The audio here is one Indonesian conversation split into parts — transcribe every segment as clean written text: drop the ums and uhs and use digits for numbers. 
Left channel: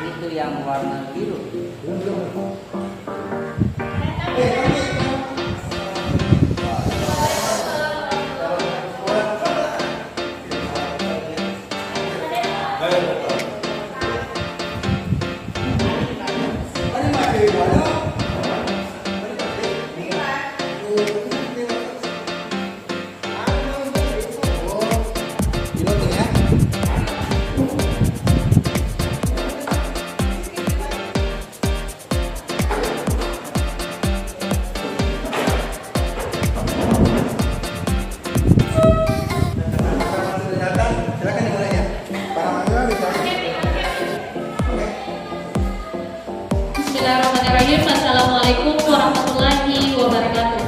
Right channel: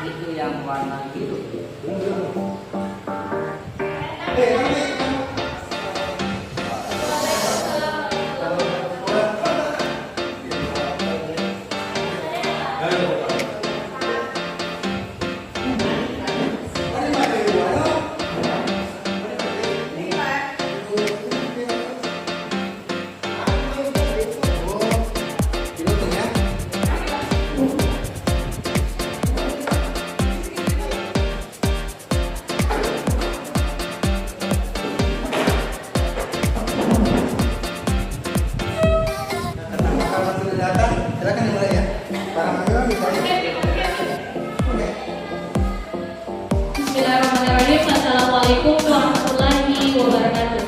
itu yang warna biru. Bismillahirrahmanirrahim. Assalamualaikum warahmatullahi wabarakatuh.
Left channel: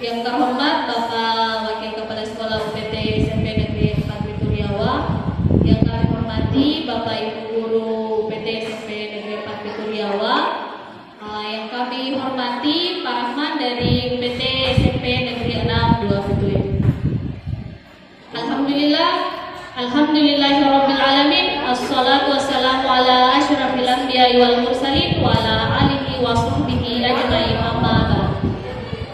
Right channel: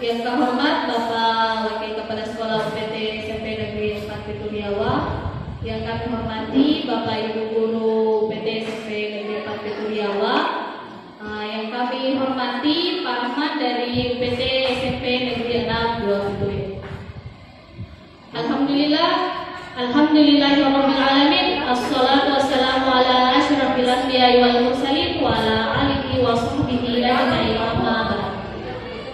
Yang terhormat Bapak Wakil Kepala Sekolah UPT SMP Negeri 4 Bituriawa, yang kami hormati Bapak Ibu Guru UPT SMP Negeri 4 Bituriawa, yang kami hormati Pak Rahman dari UPT SMP Negeri 6 2 Bituriawa. Alhamdulillahirabbil alamin. Assalatu wassalamu ala asyrafil anbiya'i wal mursalin wa ala alihi wa sahbihi ajmain, amma ba'd.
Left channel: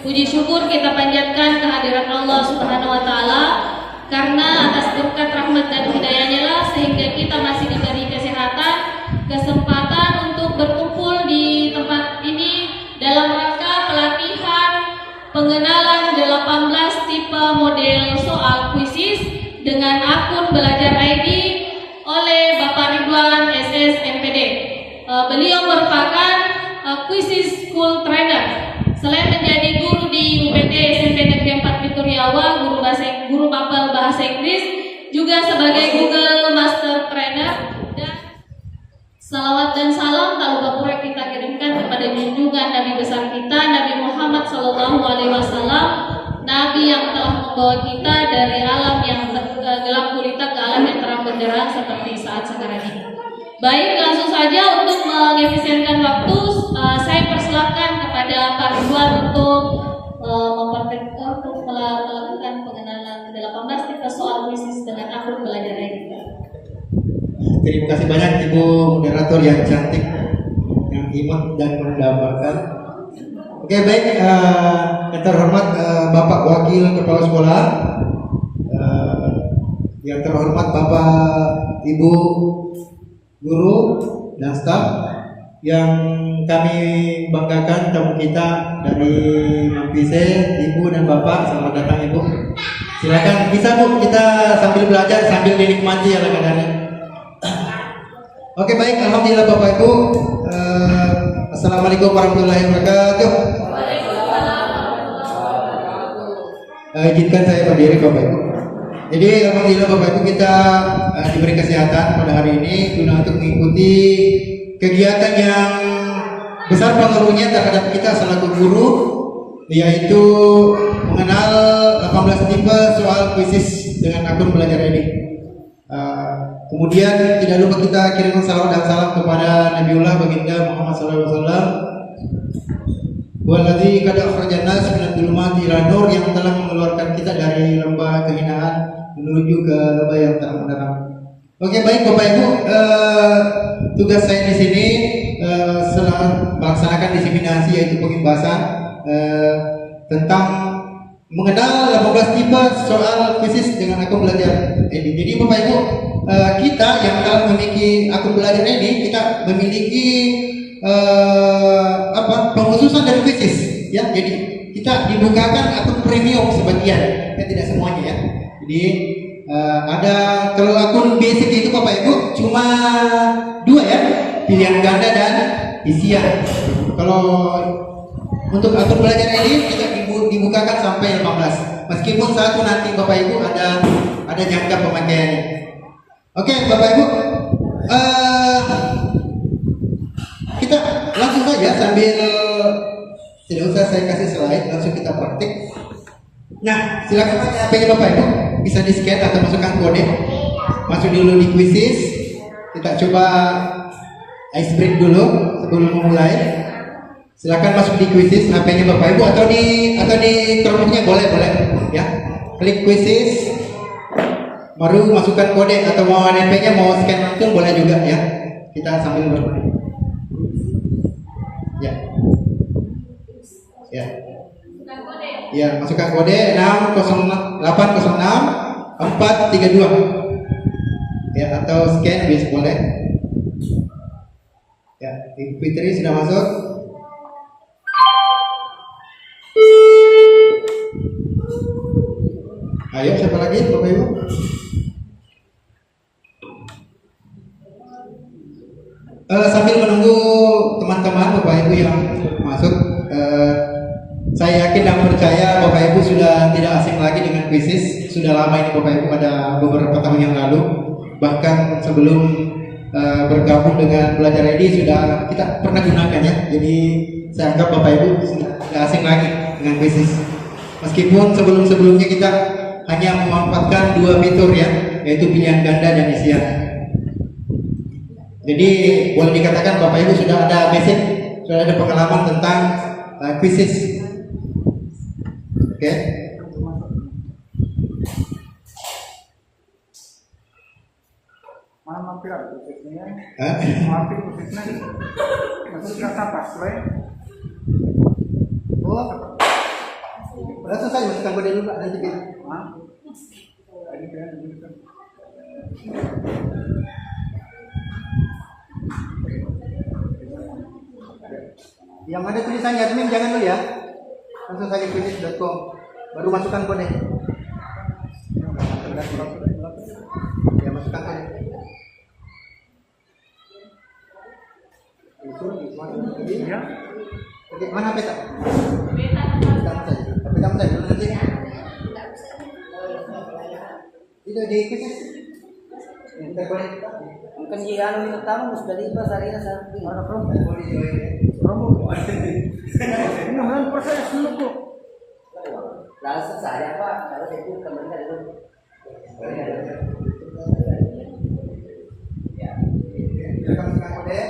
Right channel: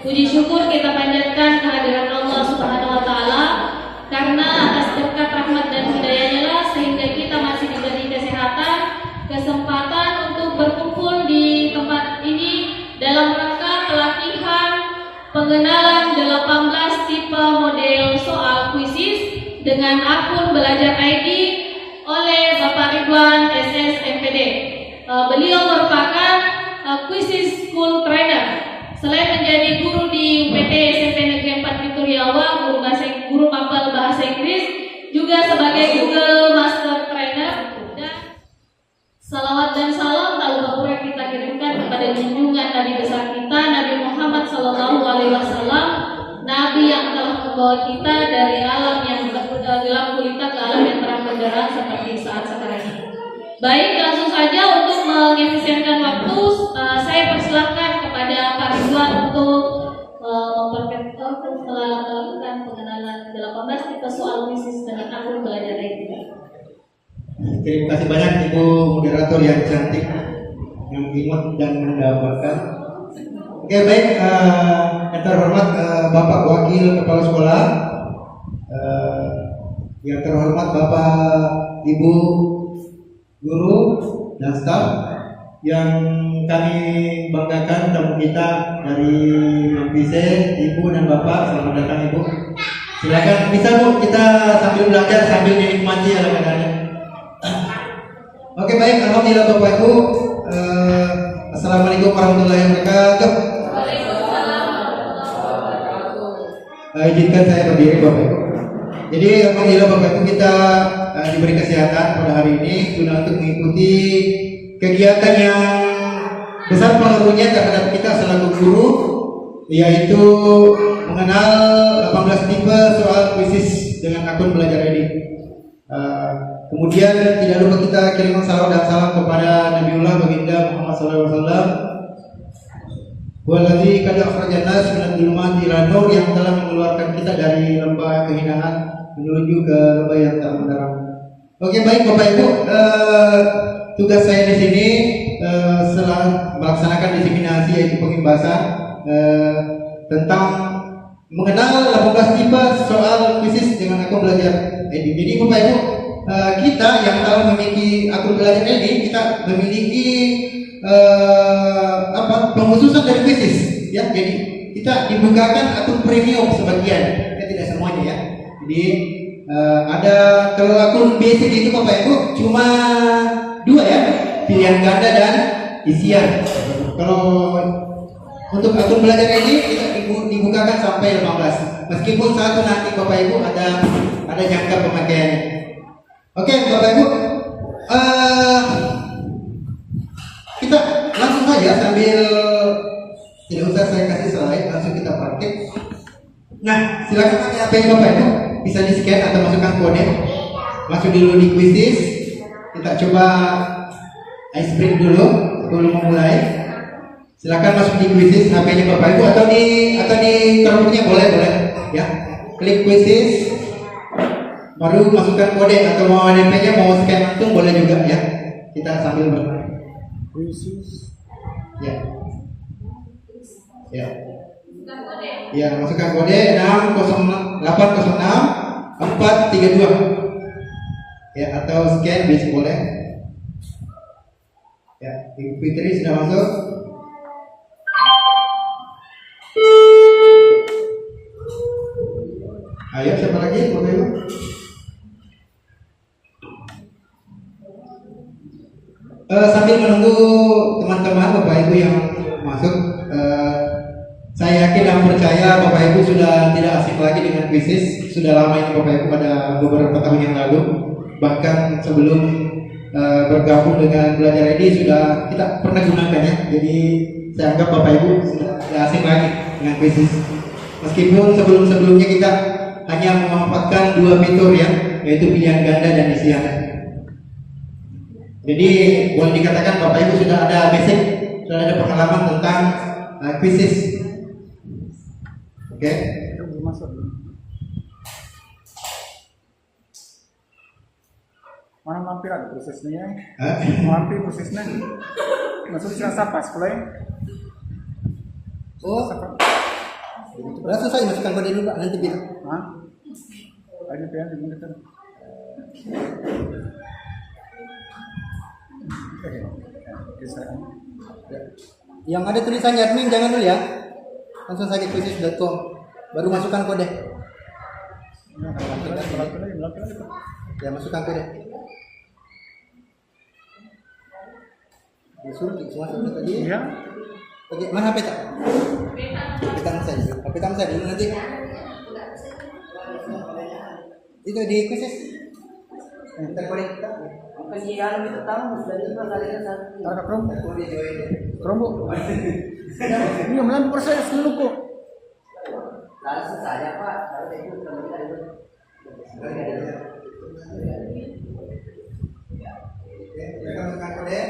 Puji syukur kita panjatkan kehadiran Allah Subhanahu wa taala, karena atas berkat rahmat dan hidayahnya lah sehingga kita masih diberi kesehatan, kesempatan untuk berkumpul di tempat ini dalam rangka pelatihan pengenalan 18 tipe model soal kuisis dengan akun Belajar ID oleh Bapak Ridwan SS MPD. Beliau merupakan kuisis school trainer. Selain menjadi guru di UPT SMP Negeri 4 Bituriawa, guru mapel bahasa Inggris, juga sebagai Google Master Trainer. Dan salawat dan salam tak lupa pula kita kirimkan kepada junjungan Nabi besar kita, Nabi Muhammad SAW, Nabi yang telah membawa kita dari alam yang gelap gulita ke alam yang terang benderang seperti saat sekarang ini. Baik, langsung saja untuk mengefisienkan waktu, saya persilakan kepada Pak Ridwan untuk melakukan pengenalan 18 tipe soal kuisis dengan akun Belajar ID. Terima kasih banyak Ibu moderator yang cantik, yang imut dan mendapatkan. Oke, baik, yang terhormat Bapak Wakil Kepala Sekolah, yang terhormat Bapak Ibu Guru dan staf, yang kami banggakan tamu kita dari Mampise, Ibu dan Bapak, selamat datang Ibu. Silakan bisa Bu, kita sambil belajar sambil menikmati ala kadarnya. Oke, baik, alhamdulillah Bapak Ibu. Assalamualaikum warahmatullahi wabarakatuh. Izinkan saya berdiri Bapak Ibu. Jadi alhamdulillah Bapak Ibu, kita diberi kesehatan pada hari ini guna untuk mengikuti kegiatan yang besar pengaruhnya terhadap kita selaku guru, yaitu mengenal 18 tipe soal kuisis dengan akun Belajar ID. Kemudian tidak lupa kita kirimkan salawat dan salam kepada Nabiullah Baginda Muhammad SAW, waladzi qad akhrajana nas minadh dhulumati ila nur, yang telah mengeluarkan kita dari lembah kehinaan menuju ke lembah yang terang benderang. Oke, baik Bapak Ibu, tugas saya di sini setelah melaksanakan diseminasi, yaitu pengimbasan tentang mengenal 18 tipe soal kuisis dengan akun Belajar ID. Jadi Bapak Ibu, kita yang telah memiliki akun Belajar ID, kita memiliki pengkhususan dari kuisis, ya. Jadi kita dibukakan akun premium sebagian, ya, tidak semuanya ya. Jadi ada, kalau akun basic itu Bapak Ibu cuma 2 ya, pilihan ganda dan isian. Kalau untuk akun Belajar ID kita dibukakan sampai 15, meskipun satu nanti Bapak Ibu ada jangka pemakaiannya. Oke Bapak Ibu, kita langsung saja sambil tidak usah saya kasih slide, langsung kita praktik. Nah, silakan pakai HP Bapak Ibu, bisa di scan atau masukkan kode. Masuk dulu di kuisis. Kita coba ice break dulu sebelum memulai. Silakan masuk di kuisis HP-nya Bapak Ibu, atau di termoknya boleh ya. Klik kuisis. baru masukkan kode atau mau NPK mau scan langsung boleh juga ya. Kita sambil bermain. Ya. Ya. Ya, masukkan kode 60806 432. Ya, atau scan bisa boleh. Ya, Ibu Fitri sudah masuk. Ayo, siapa lagi, Bapak Ibu? Sambil menunggu teman-teman Bapak Ibu yang masuk, saya yakin dan percaya Bapak Ibu sudah tidak asing lagi dengan bisnis. Sudah lama ini Bapak Ibu, pada beberapa tahun yang lalu. Bahkan sebelum bergabung dengan Belajar Ready sudah kita pernah gunakan ya. Jadi saya anggap Bapak Ibu sudah tidak asing lagi dengan bisnis. Meskipun sebelum-sebelumnya kita hanya memanfaatkan dua fitur ya, yaitu pilihan ganda dan isian. Jadi boleh dikatakan Bapak Ibu sudah ada basic, sudah ada pengalaman tentang bisnis. Oke. Mana mampir ada prosesnya? Mampir prosesnya. Maksudnya pas play. Oh, langsung saja masukkan kode dulu Pak, nanti biar. Hah? Ini pengen digunakan. Yang ada tulisannya admin jangan dulu ya. Langsung saja bisnis.com. Baru masukkan kode. Ya, masukkan kode. Suruh masuk tadi. Iya. Oke, mana peta? Peta saja. Peta saja dulu nanti. Itu di krisis. Terkonek. Kesian tamu sudah tiba saya satu. Ada promo. Mau dijual ya. Promo. Ini mana proses dulu kok. Rasa saya Pak, kalau saya itu temannya itu. Ya, masukkan kode.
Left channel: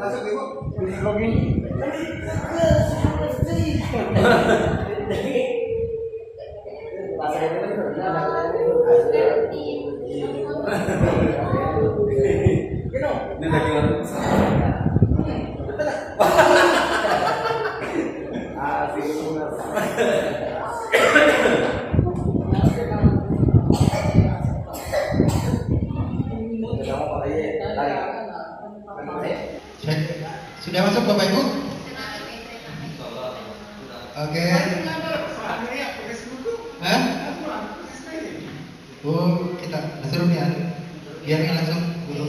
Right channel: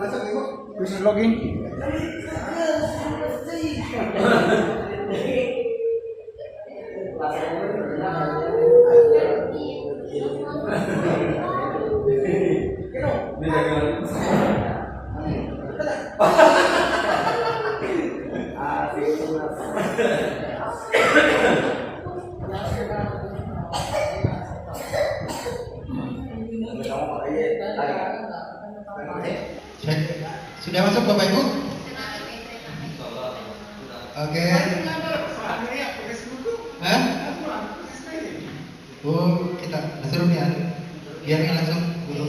Masuk Ibu. Bisa login. Sudah masuk Bapak Ibu? Oke. Hah? Oh, kita suruh ya. Biar langsung dulu.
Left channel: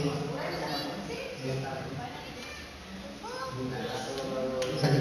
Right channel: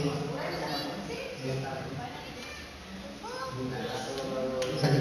Saja.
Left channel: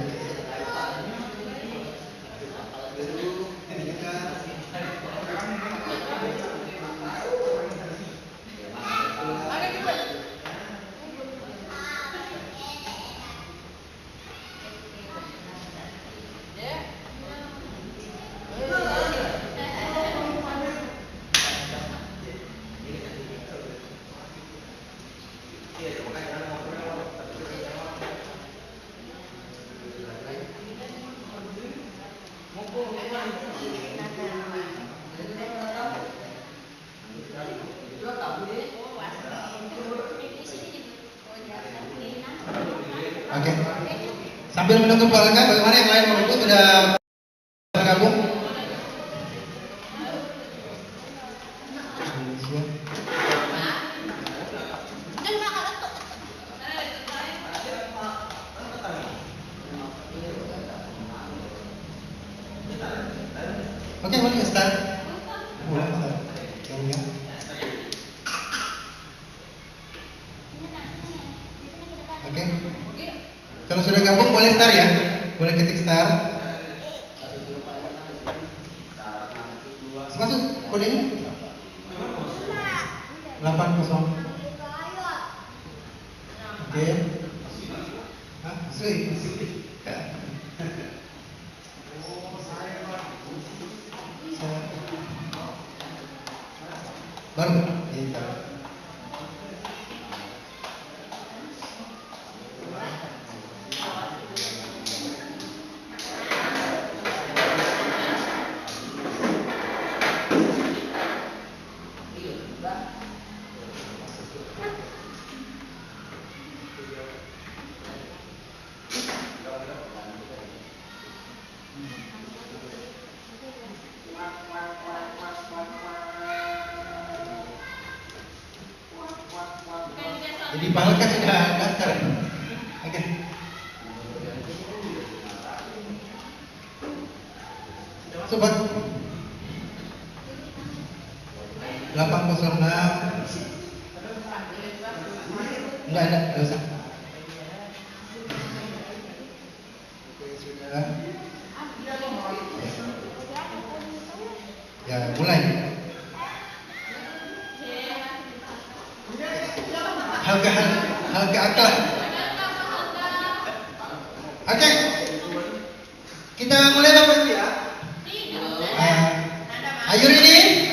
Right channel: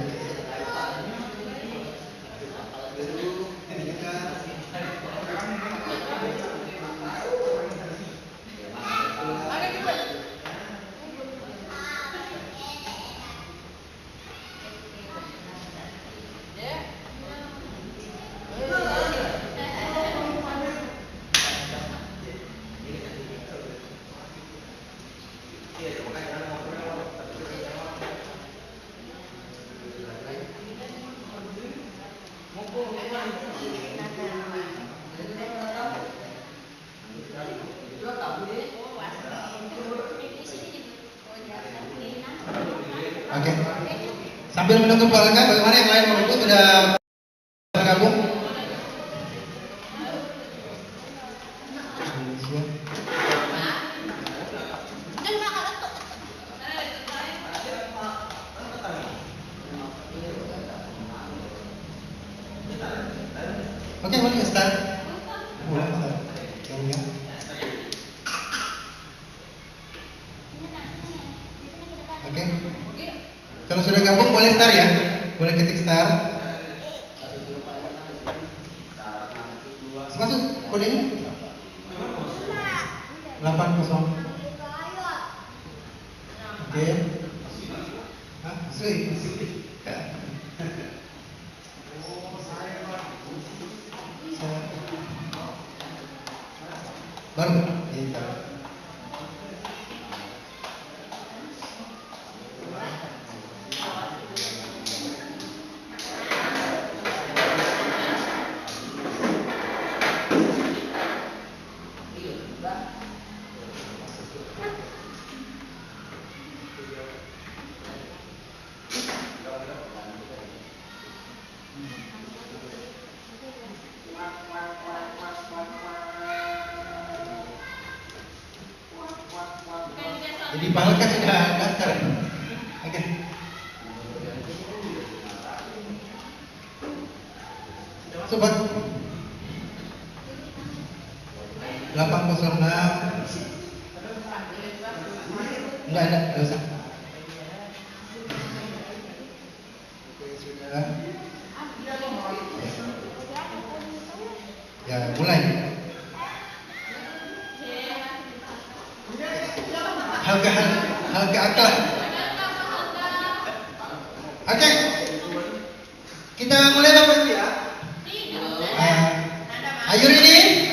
Oke. Sambil menunggu pelanggan, bagaimana yang lain mau ikut sudah bergabung? Oke, boleh start. Boleh, ya. Oke. Kalau sudah gabung boleh start ya. Boleh ketik start. Masuk kodenya. 80. Oke. Hah? Sui. Baru. Iya. Jadi Pak kan sudah daftar. Oke. Sobat 806 enggak ada, enggak usah. Oke, sudah. Ya, mulai. Harga akal. Oke. Kita mulai Bapak Ibu ya. Are you ready?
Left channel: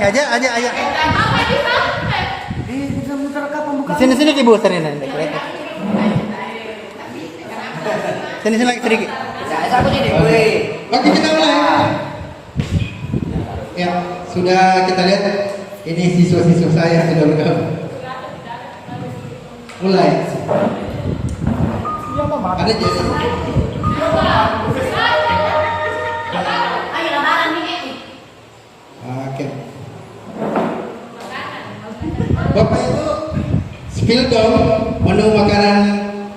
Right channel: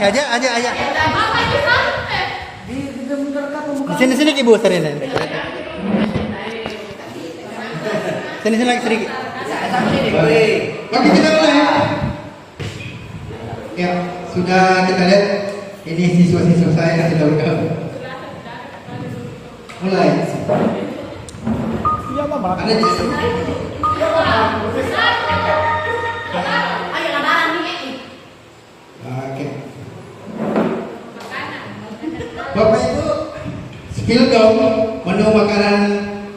Aja. Di sini Ibu sering nanti. Sini lagi sedikit. Oke, kita mulai. Ya, sudah kita lihat ini siswa-siswa saya sudah bergabung. Mulai. Ada jasa. Oke. Bapak Ibu, spill dong menu makanan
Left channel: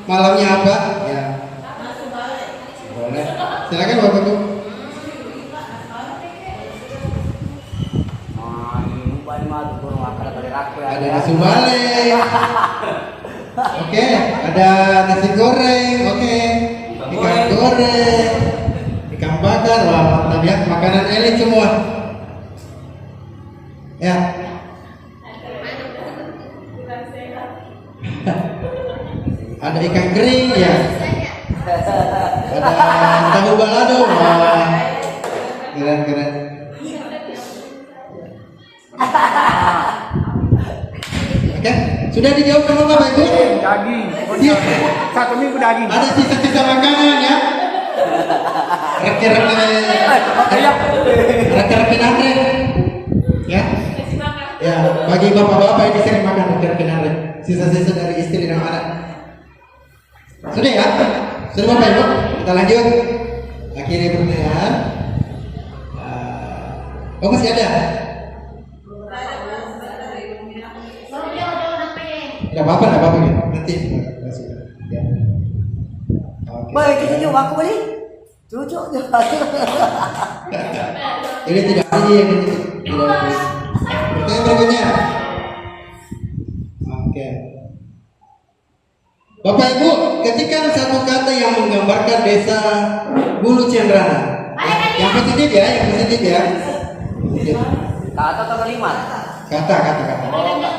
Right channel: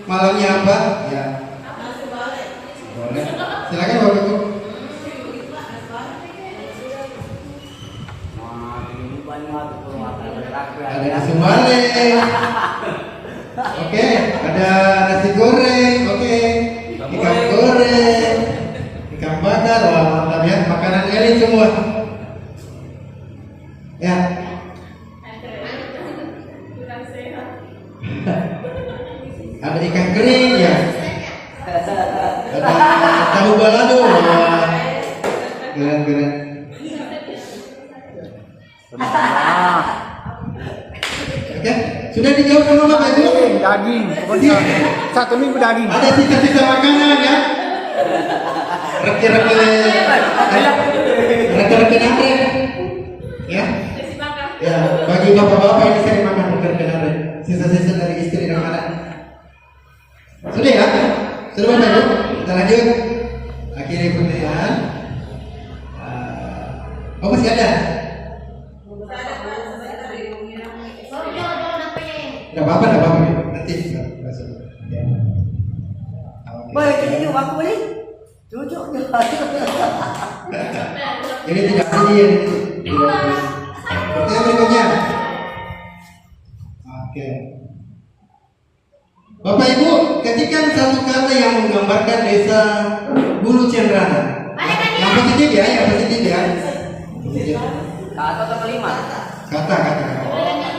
malamnya apa? Ya. Boleh. Silakan Bapak Ibu. Ada nasi bale. Oke, ada nasi goreng. Oke. Ikan goreng. Ikan bakar. Wah, mantap ya. Makanan elit semua. Ya. Ada ikan kering ya. Ada tahu balado. Wah. Keren. Oke, sudah dijawab sama Bapak Ibu? Daging. Pokoknya 1 minggu daging. Ada sisa-sisa makanan ya? Reki-reki nanti ya? Ya, bagi bapak-bapak ini sering makan reki-reki nanti. Sisa-sisa dari istri dan anak. Sudah ya? Sudah Bapak Ibu? Kita lanjut. Akhiri pertanyaan. Oh, masih ada? Tidak apa-apa ya. Nanti masuk. Ya. Oke. Boleh waktu ini? Cucuknya. Ini tidak ada dia ini. Pertanyaan berikutnya. Oke. Bapak Ibu, ketikkan satu kata yang menggambarkan desa Bulu Ciandrana. Yang positif ya, Positif. Kata kelima. Kata.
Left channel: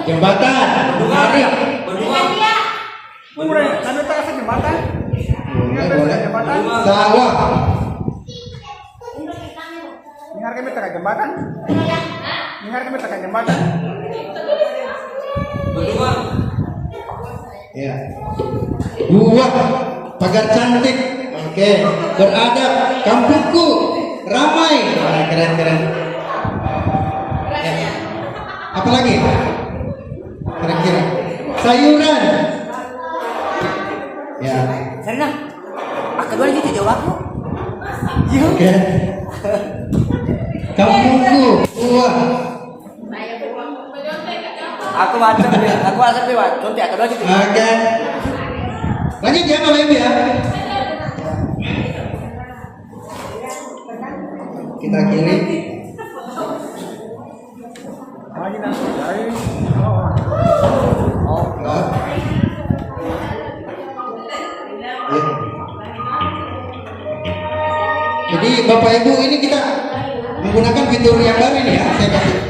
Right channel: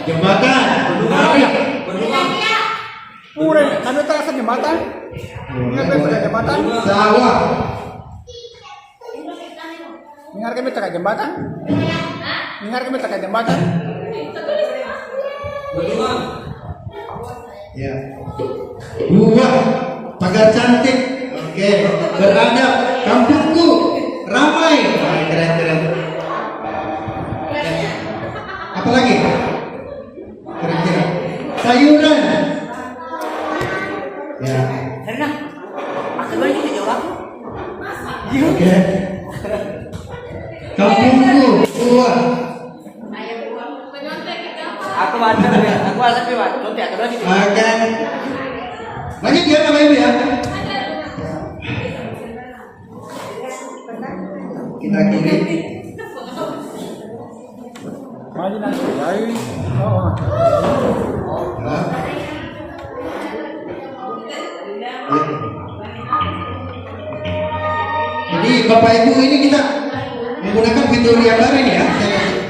Jembatan. Murah, ada terasa jembatan. Jembatan. Sawah. Dengar kami terkait jembatan. Ya. Buah. Pagar cantik. Oke. Beradab. Kampungku ramai. Wah, keren. Ya. Apa lagi? Kira-kira. Sayuran. Ya. Karena aku boleh kita jawab. Oke. Kampungku buah. Aku ada lewat. Oke. Lanjut ya Bapak Ibu ya. Kita kirim. Jadi Bapak Ibu ini kita menggunakan fitur yang baru ini ya. Saya kasih.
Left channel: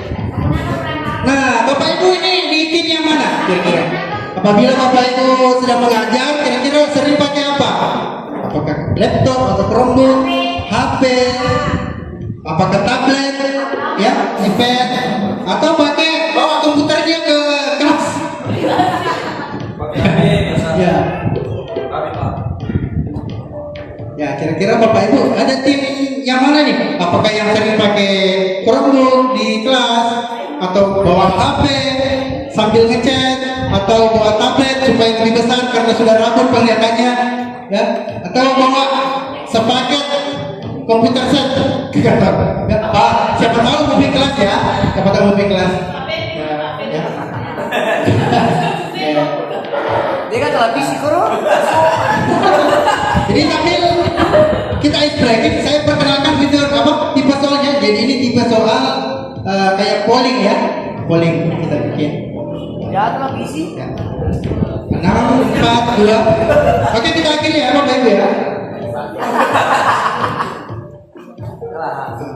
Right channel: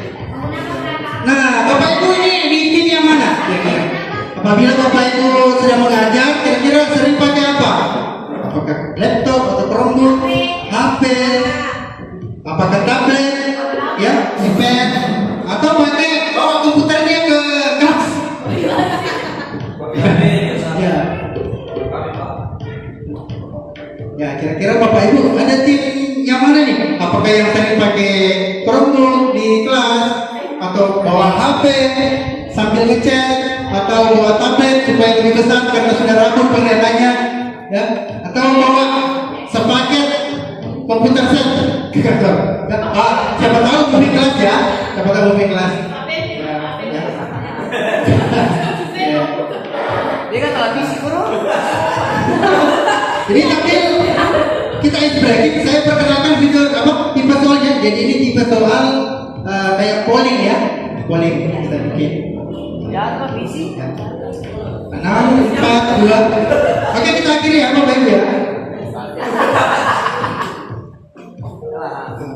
Nah, Bapak Ibu ini di tim yang mana kira-kira? Apabila Bapak Ibu sedang mengajar, kira-kira sering pakai apa? Apakah laptop atau Chromebook, HP, apakah tablet, ya, iPad, atau pakai bawa komputernya ke kelas? Ya. Ya, kira-kira Bapak Ibu ada tim yang mana nih? Apakah yang sering pakai Chromebook di kelas atau bawa HP sambil ngechat atau bawa tablet supaya lebih besar karena sudah rapuh penglihatannya, ya, atau bawa sepaket komputer set ke kantor. Ya, siapa tahu movie kelas ya, siapa tahu movie kelas. Ya. Ya. Dia kan televisi koro. Jadi sambil kita ice breaking, saya perkenalkan fitur apa tipe soalnya. Jadi ini tipe soal kayak polling ya, polling kita bikin. Ya televisi. Ya. 6, 4, 2. Oke, kita akhiri ya Bapak Ibu ya.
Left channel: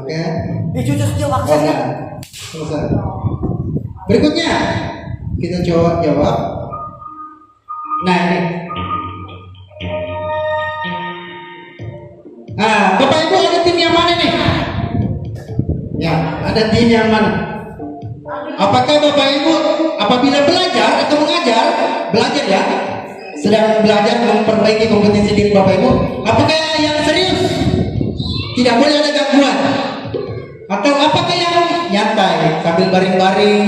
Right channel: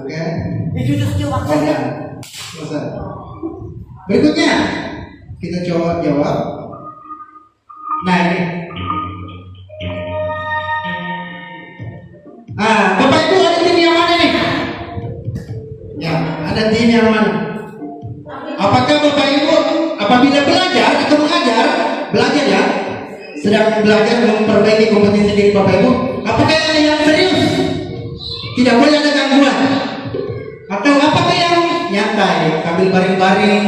Oke. Dicuci jawab. Oh ya. Selesai. Berikutnya kita coba jawab. Nah ini. Bapak Ibu ada tim yang mana nih? Ya, ada tim yang mana? Apakah Bapak Ibu apabila belajar atau mengajar, belajar ya, sedang belajar memperbaiki kompetensi diri Bapak Ibu, apakah yang serius? Tidak boleh ada gangguan. Atau apakah yang nyantai sambil baring-baring,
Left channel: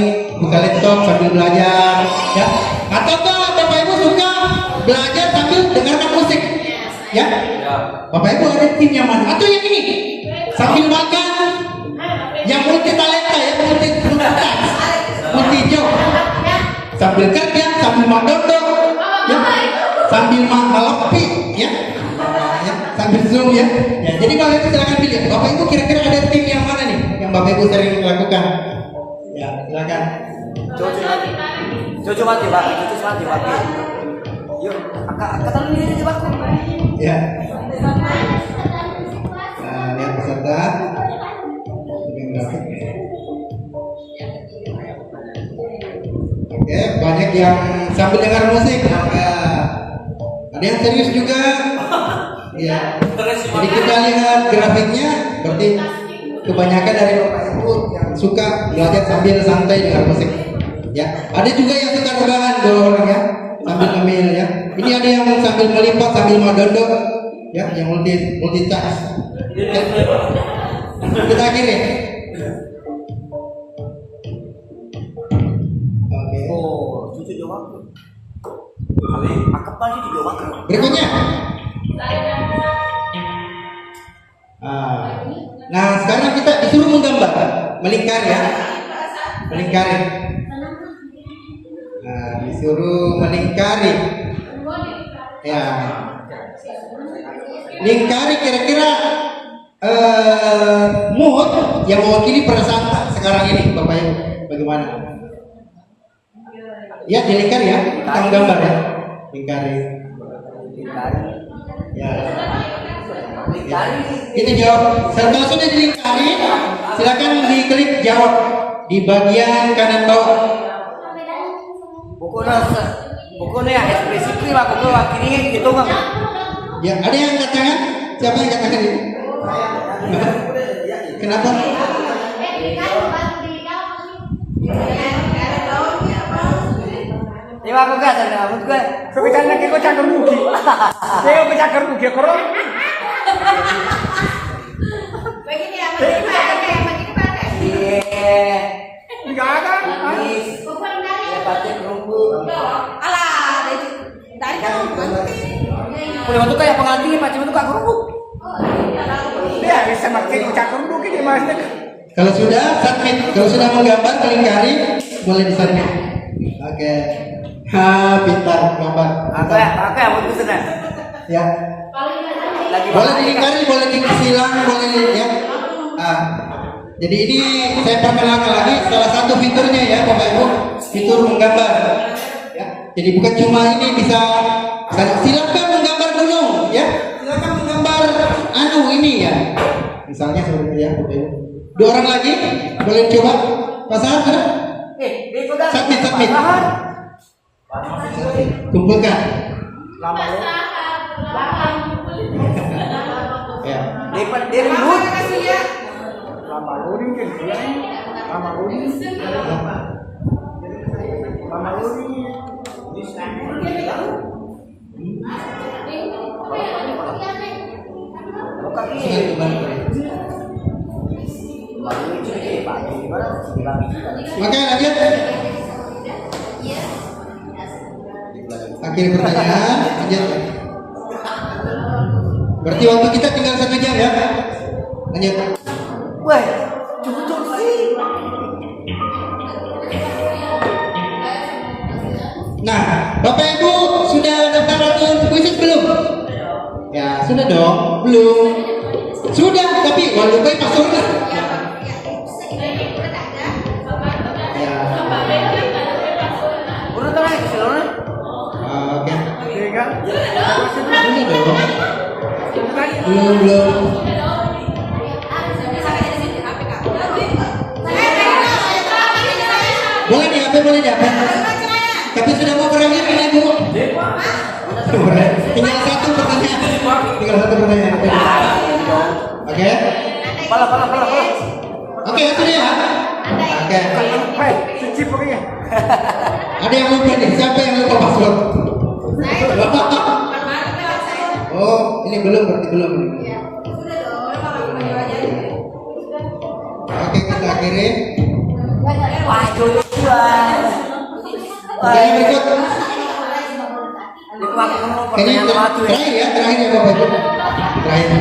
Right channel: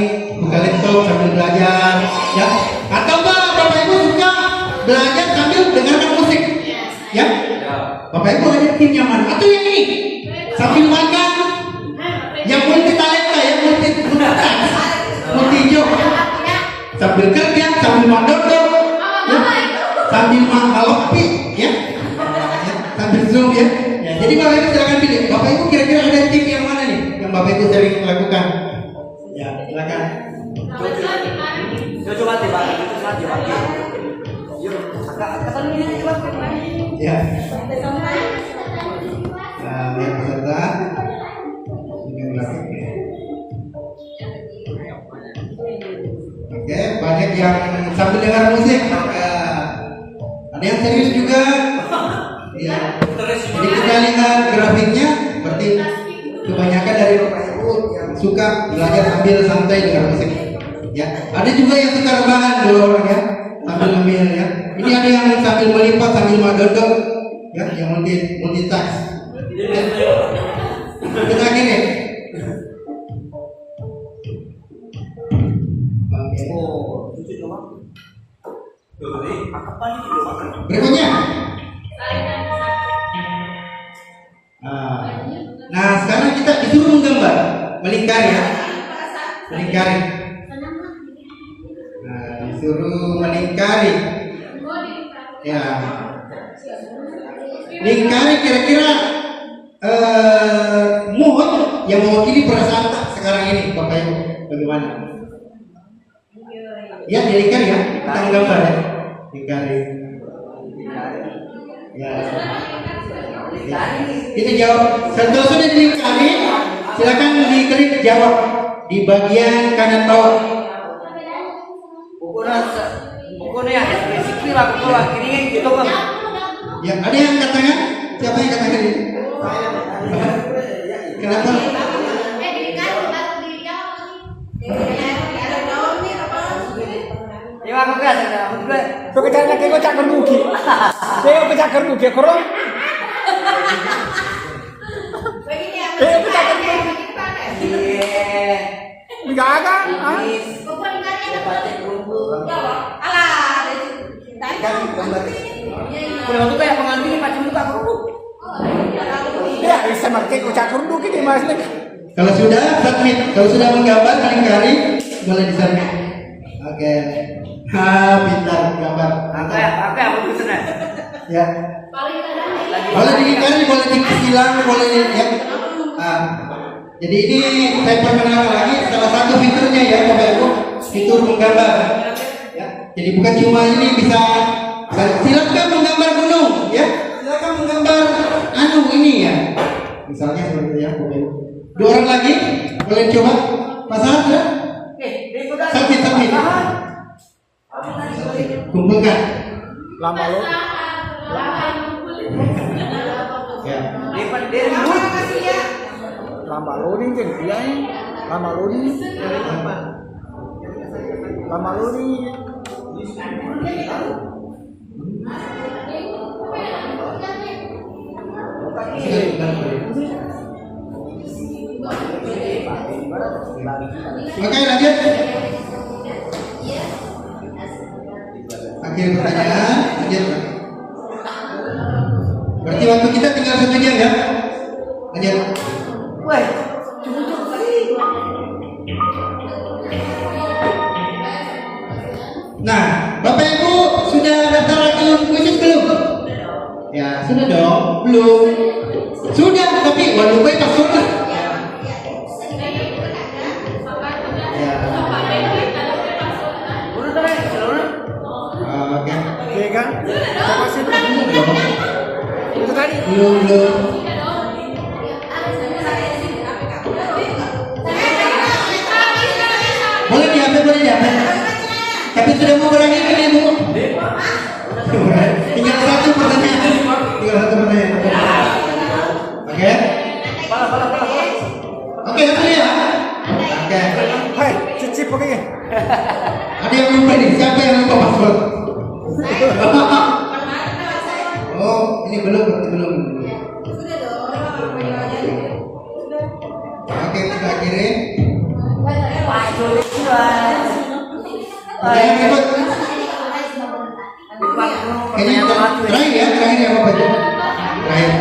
buka laptop sambil belajar, ya? Ataukah Bapak Ibu suka belajar sambil dengarkan musik? Ya? Bapak Ibu ada tim yang mana? Atau yang ini? Sambil makan, yang multi talenta ya, multi job, sambil kerja, sambil mandodok, ya, sambil mangalopi, ya, sambil zoom ya. Jadi Bapak Ibu silakan pilih. Bapak Ibu kira-kira ada tim yang mana nih yang Bapak Ibu sering lakukan? Ya, silakan. Coba mati. Yuk, kata ini coba. Ya. Lihat peserta. Ini grafik. Oke, banyak yang sambil dengar musik. Ada yang serius juga. Ya. Jadi kita lihat grafiknya, berarti kebanyakan dari Bapak Ibu yang suka belajar sambil santai dengar musik. Ya, ada juga yang suka rebahan dua orang ya, sambil ngemil ya. Ini ada yang sambil melipat sambil madodok, ya, yang multitask. Ya. Kita akhiri. Oke. Oh, cucu jawab. Akap lagi dijawab. Berikutnya. Nah, sekarang kita disuruh menggambar, melingkari ya, melingkari. Nah, disuruh melingkari. Ya, lingkari kira-kira mood yang mewakili perasaan tak sekarang ini, Bapak Ibu, bagaimana? Ya, dilingkari ya, kita menggambar ya, lingkari. Ya. Kita jawab. Kalau sudah dilingkari, silakan diklik jawab di bagian kanan bawah. Pokoknya ekspresi kira kiri gitu kan. Ya, ada yang katakan? Siapa yang katakan itu? Kenapa? Ya aku kan ada. Pekerjaan lagi kau cakar mugi. Saya kau cakar mugi koro. Jaga. Udah untuk kayak pengantin macam itu kakak lu. Ya bisa pakai kau cakar mugi di mas. Kalau sudah submit, kalau sudah menggambar melingkari boleh disubmit. Oke. Pintar gambar. Apa yang mau dipesan? Ya. Boleh dilingkari, boleh disilang, boleh ya. Jadi ini saya perkenalkan lagi salah satu fiturnya ya Bapak Ibu, fitur menggambar. Ya. Jadi bukan cuma ini bisa silakan menggambar gunung, ya. Silakan menggambar ini ya. Misalnya seperti itu ya Bapak Ibu. 2 orang lagi boleh coba. Pasangan sudah? Submit. Kumpulkan. Lama lo. Ya. Lama lo ni kan dia ni. Lama lo ni. Sudah kembali. Oke, lanjut. Akhir pertanyaan, lanjut. Berarti waktu kita tinggal 1 jam ya. Lanjut. Wah, cukup tuh. Nah, Bapak Ibu sudah daftar akun kuisis belum? Ya, sudah dong. Belum. Sudah, tapi lupa password. Ya. Udah tuh, seluruh. Oke. Iya kan? Belum dong. Itu tadi. Belum. Boleh di HP, boleh di HP. Tapi sudah mau berakhir ini Bu. Tinggal 1 pertanyaan. Tinggal 1 pertanyaan. Oke. Oke, itu dia. Oke. Hai, cuci pokoknya. Ada yang lupa nih. Siapa yang lupa password? Oh, ini belum, berarti belum. Oke, kita akhiri. Pertanyaan berikut. Ini terakhir ya Bapak Ibu. Terakhir.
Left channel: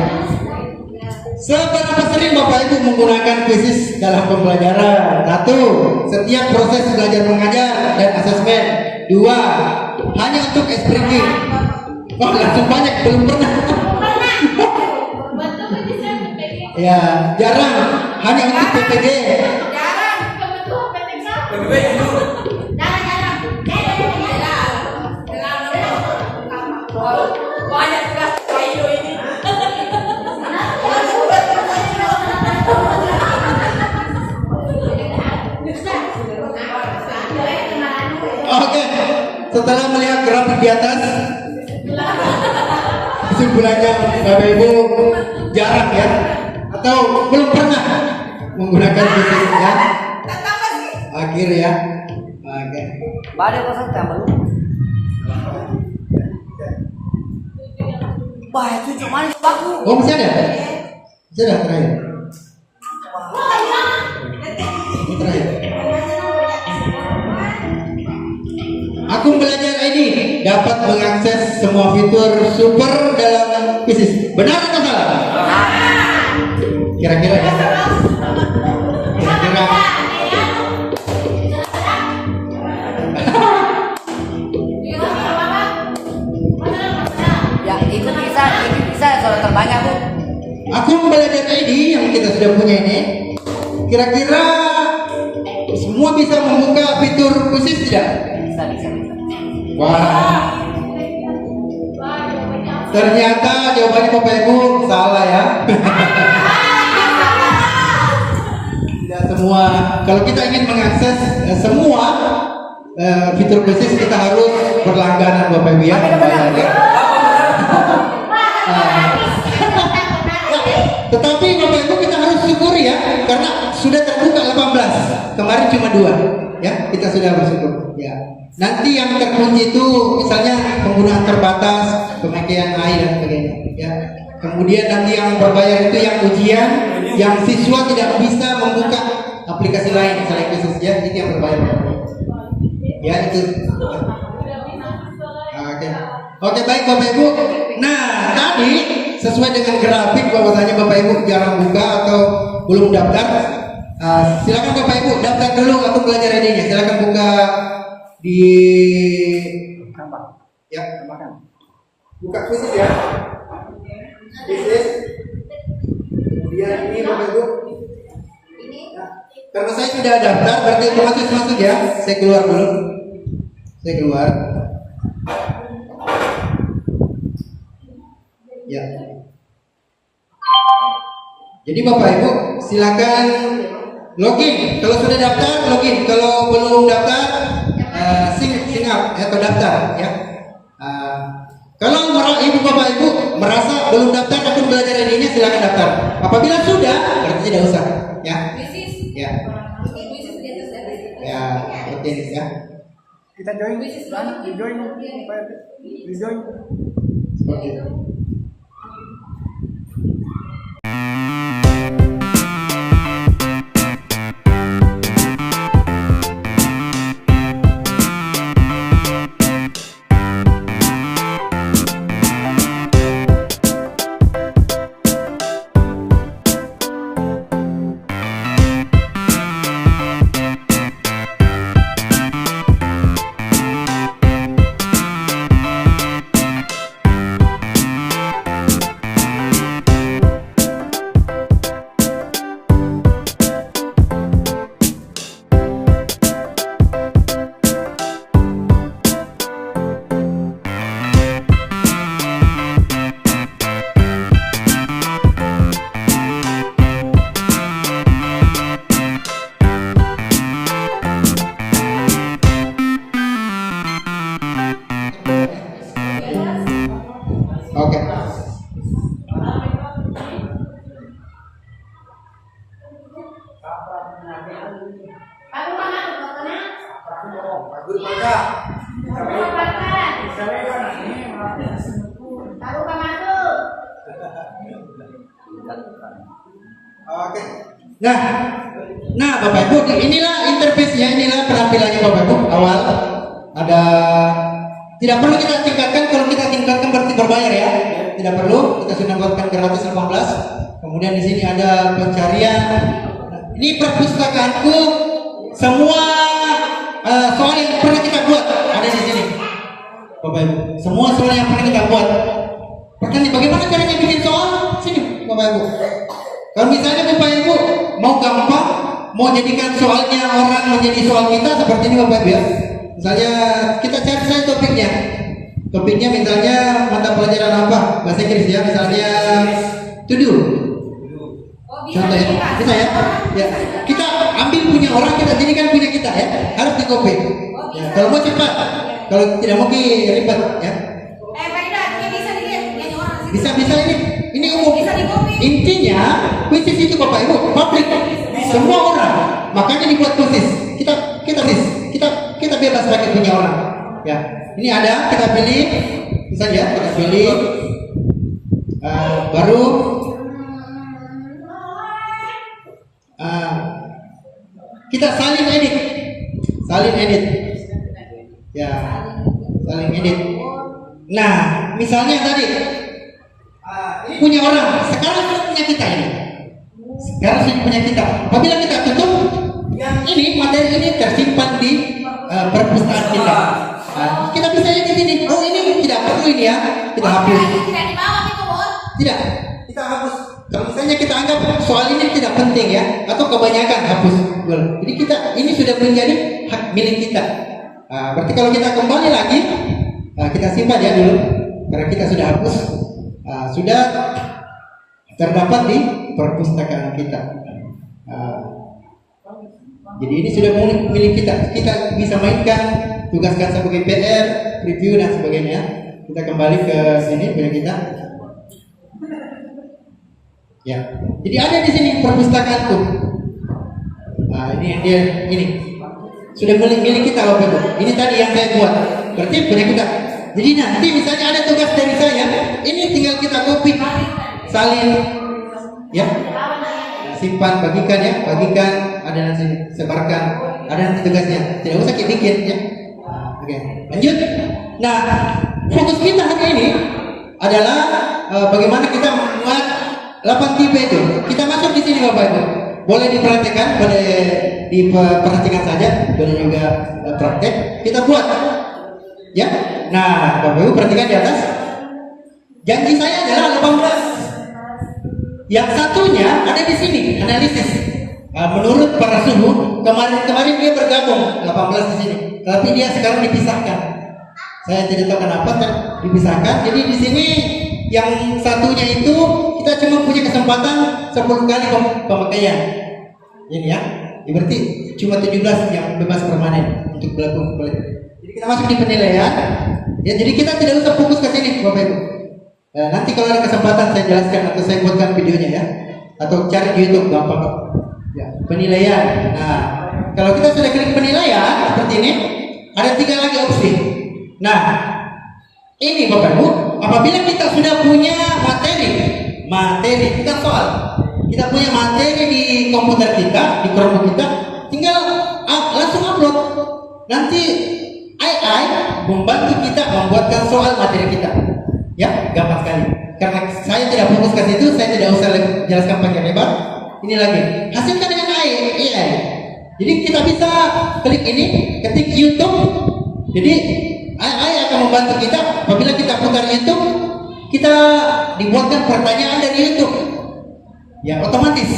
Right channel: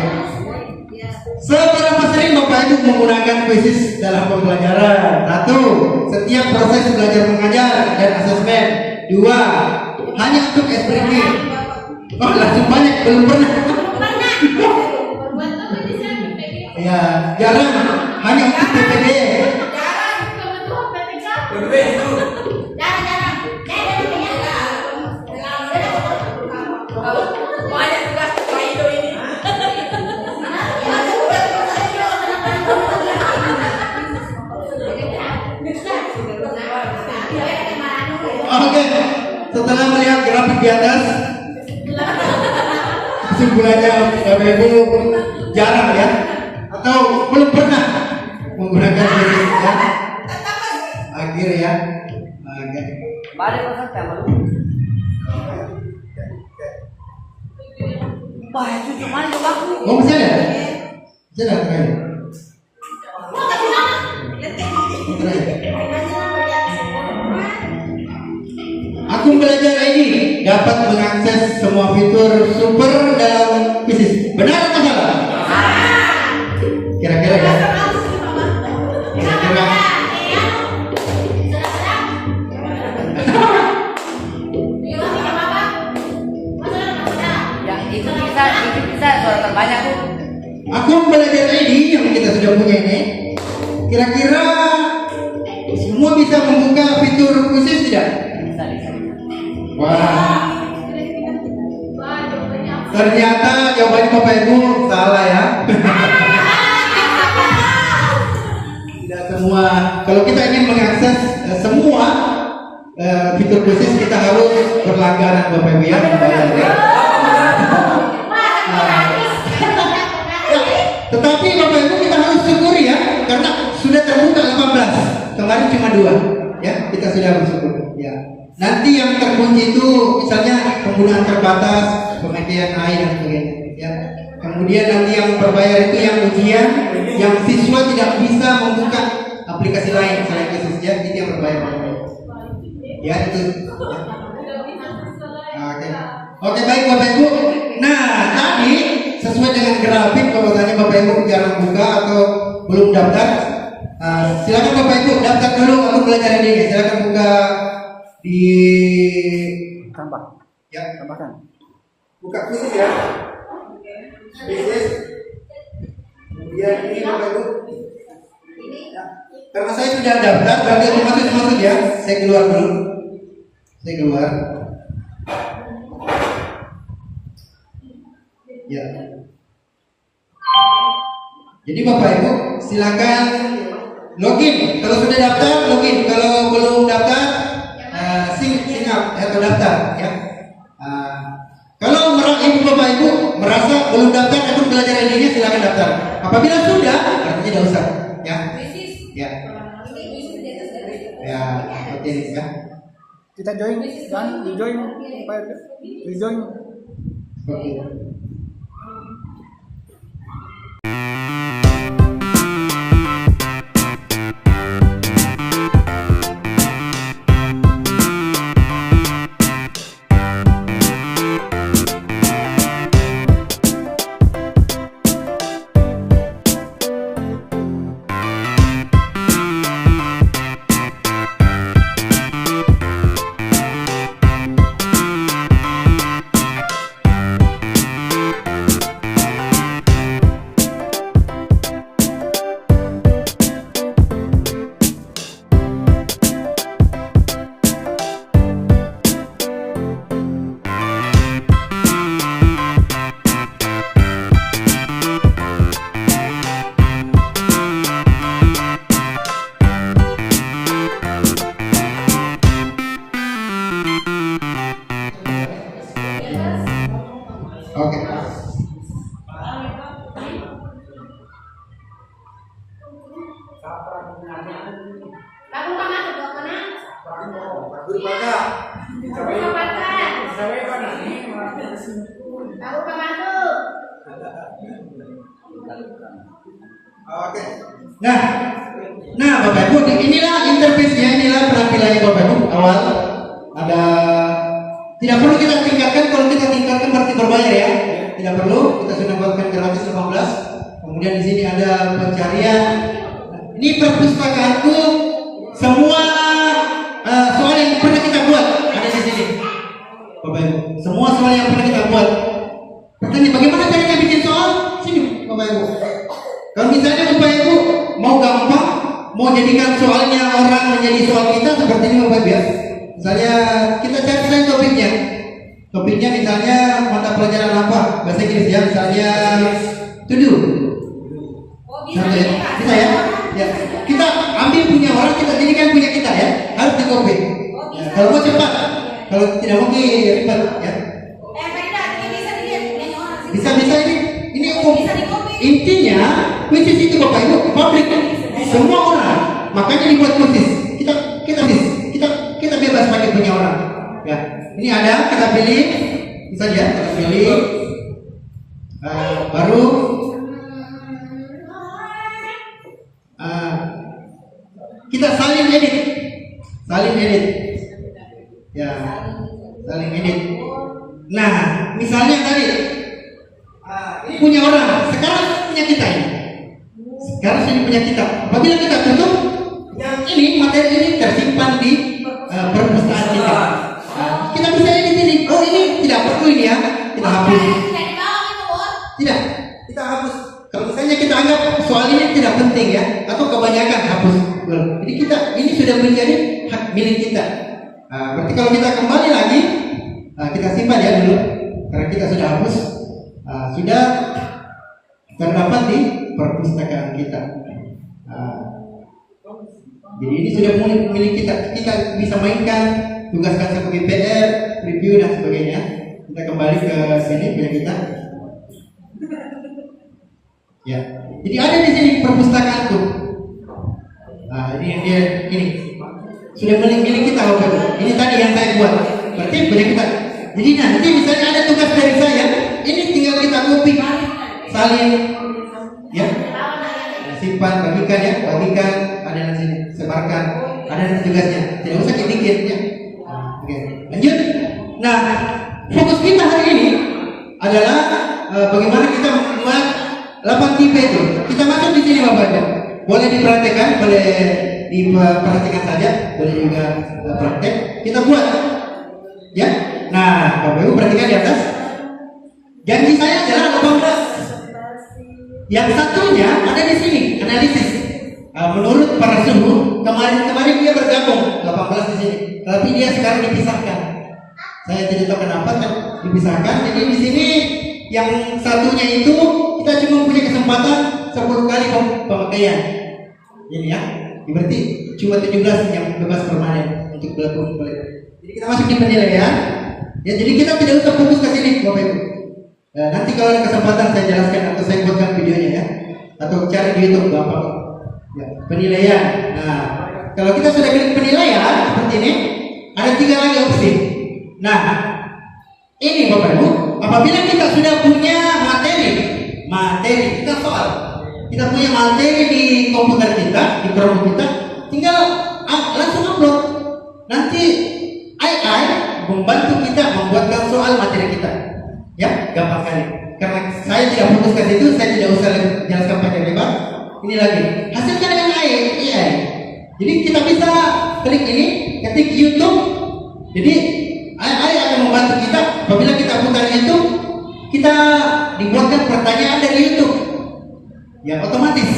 Seberapa sering Bapak Ibu menggunakan kuisis dalam pembelajaran? 1. Setiap proses belajar mengajar dan asesmen. 2. Hanya untuk ekspresi. Oh, langsung banyak, belum pernah. Ya, jarang. Hanya untuk PPG. Banyak juga Kaido ini. Oke, setelah melihat grafik di atas, kesimpulannya Bapak Ibu jarang ya, atau belum pernah menggunakan kuisis ya. Akhir ya. Oke. Balik ke sana. Wah, itu cuman aku. Oh, masih ada? Masih ada terakhir. Terakhir. Akun Belajar ID dapat mengakses semua fitur super dalam kuisis. Benar atau salah? Kira-kira ya. Kira-kira. Ya, itu bisa suara terbanyak tuh. Akun Belajar ID yang kita sudah punya ini, kira-kira semua bisa membuka fitur kuisis tidak? Wah, ternyata jawabannya Bapak Ibu salah ya. Tidak semua. Kalau kita ingin mengakses semua fitur kuisis, kita harus berlangganan Bapak Ibu ya, membayar ya. Tetapi Bapak Ibu kita harus syukuri ya, karena sudah terbuka 18. Kemarin cuma 2 ya, kita sudah bersyukur ya. Nanti yang terkunci itu misalnya penggunaan terbatas, pemakaian air dan sebagainya ya. Kemudian nanti yang berbayar itu yang ujian, yang siswa tidak bisa membuka aplikasi lain selain kuisis ya, itu yang berbayar. Ya itu. Ya. Oke baik Bapak Ibu. Nah tadi sesuai dengan grafik bahwasanya Bapak Ibu jarang buka atau belum daftar. Silakan Bapak Ibu daftar dulu akun Belajar ID-nya. Silakan buka di Tambah. ya Tambahkan. buka kuisis ya. Kuisis. Kemudian ini Bapak Ibu. Ya. Karena saya sudah daftar berarti otomatis masuk ya. Saya keluar dulu. Saya keluar. Ya. Jadi Bapak Ibu silakan login. Kalau sudah daftar login. Kalau belum daftar sign up atau daftar ya. Kalau Ibu Bapak Ibu merasa belum daftar akun Belajar ID-nya silakan daftar. Apabila sudah berarti tidak usah ya. Ya. Ya, seperti ini ya. Kita join, di join, di join. Seperti itu. Aku kan aku buat mana? Guru maka. Aku makan. Sampai kan ini Aku kan aku. Oke. Nah Bapak Ibu, inilah interface-nya, inilah penampilannya Bapak Ibu. Awal ada, tidak perlu kita tingkatkan, kalau kita tingkatkan berarti berbayar ya. Tidak perlu, kita sudah buatkan gratis 15. Kemudian di sini ada pencarian. Nah, ini perpustakaanku, semua soal yang pernah kita buat ada di sini. Bapak Ibu, semua soal yang pernah kita buat. Pertanyaan bagaimana caranya bikin soal? Sini Bapak Ibu. Kalau misalnya Bapak Ibu mau gampang, mau jadikan soalnya orang menjadi soal kita seperti ini Bapak Ibu ya. Misalnya kita cari saja topiknya. Topiknya misalnya mata pelajaran apa? Bahasa Inggris ya, misalnya to do. Contoh ya, bisa ya? Ya, kita ambil punya orang, kita jadikan punya kita ya. Harus di copy. Ya, kalau mau cepat, kalau tidak mau ribet ya. Bisa ini umum. Intinya kuisis itu Bapak Ibu publik, semua orang. Makanya dibuat kuisis. Kita bebas pakai punya orang. Ya, ini ada kita pilih, misalnya kita pilih baru kita saling edit. Ya, saling edit. Nah, misalnya tadi ini punya orang, sekarang punya kita ini. Sekarang sudah punya kita. Apabila kita tutup, ini materi ini tersimpan di perpustakaan kita. Kita bisa edit ini. Oh ini tidak perlu ini ya, kita hapus. Tidak, kita hapus. Kalau misalnya kita anggap soal ini tidak penting ya, atau kebanyakan hapus. Jadi ini sudah menjadi hak milik kita. Berarti kalau kita kembali lagi, kita simpan ya dulu, karena kita sudah hapus. Sudah terdapat di perpustakaan kita. Jadi ini sudah milik kita. Kita bisa mainkan, tugaskan sebagai PR, review dan sebagainya. Kita kembali ke sini punya kita. Ya. Jadi ada di sini perpustakaanku. Ini sudah milik kita Bapak Ibu. Ini tadi yang saya buat. Berarti punya kita. Jadi nanti misalnya ada tugas dari saya, ini tinggal kita copy, salin, ya, simpan, bagikan ya, ada nanti sebarkan, ada nanti tugasnya, tidak usah kita bikin ya. Oke, lanjut. Nah, fokus kita hari ini adalah bagaimana kita membuat 8 tipe itu. Kita masuk di sini Bapak Ibu. Boleh diperhatikan, boleh diperhatikan saja, boleh juga praktek. Kita buat, ya. Nah, Bapak Ibu perhatikan di atas. Janji saya adalah 18. Yang satunya ada di sini, analisis. Menurut para suhu, kemarin dia bergabung 18 di sini, tapi dia sekarang dipisahkan. Saya tidak tahu kenapa dipisahkan. Jadi di sini yang satunya itu kita cuma punya kesempatan 10 kali pemakaian. Ini ya. Berarti cuma 17 yang bebas permanen untuk berlaku kembali. Jadi kita masuk di penilaian. Ya, jadi kita tidak usah fokus ke sini, Bapak Ibu. Nanti kalau ada kesempatan saya jelaskan atau saya buatkan videonya ya, atau cari di YouTube gampang. Ya, penilaian. Nah, kalau kita sudah klik penilaian seperti ini, ada 3 lagi opsi. Nah, ini Bapak Ibu, apabila kita sudah punya materi, kita soal, kita punya materi di komputer kita, di Chromebook kita, tinggal langsung upload. Nanti AI membantu kita membuatkan soal materi kita. Ya, gampang sekali. Karena saya tidak fokus ke situ, saya tidak usah jelaskan panjang lebar. Ini lagi, hasilkan dengan AI. Jadi kita bisa klik ini, ketik YouTube. Jadi AI akan membantu kita. Apabila kita putar YouTube, kita dibuatkan pertanyaan dari YouTube. Ya, otomatis.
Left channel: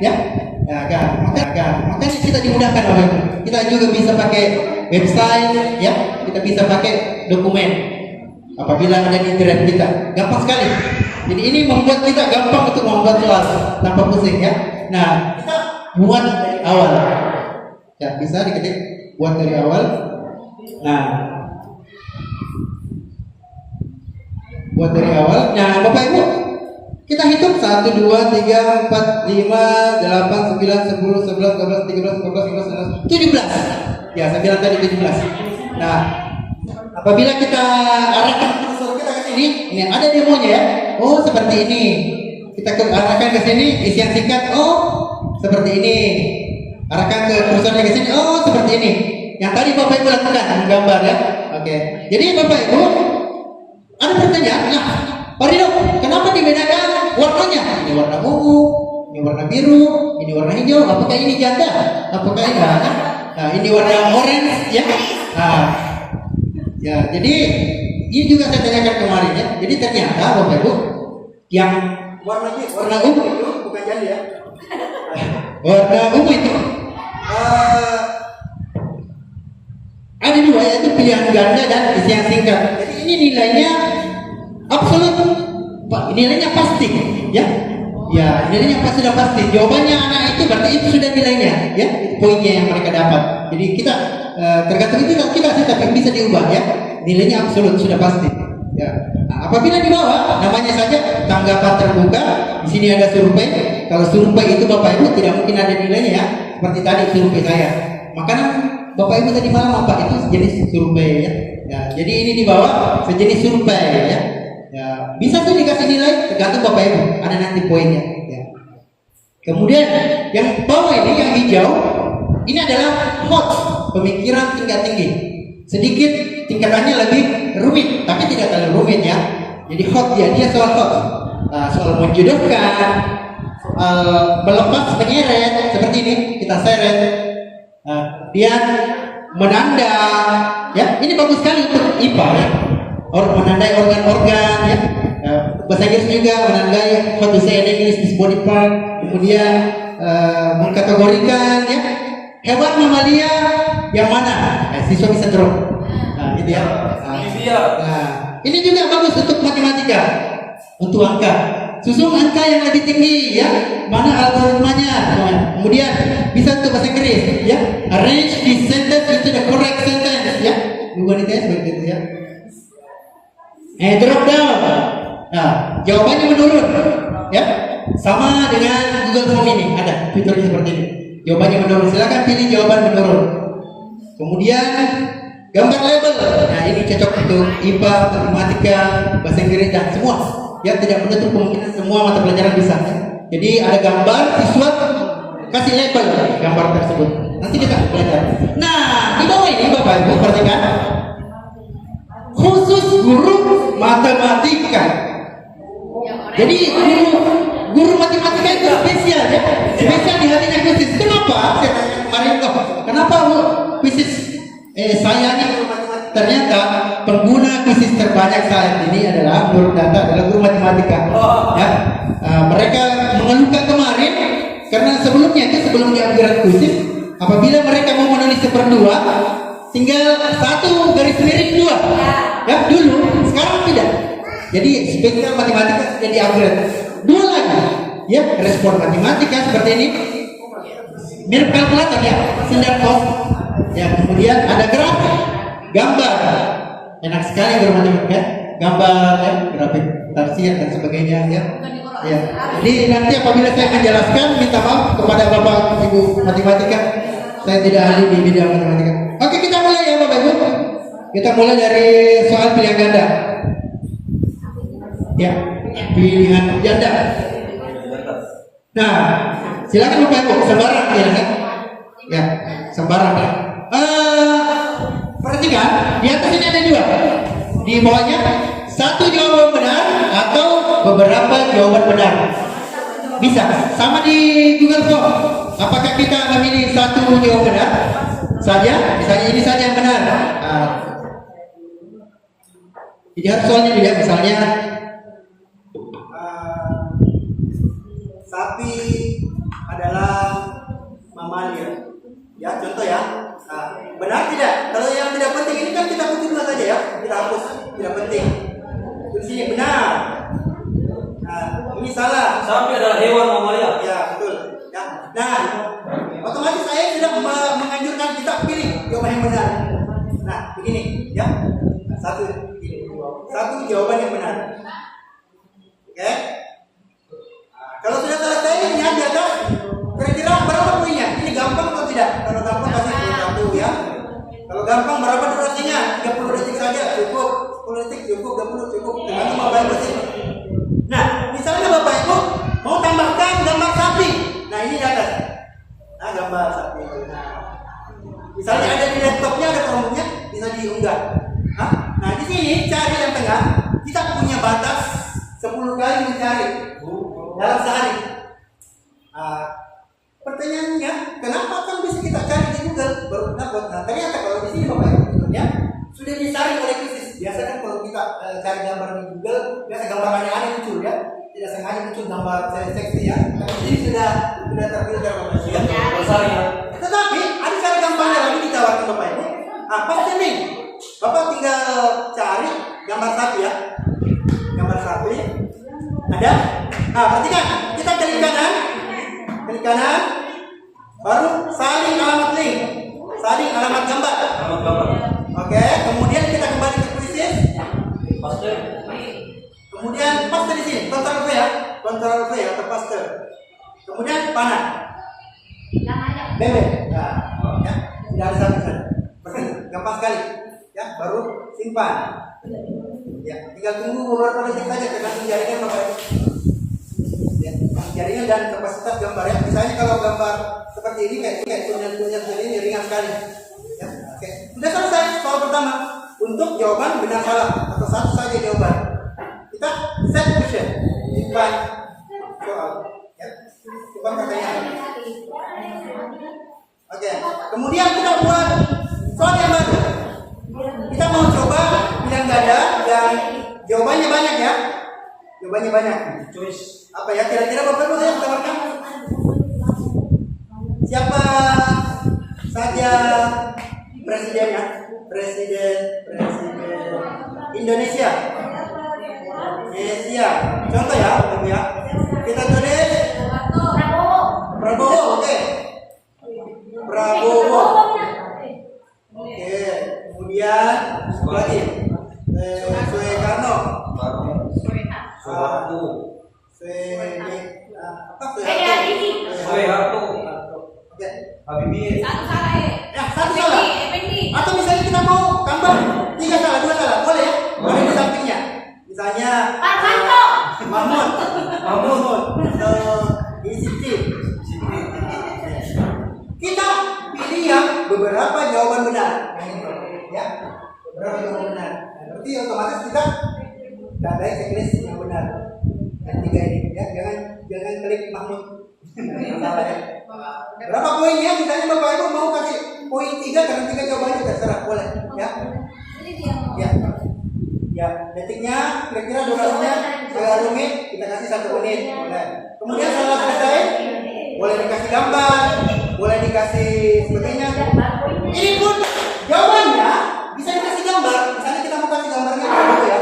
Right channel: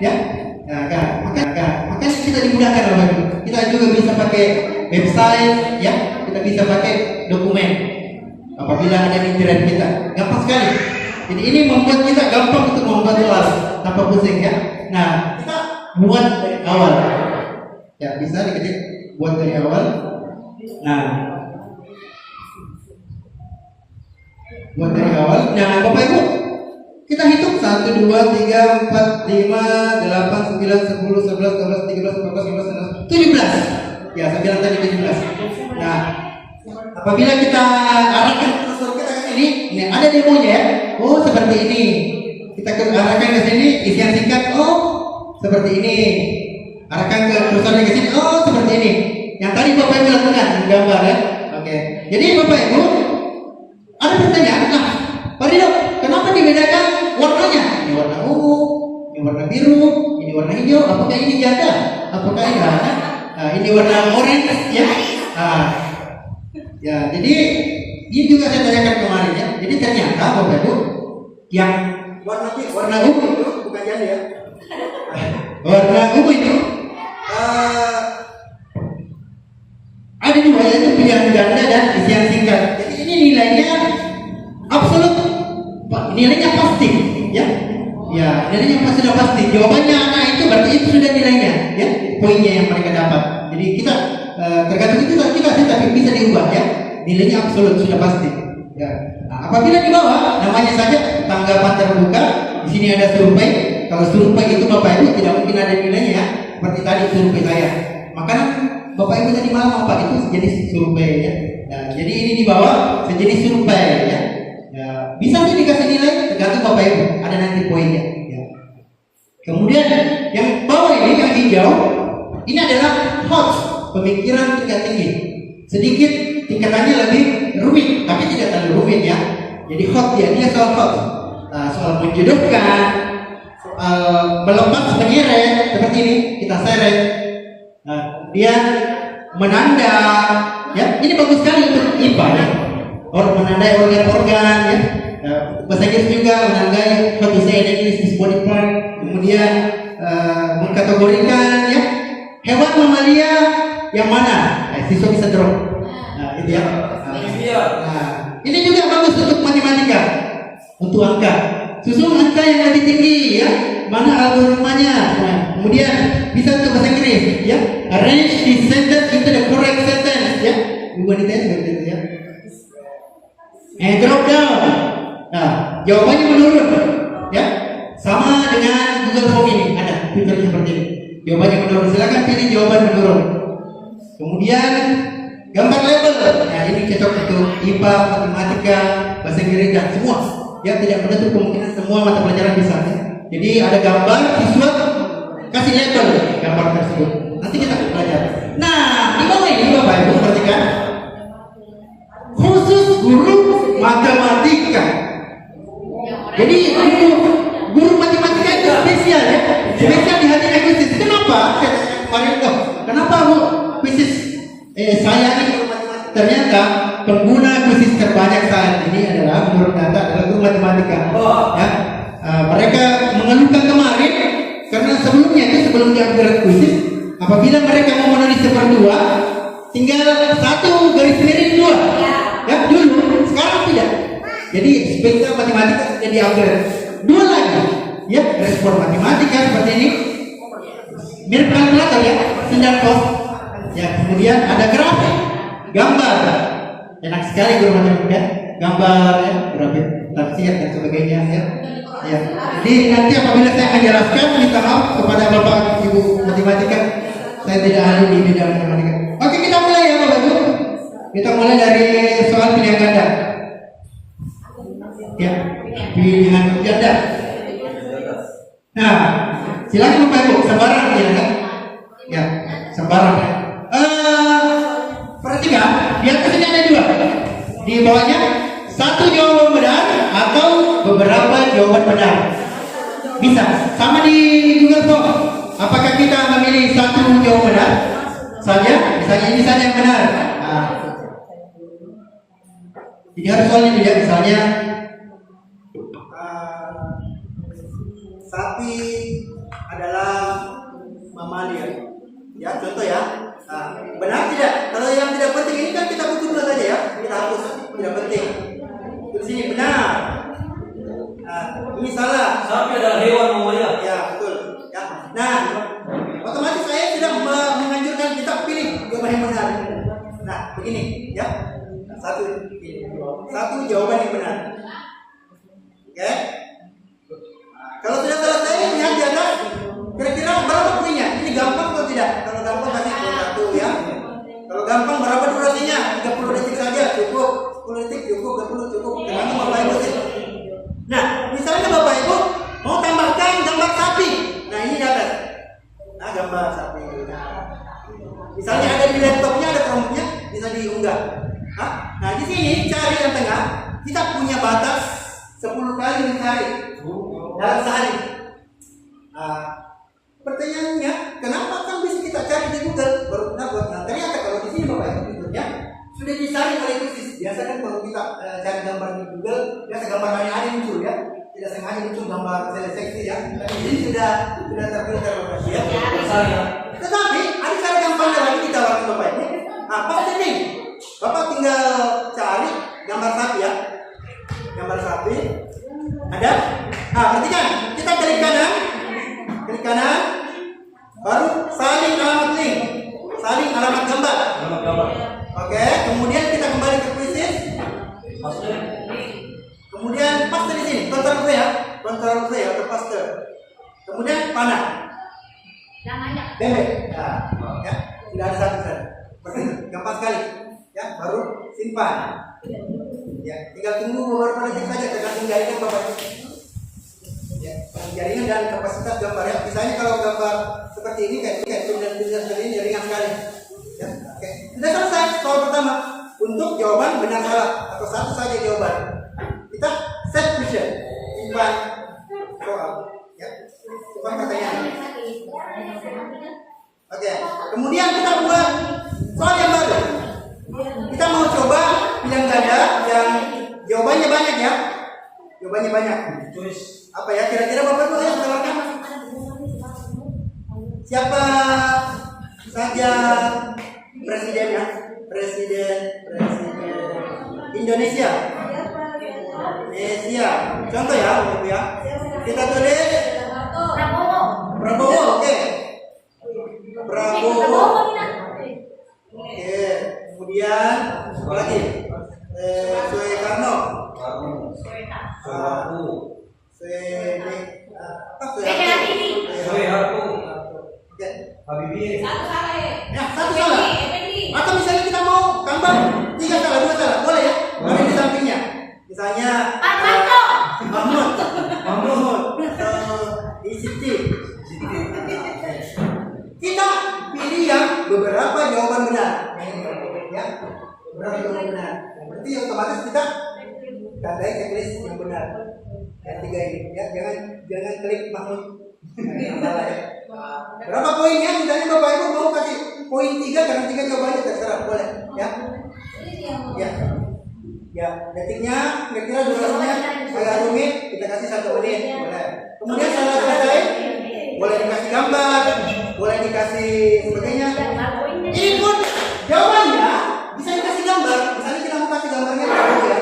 Ya, makanya kita dimudahkan oleh itu. Kita juga bisa pakai website, ya. Kita bisa pakai dokumen. Apabila ada di internet kita, gampang sekali. Jadi ini membuat kita gampang untuk membuat soal tanpa pusing ya. Nah, kita buat dari awal. Ya, bisa diketik buat dari awal. Nah, buat dari awal. Nah, Bapak Ibu, Kita hitung 1, 2, 3, 4, 5, 8, 9, 10, 11, 12, 13, 14, 15, 16, 17. Ya, saya bilang tadi 17. Nah, apabila kita arahkan kursor kita ke sini, ini ada demonya ya. Oh, seperti ini. Kita arahkan ke sini, isi yang singkat. Oh, seperti ini. Arahkan ke kursornya ke sini. Oh, seperti ini. Yang tadi Bapak Ibu lakukan menggambar ya. Oke. Jadi Bapak Ibu ada pertanyaan. Nah, Pak Rido, kenapa dibedakan warnanya? Ini warna ungu, ini warna biru, ini warna hijau. Apakah ini janda? Apakah ini nah, ini warna orange ya? Nah, ya, jadi ini juga saya tanyakan kemarin ya. Jadi ternyata Bapak Ibu yang warna ungu itu bukan janda ya. Warna ungu itu ada dua, yaitu pilihan ganda dan isi yang singkat. Jadi ini nilainya absolut, nilainya pasti, ya. Ya, nilainya sudah pasti. Jawabannya anak itu berarti itu sudah nilainya, ya. Poinnya yang mereka dapat. Jadi kita tergantung itu kita tapi bisa diubah, ya. Nilainya absolut sudah pasti. Ya. Nah, apabila di bawah namanya saja tanggapan terbuka, di sini ada survei. Kalau survei itu Bapak Ibu tidak mungkin ada nilainya ya. Seperti tadi survei saya. Makanan Bapak Ibu tadi malam apa itu sejenis survei ya. Ya, jadi ini di bawah sejenis survei ya. Ya, bisa sih dikasih nilai tergantung Bapak Ibu, ada nanti poinnya ya. Kemudian yang bawah ini yang hijau ini adalah hot, pemikiran tingkat tinggi. Sedikit tingkatannya lebih rumit, tapi tidak terlalu rumit ya. Jadi hot dia soal hot. Nah, soal menjodohkan, soal melepas menyeret seperti ini kita seret. Dia menanda ya, ini bagus sekali untuk IPA ya. Menandai organ-organ ya. Bahasa Inggris juga menandai how to say in English this body part. Kemudian mengkategorikan ya hewan mamalia yang mana siswa bisa drop. Nah, ini ya. Nah, ini juga bagus untuk matematika, untuk angka. Susun angka yang lebih tinggi ya, mana algoritmanya. Kemudian bisa untuk bahasa Inggris ya, arrange this sentence into the correct sentence ya. Bukan dites begitu ya. Drop down. Nah, jawabannya menurun ya. Sama dengan Google Form ini ada fitur seperti ini. Jawabannya menurun. Silakan pilih jawaban menurun. Kemudian gambar label. Nah, ini cocok untuk IPA, matematika, bahasa Inggris dan semua. Ya, tidak menutup kemungkinan semua mata pelajaran bisa ya. Jadi ada gambar, siswa kasih label gambar tersebut. Nanti kita belajar. Nah, di bawah ini Bapak Ibu perhatikan. Khusus guru matematika. Jadi guru matematika itu spesial ya. Spesial di hati Agustus. Kenapa? Saya tanya kemarin kok. Kenapa Bu? Khusus saya ini guru matematika. Ternyata pengguna khusus terbanyak saat ini adalah guru data, adalah guru matematika. Ya. Mereka mengeluhkan kemarin karena sebelumnya itu sebelum diupgrade khusus, apabila mereka mau menulis seperdua, tinggal satu garis miring dua. Ya dulu, sekarang tidak. Jadi spesial matematika sudah diupgrade. Dua lagi, ya respon matematika seperti ini, mirip kalkulator ya, senjata pos. Ya kemudian ada grafik, gambar, enak sekali guru matematika, gambar ya, grafik, tafsir dan sebagainya ya. Ya. Jadi nanti apabila saya menjelaskan, minta maaf kepada Bapak Ibu matematika, saya tidak ahli di bidang matematika. Oke, kita mulai ya Bapak Ibu. Kita mulai dari soal pilihan ganda. Ya, pilihan ganda. Nah, silakan Bapak Ibu, sembarang ya kan? Ya, sembarang ya. Perhatikan, di atas ini ada dua. Di bawahnya satu jawaban benar atau beberapa jawaban benar. Bisa, sama di Google Form. Apakah kita memilih satu jawaban benar saja? Misalnya ini saja yang benar. Nah, jadi harus soalnya dilihat misalnya sapi adalah mamalia. Ya, contoh ya. Benar tidak? Kalau yang tidak penting ini kan kita butuh dua saja ya. Kita hapus, tidak penting. Di sini benar. Ini salah. Sapi adalah hewan mamalia. Ya, betul. Ya. Nah, otomatis saya sudah menganjurkan kita pilih jawaban yang benar. Nah, begini ya. Satu jawaban yang benar. Oke. Kalau sudah selesai, lihat di atas. Kira-kira berapa poinnya? Ini gampang atau tidak? Kalau gampang kasih poin 1 ya. Kalau gampang berapa durasinya? 30 detik saja cukup. 10 detik cukup, 20 cukup. Tergantung Bapak Ibu sih. Nah, misalnya Bapak Ibu mau tambahkan gambar sapi. Nah, ini di atas. Nah, gambar sapi. Nah, misalnya ada di laptopnya, ada Chromebooknya, bisa diunggah. Nah, di sini cari yang tengah. Kita punya batas 10 kali mencari dalam sehari. Pertanyaannya, kenapa kan bisa kita cari di Google baru benar buat? Nah, ternyata kalau di sini Bapak Ibu ya sudah disaring oleh khusus. Biasa kan kalau kita cari gambar di Google, biasa gambar aneh-aneh muncul ya. Tidak sengaja muncul gambar seksi ya. Tapi ini sudah terfilter Bapak Ibu ya. Tetapi ada cara gampangnya lagi ditawarkan Bapak Ibu. Pasti nih, Bapak tinggal cari gambar sapi ya. Gambar sapi ada. Perhatikan, kita klik kanan, baru salin alamat link, salin alamat gambar. Oke, kemudian kita kembali ke kuisis. Kemudian paste di sini, Ctrl V atau paste. Kemudian panah. Bembel. Nah, ya, sudah ada satu saja. Gampang sekali. Ya, baru simpan. Ya, tinggal tunggu beberapa detik saja tergantung jaringan Bapak Ibu. Ya, jaringan dan kapasitas gambar ya. Misalnya kalau gambar seperti ini kayak tulisan ini ringan sekali. Ya, oke. Sudah selesai soal pertama. Untuk jawaban benar salah atau satu saja jawaban. Kita set question, simpan soal. Ya, simpan pertanyaan. Oke. Kemudian kita buat soal yang baru. Kita mau coba pilihan ganda yang jawabannya banyak ya. Jawabannya banyak. Apa ya kira-kira Bapak Ibu yang tawarkan? Siapa saja presidennya? Presiden Indonesia. Contoh ya, Bapak Ibu ya. Kita tulis Prabowo, oke. Prabowo. Oke, kemudian apa lagi? Soekarno. Soeharto. Oke. Habibie. Ya, satu salah. Atau misalnya kita mau tambah 3 salah, 2 salah, boleh ya? Ada di sampingnya. Misalnya Mahmud atau Siti. Kita pilih yang beberapa jawaban benar. Ya, beberapa jawaban benar. Nah, berarti otomatis kita tandai checklist yang benar. Yang 3 ini ya, jangan klik Mahmud. Nah, salah ya. Berapa poinnya? Misalnya Bapak Ibu mau kasih poin 3 karena 3 jawabannya terserah, boleh ya. Ya, detiknya kira-kira durasinya agak rumit, kita kasih 1 menit, boleh. Kemudian setelah selesai, boleh dikasih gambar, boleh dikasih sebagainya. Ini pun jawabannya bisa dikasih gambar. Misalnya kita mau kasih gambarnya Prabowo ya.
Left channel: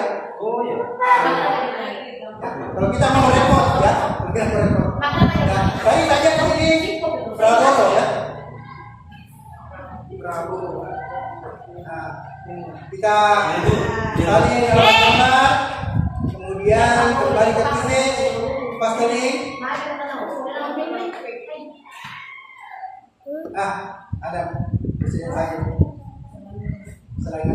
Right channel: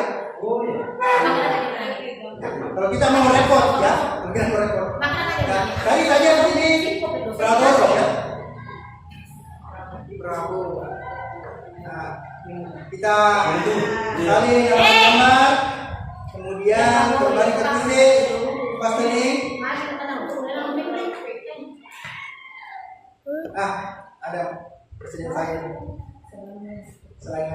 Kalau kita mau repot ya, Nah, cari saja di sini Prabowo ya. Prabowo. Nah, kita salin alamat gambar, kemudian kembali ke kuisis, paste link. Ada presiden saya. Selain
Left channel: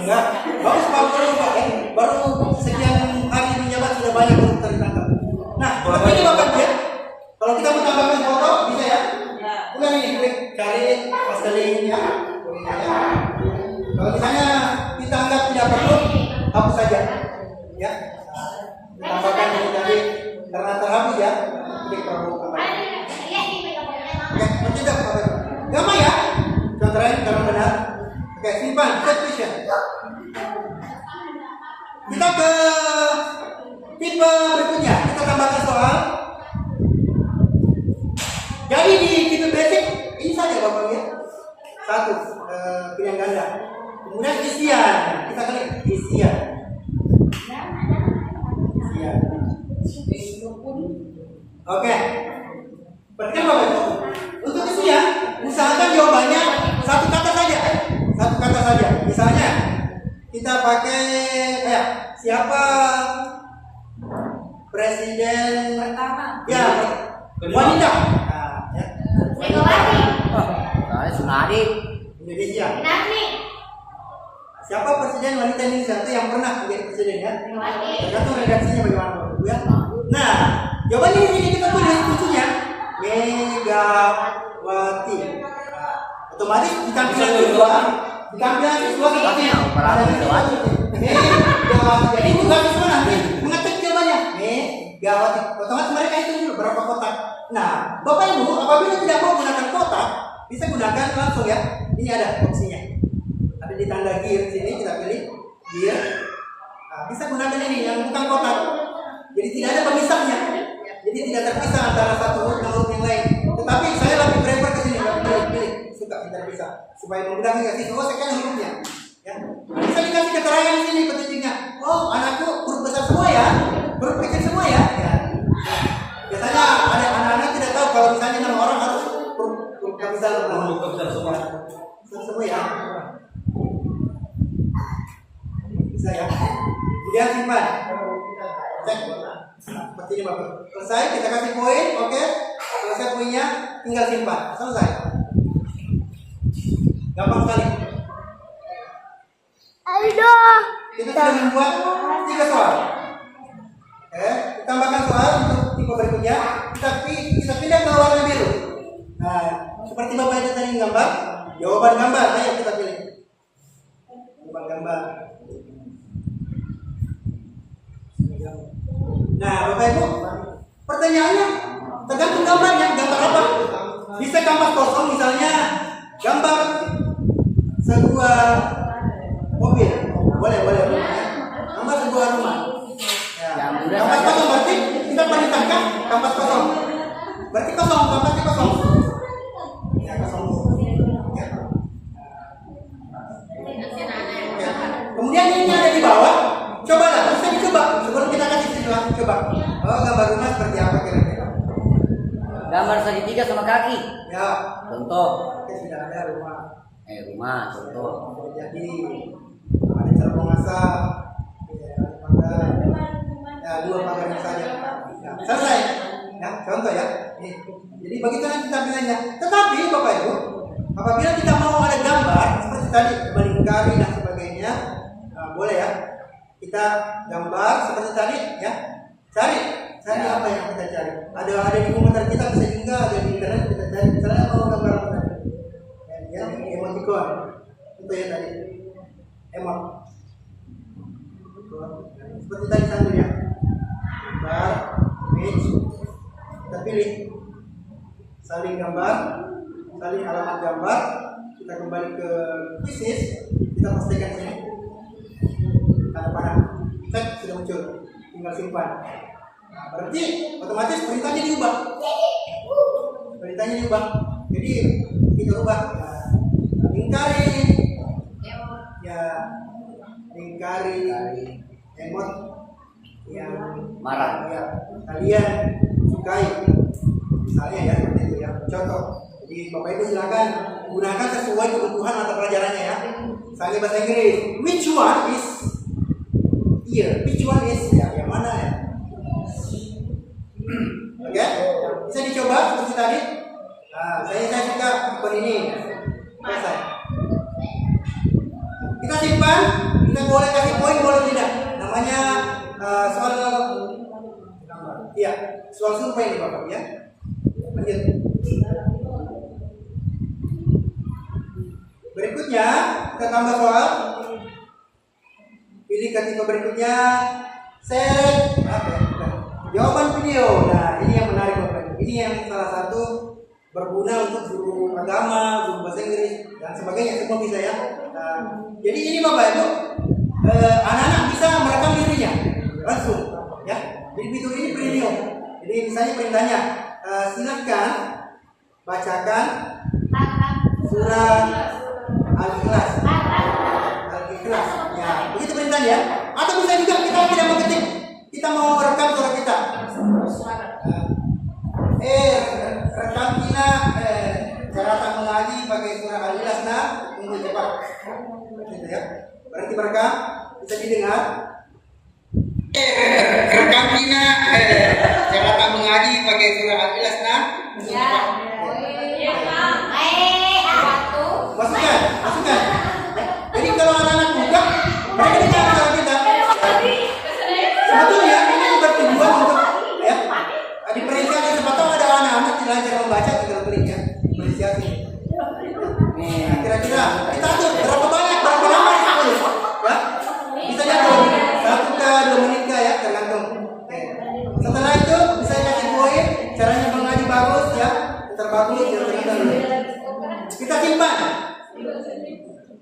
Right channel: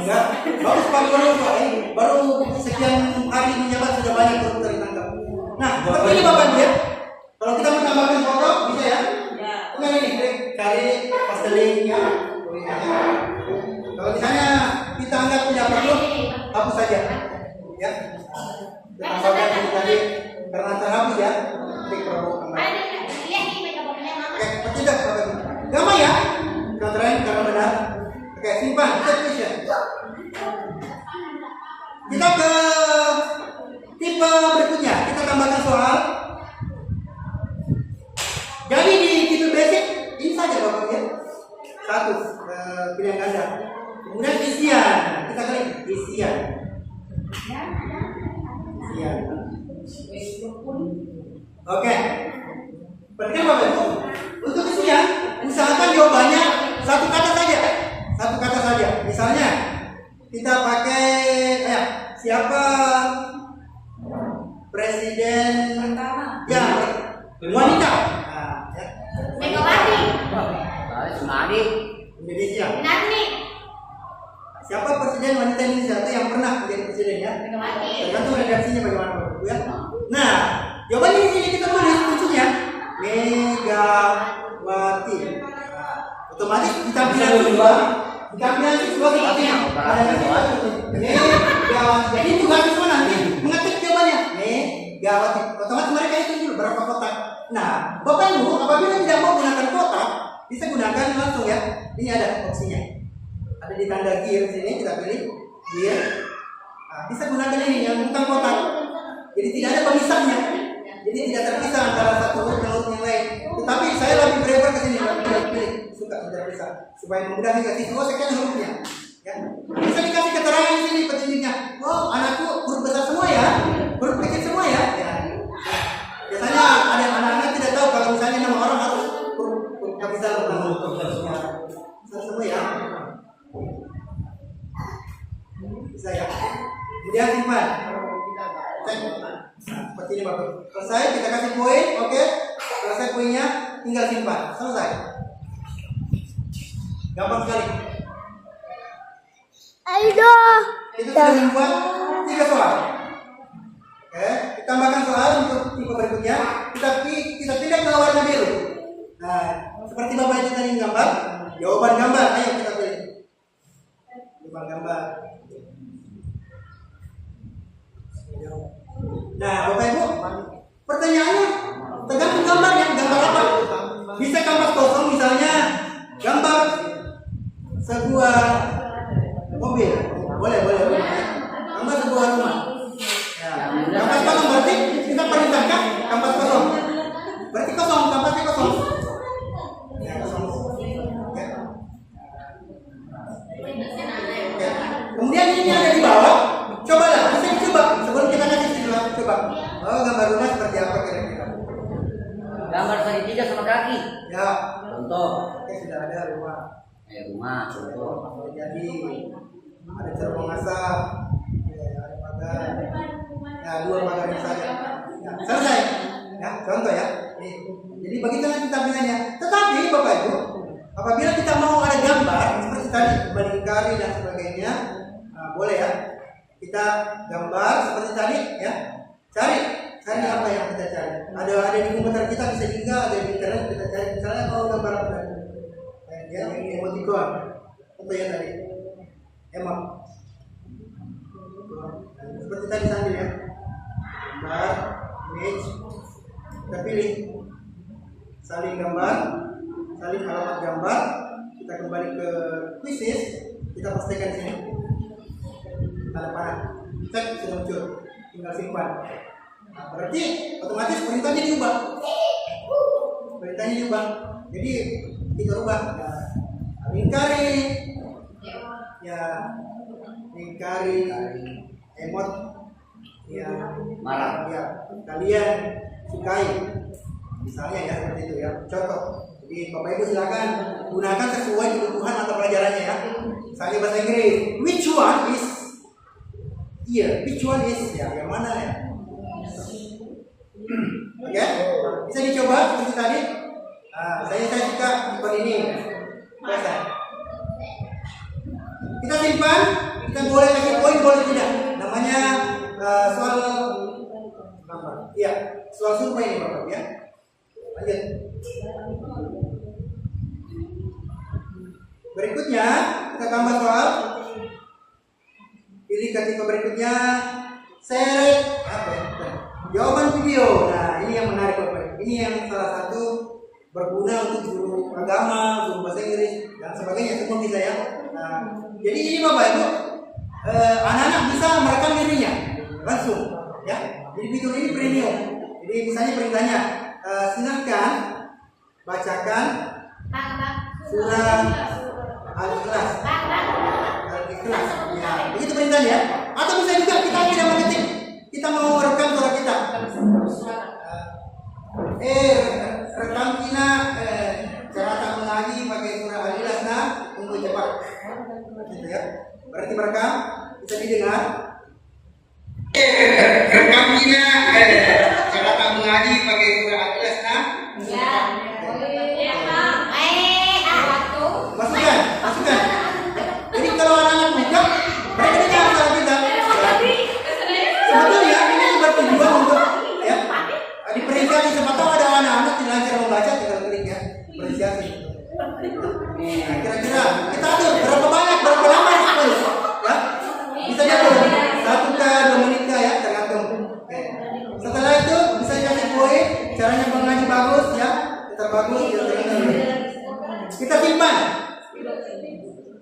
enggak, bagus Pak Guru Pak baru sekian hari menjabat sudah banyak koruptor ditangkap. Nah, seperti ini Bapak ya. Kalau kita menambahkan foto bisa ya? Ulang ini, klik cari paste link ya. Kalau misalnya kita anggap tidak perlu, hapus saja. Ya. Kita tambahkan ini tadi karena terhapus ya. Klik Prabowo kembali. Oke, bertindak Bapak Ibu. Gampang ya? Contohnya karena benar. Oke, simpan set question. Kita ke tipe berikutnya. Kita tambahkan soal. Jadi di tipe basic ini saja Bapak ya. 1 pilihan ganda. Kemudian isian. Nah, kita klik isian. Oke. Perhatikan Bapak Ibu. Untuk isian, usahakan jawabannya 1 kata saja. 1 kata saja. Misalnya kita pakai siapa presiden Pertama. ya wanita. Nah, ya. Megawati. Sunadi. Indonesia. Nani. Siapa presiden wanita Indonesia itu yang pernah menjadi presiden ya? Megawati. Tergantung redaksinya bagaimana Bapak Ibu ya. Nah, jawabannya di sini kita tulis kuncinya Megawati. Nah, otomatis di tampilan siswa seperti Megawati. Jadi tugas siswa nanti mengetik jawabannya Megawati. Otomatis mereka hitung dulu berapa kotak. Nah, Bapak Ibu apabila tidak mau gunakan kotak, bisa gunakan langsung ya. Ini ada opsinya. Ada di tanda gear sini, kita pilih gear. Nah, bisa gunakan ini yang bukan kotak. Jadi tidak ada pemisahnya. Jadi tidak terpisah antara satu huruf dan huruf yang lain. Tetapi saya lebih prefer ke sini, lebih pilih suka tidak terpisah supaya memudahkan kasih. Oh, sekian hurufnya. Ya. Nah, bisa dikasih keterangan di sini petunjuknya. Oh, anakku huruf besar semua ya, huruf kecil semua ya. Ya. Biasanya ada anak-anak tidak tahu kalau misalnya nama orang harus huruf kapital semua. Semua ya. Bisa ya. Kemudian simpan. Cek. Nah, seperti ini Bapak. Selesai, kita kasih poin, oke. Selesai poinnya, tinggal simpan. Selesai. Gampang sekali. Ayo. Itu sudah membuat 3 soal. Oke, kita tambahkan soal untuk tipe berikutnya. Kita pindah ke warna biru. Nah, seperti Bapak itu tadi gambar, jawaban gambar. Ayo kita pilih. Jawaban gambar. Nah, Bapak Ibu, pertanyaannya tergantung gambarnya. Gambar apa? Bisa kanvas kosong, misalnya gambar sebuah mobil, boleh rumah ya. Gambar sebuah rumah. Ya, kanvas kosong berarti kita perintahkan kanvas kosong. Berarti kosong, kanvasnya kosong. Ya, kosong. Ya. Oke. Kemudian ini ada di bawah. Cobalah, bisa dicoba sebelum kita kasih siswa. Coba. Oh, gambar rumah seperti apa kira-kira? Gambar segitiga sama kaki. Ya. Contoh. Oke, sudah ada rumah. Rumah. Contoh. Boleh jadi ada cerobong asap. Ya, ada pagar. Ya, 2 pagarnya saja. Ya, selesai. Ya, contoh ya. Nih. Jadi begitu nanti tampilannya. Tetapi Bapak Ibu, apabila kita mau ada gambar seperti tadi melingkari dan sebagainya, boleh ya. Kita gambar seperti tadi ya. Cari apa yang kita cari. Ada di komputer kita, bisa juga ada di internet kita cari. Misalnya mau gambar apa tadi? Ya, emoticon. Contoh ya tadi. Emot. Seperti tadi sambil ya. Gambar, image. Kita pilih salin gambar, salin alamat gambar. Kita kembali ke quizzes. Kita pastikan sini. Tanda panah, cek sudah muncul, tinggal simpan. Nah, berarti otomatis perintahnya diubah. Jadi kita ubah. Nah, lingkari emot yang Marah. ya kalian sukai. Misalnya ya seperti itu ya. Contoh. Jadi Bapak Ibu silakan gunakan sesuai kebutuhan mata pelajarannya ya. Misalnya bahasa Inggris, which one is here? Which one is ya? Yang mana ya? Oke, bisa dicoba seperti tadi. Nah, saya suka tipe ini. Selesai. Kita simpan. Kita boleh kasih poin, boleh tidak. Namanya soal gambar. Iya, soal survei ini Bapak ya. Lanjut. Berikutnya kita tambah soal. Pilih ketika berikutnya seret apa ya? Jawaban video. Nah, ini yang menarik Bapak. Ini yang salah satu berguna untuk guru agama, guru bahasa Inggris dan sebagainya, semua bisa ya. Nah, jadi ini Bapak Ibu, anak-anak bisa merekam dirinya langsung ya. Jadi fitur ini premium. Jadi misalnya perintahnya, silahkan bacakan surah Al-Ikhlas. Al-Ikhlas. Ya, begitu perintahnya. Atau bisa juga kita tidak mengetik, kita mau merekam suara kita. Rekam kita cara tak mengaji pakai surah Al-Ikhlas. Nah, tunggu cepat. Gitu ya. Berarti merekam, bisa didengar. Rekam Gina, jangan tak mengaji pakai surah Al-Ikhlas nah. Masukkan. Jadi kalau anak-anak buka, mereka dengar suara kita. Sebetulnya ini bertujuan untuk ya diperhatikan. Siapa tahu ada anak-anak tidak lancar membaca, tinggal klik ya. Apresiasi. Nah, kira-kira kita atur berapa banyak, berapa lama responnya, ya? Bisa diatur 1 ke 2 menit ya, tergantung. Oke. Setelah itu bisa dikasih poin, caranya mengaji bagus ya, terbagus ya tergantung. Kita simpan.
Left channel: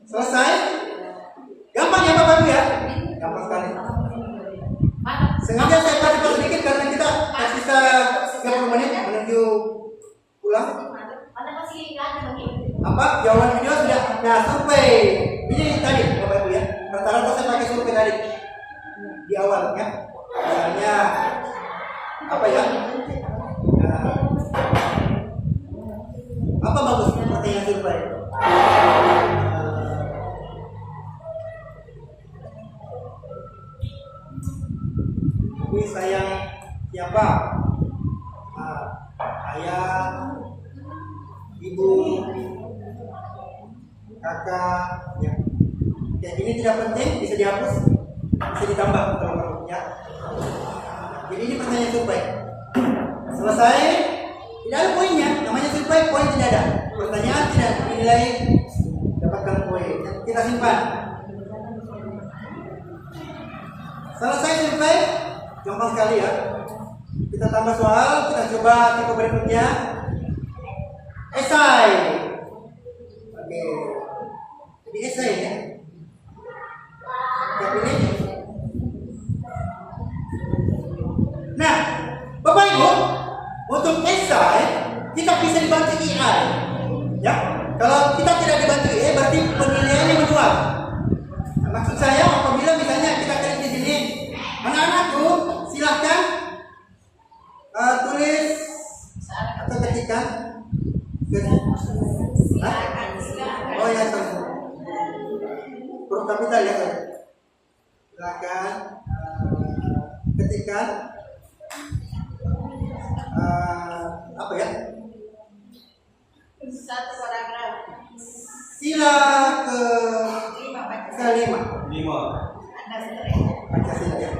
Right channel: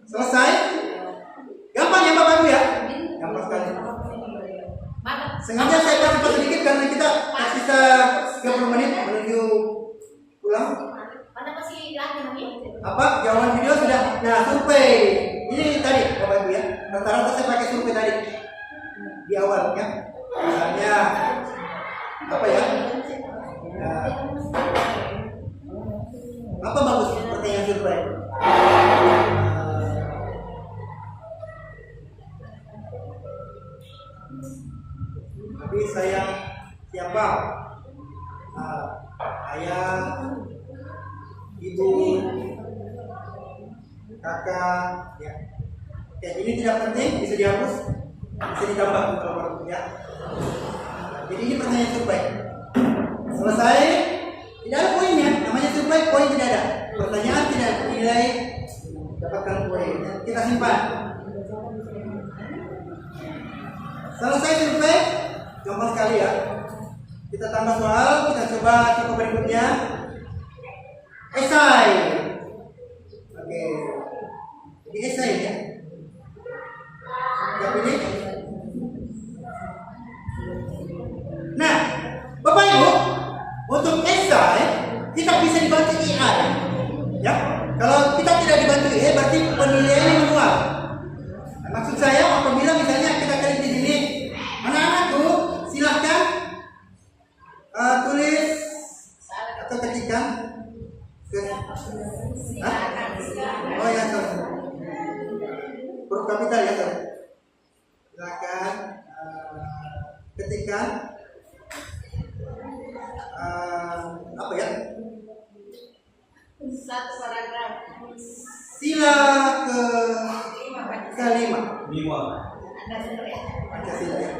Selesai. Gampang ya Bapak Ibu ya? Gampang sekali. Sengaja saya percepat sedikit karena kita tersisa 30 menit menuju pulang. Apa? Jawaban video sudah. Nah, survei. Ini tadi Bapak Ibu ya. Rata-rata saya pakai survei tadi. Di awal ya. Misalnya apa ya? Apa bagus pertanyaan survei? Tapi sayang siapa? Ayah, ibu, kakak, ya. Ya, ini tidak penting, bisa dihapus, bisa ditambah kalau perlu, ya. Jadi ini pertanyaan survei. Selesai, tidak ada poinnya. Namanya survei, poin tidak ada. Pertanyaan tidak dinilai, dapatkan poin. Kita simpan. Selesai survei, gampang sekali ya. Kita tambah soal, kita coba tipe berikutnya. Esai. Oke. Jadi esai ya. Kita pilih. Nah, Bapak Ibu, untuk esai kita bisa dibantu AI. Ya. Kalau kita tidak dibantu AI berarti penilaiannya manual. Nah, maksud saya apabila misalnya kita klik di sini, anak-anakku silahkan tulis atau ketikkan. Oh ya, sorry. Huruf kapital ya, sorry. Silakan ketikkan apa ya? Satu paragraf. Sila kelima. Pancasila ya.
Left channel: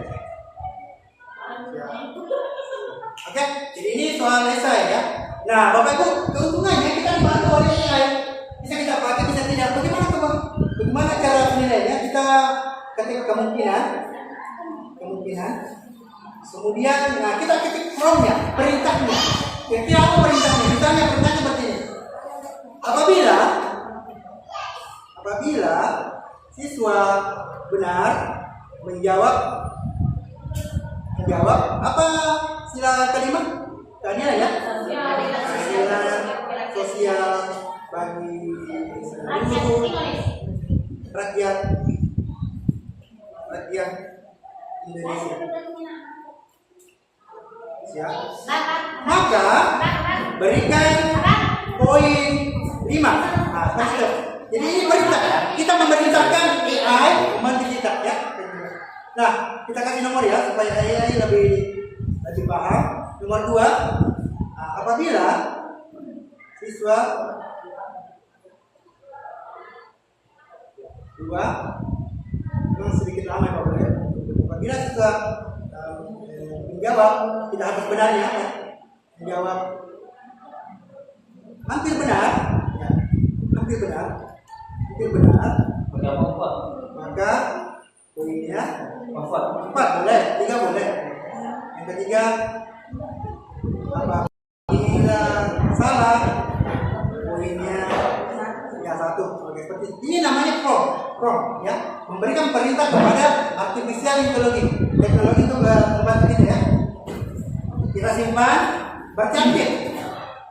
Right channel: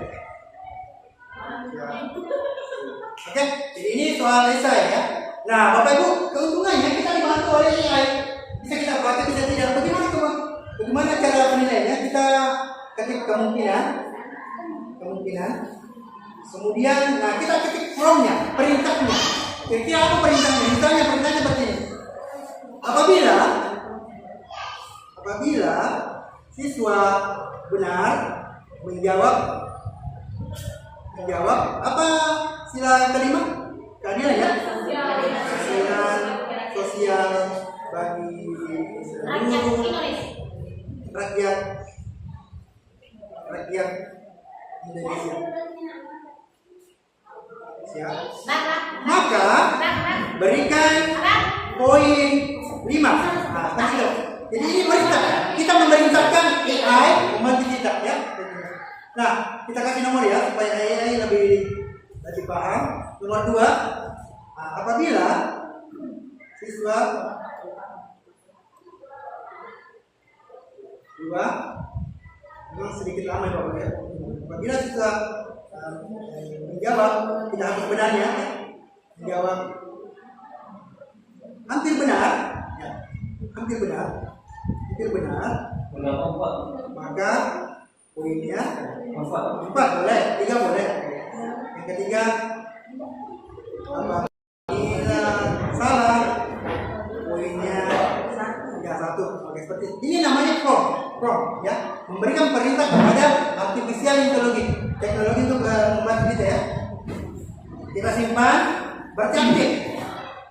Oke, jadi ini soal esai ya. Nah, Bapak Ibu, keuntungannya kita dibantu oleh AI. Bisa kita pakai, bisa tidak. Bagaimana cara penilaiannya? Kita ketik kemungkinan. Kemudian, nah kita ketik from-nya, perintahnya. Kira-kira apa perintahnya? Misalnya perintahnya seperti ini. Apabila siswa benar menjawab apa sila kelima? Keadilan ya? Keadilan sosial bagi seluruh rakyat Indonesia. Siap? Maka berikan poin 5. Nah, sudah. Jadi ini perintah. Kita memerintahkan AI membantu kita ya. Nah, kita kasih nomor ya supaya AI lebih paham. Nomor 2, apabila siswa 2 memang sedikit lama ya Bapak ya. Apabila siswa menjawab tidak harus benarnya ya. Menjawab hampir benar ya. Hampir benar. Maka poinnya 4 boleh, 3 boleh. Yang ketiga apabila salah poinnya ya 1. Oke, seperti ini namanya prompt ya, memberikan perintah kepada artificial intelligence. Teknologi untuk membantu kita ya. Kita simpan, berarti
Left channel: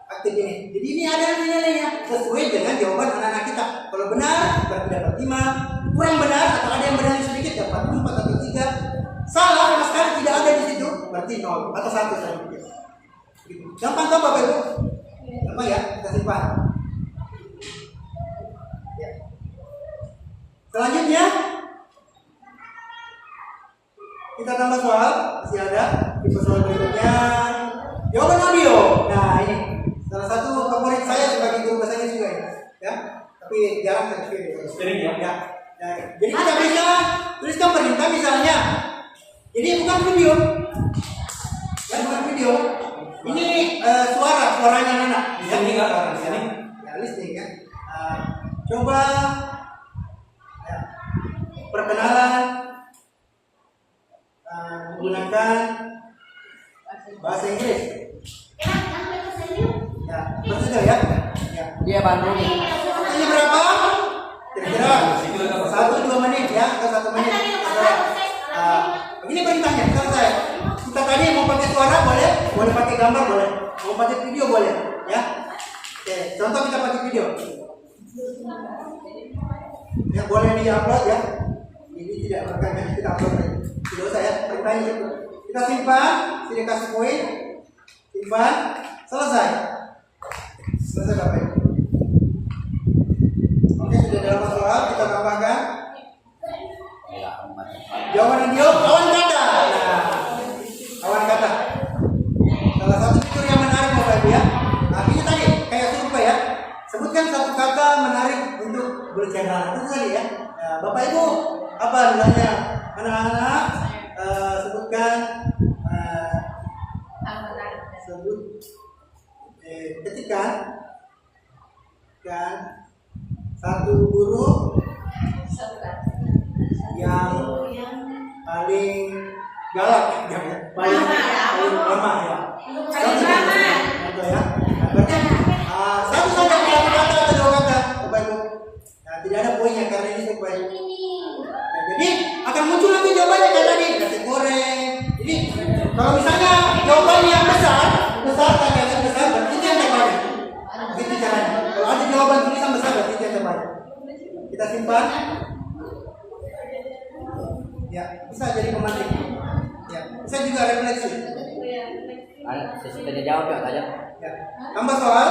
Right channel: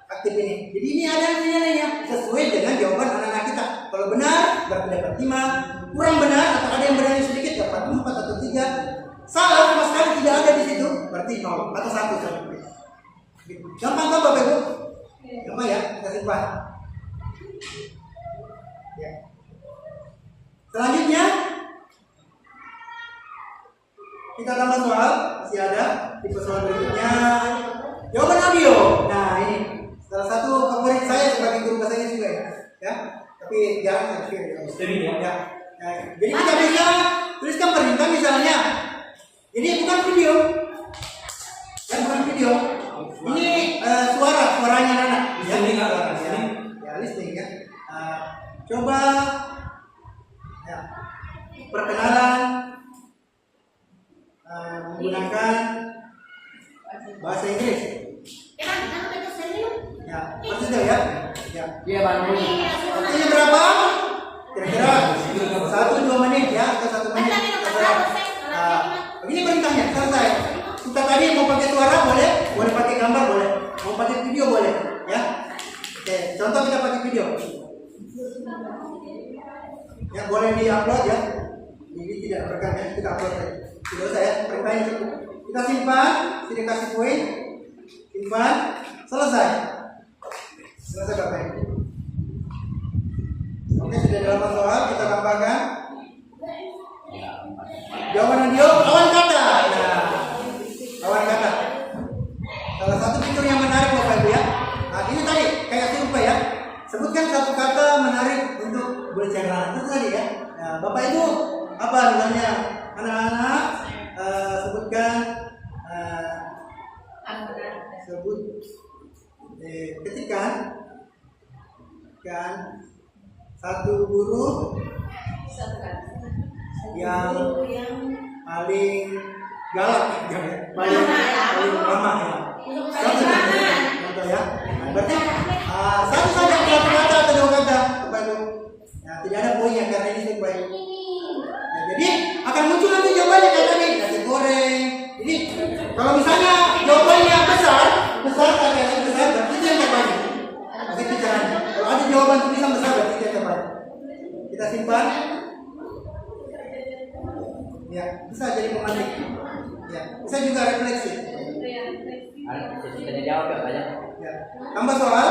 aktif ini. Jadi ini ada nilainya sesuai dengan jawaban anak-anak kita. Kalau benar berarti dapat 5, kurang benar atau ada yang benar sedikit dapat 4 atau 3. Salah sama sekali tidak ada di situ berarti 0 atau 1 saja. Gampang kan Bapak Ibu? Gampang ya, kita simpan. Ya. Selanjutnya kita tambah soal, masih ada tipe soal berikutnya. Jawaban audio. Nah ini salah satu favorit saya sebagai guru bahasa Inggris juga ya. Tapi jarang saya kirim ya. Nah, jadi kita bisa tuliskan perintah misalnya. Ini bukan video, kan bukan video. Ini suaranya anak. Ya, ya listening ya. Coba ya, perkenalan menggunakan bahasa Inggris. Ya, bersedia ya. Ya. Dia bantu. Waktunya berapa? Kira-kira 1-2 menit ya atau 1 menit. Begini perintahnya, selesai. Kita tadi mau pakai suara boleh, boleh pakai gambar boleh, mau pakai video boleh, ya. Oke, contoh kita pakai video. Ya boleh di-upload ya. Ini tidak merekam ya, kita upload aja. Tidak usah ya, perintahnya cukup. Kita simpan, sini kasih poin, simpan, selesai. Selesai Bapak. Oke, sudah dalam soal kita tambahkan. Jawaban audio, lawan kata. Nah, lawan kata. Salah satu fitur yang menarik Bapak Ibu ya. Nah, ini tadi kayak survei ya. Sebutkan satu kata menarik untuk berbicara. Itu tadi ya. Nah, Bapak Ibu, apa misalnya anak-anak sebutkan ketikkan satu guru yang paling galak ya, paling lama ya. Contoh ya. Nah, berarti satu saja satu kata atau 2 kata, Bapak Ibu. Nah, tidak ada poinnya karena ini survei. Nah, jadi akan muncul lagi jawabannya kayak tadi, nasi goreng. Jadi kalau misalnya jawabannya besar berarti itu yang terbanyak. Begitu caranya. Kalau ada jawaban tulisan besar berarti itu yang terbanyak. Kita simpan. Ya, bisa jadi pemantik. Ya, bisa juga refleksi. Sudah dijawab ya banyak. Ya. Tambah soal.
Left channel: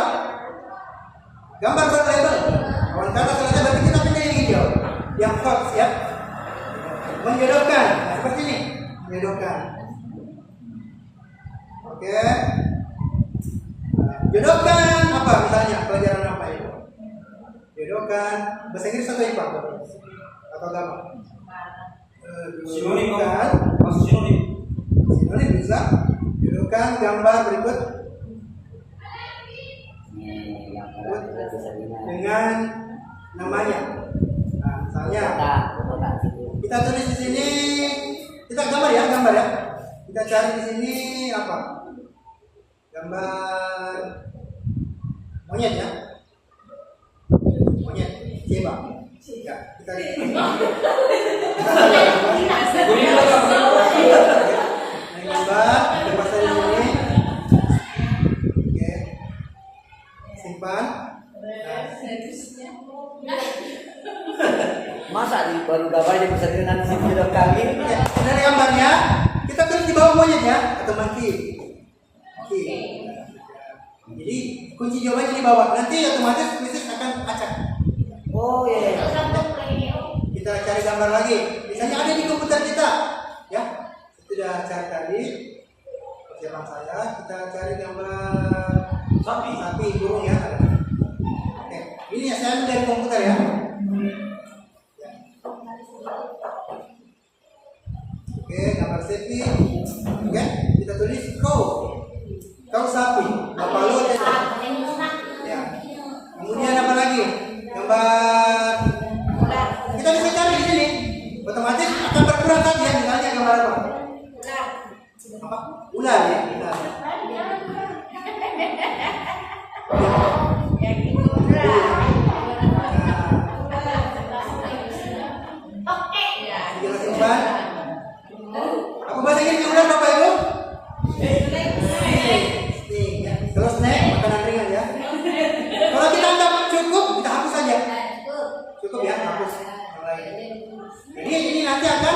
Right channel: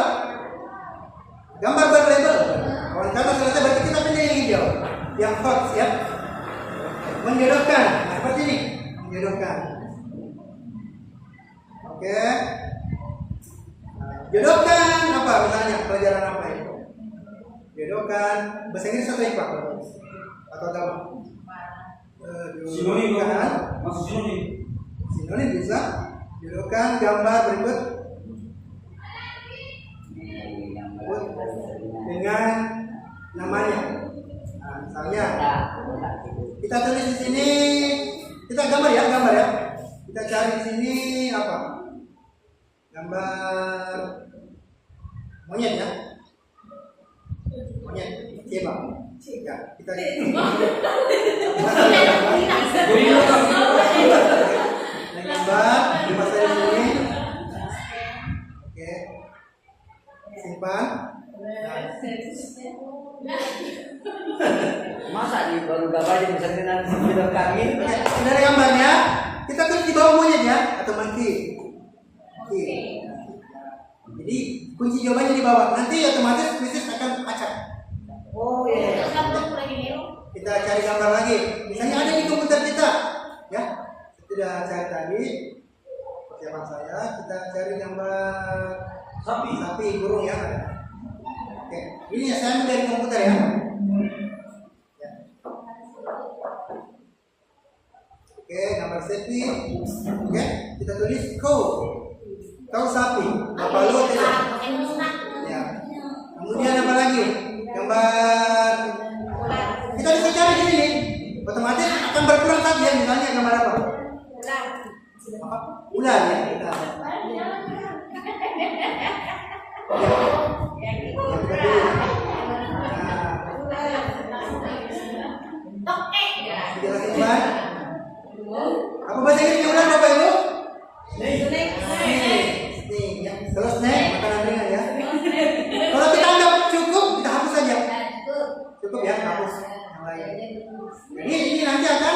Gambar berlabel. Kawan kata selesai berarti kita pindah yang hijau. Yang hot ya. Menjodohkan. Nah, seperti ini. Menjodohkan. Oke. Jodohkan apa misalnya? Pelajaran apa itu? Jodohkan bahasa Inggris atau IPA? Atau agama? Jodohkan. Sinonim bisa. Jodohkan gambar berikut dengan namanya. Nah, misalnya kita tulis di sini, kita gambar ya. Kita cari di sini apa? Gambar monyet ya. Monyet, coba. Ya, kita gambar, pasang di sini. Oke. Simpan. Masa di baru gambar di persalinan sudah kami. Oke, sudah ada gambarnya. Kita tulis di bawah monyetnya atau monkey. Oke. Jadi kunci jawabannya di bawah. Nanti otomatis kuisis akan acak. Oh iya. Kita cari gambar lagi. Misalnya ada di komputer kita, ya. Sudah cari tadi persiapan saya. Kita cari gambar sapi burung ya ada. Oke, ini ya saya ambil dari komputer ya. Oke, gambar sapi. Oke, kita tulis kau sapi, bapak lo tidak. Ya. Kemudian apa lagi? Gambar. Kita bisa cari di sini. Otomatis akan berkurang saja. Misalnya gambar apa? Apa? Ular ya. Ular. Ya. Kita simpan. Apa bahasa Inggrisnya ular Bapak Ibu? Snake ya. Kalau snake makanan ringan ya. Kalau kita anggap cukup, kita hapus saja. Cukup ya, hapus yang lain. Jadi ini nanti akan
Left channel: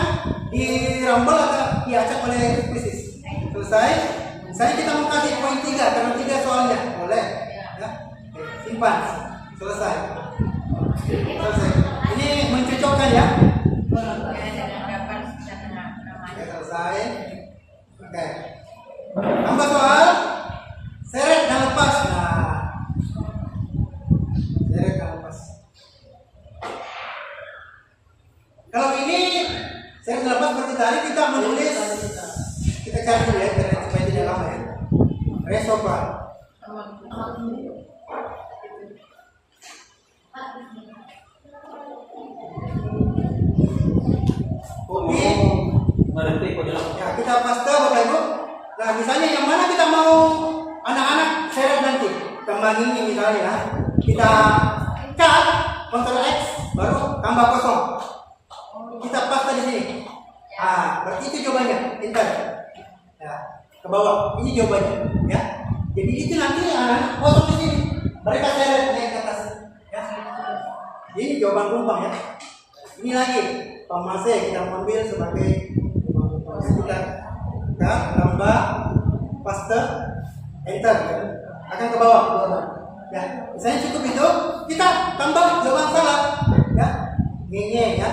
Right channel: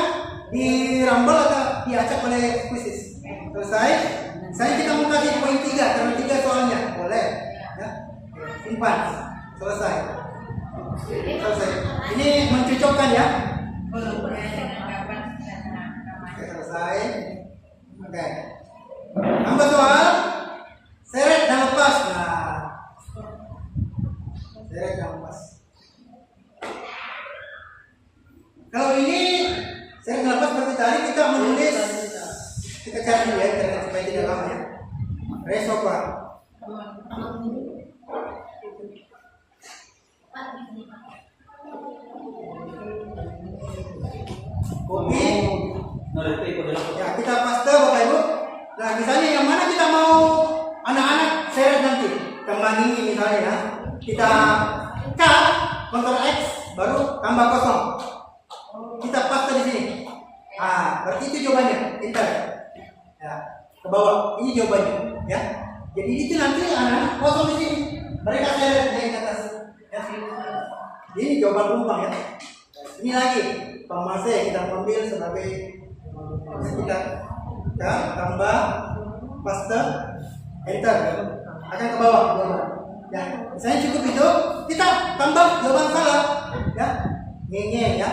dirambel atau diacak oleh kuisis. Selesai. Misalnya kita mau kasih poin 3 karena 3 soalnya, boleh. Ya. Oke, simpan. Selesai. Selesai. Ini mencocokkan ya. Oke, selesai. selesai. Oke. Tambah soal seret dan lepas. Nah, seret dan lepas. Kalau ini seret dan lepas seperti tadi kita menulis, kita cari dulu ya supaya tidak lama ya. Resopa. Kopi. Ya, kita paste Bapak Ibu. Nah, misalnya yang mana kita mau anak-anak seret nanti. Kembang ini misalnya ya. Kita cut, Ctrl X, baru tambah kosong. Kita paste di sini. Ah, berarti itu jawabannya. Enter. Ya, ke bawah. Ini jawabannya, ya. Jadi itu nanti anak-anak kosong di sini. Mereka seret naik ke atas. Ya. Ini jawaban rumpang ya. Ini lagi pemase kita ambil sebagai kita tambah paste enter akan ke bawah jawaban. Ya, misalnya cukup itu kita tambah jawaban salah ya. Ngenge ya.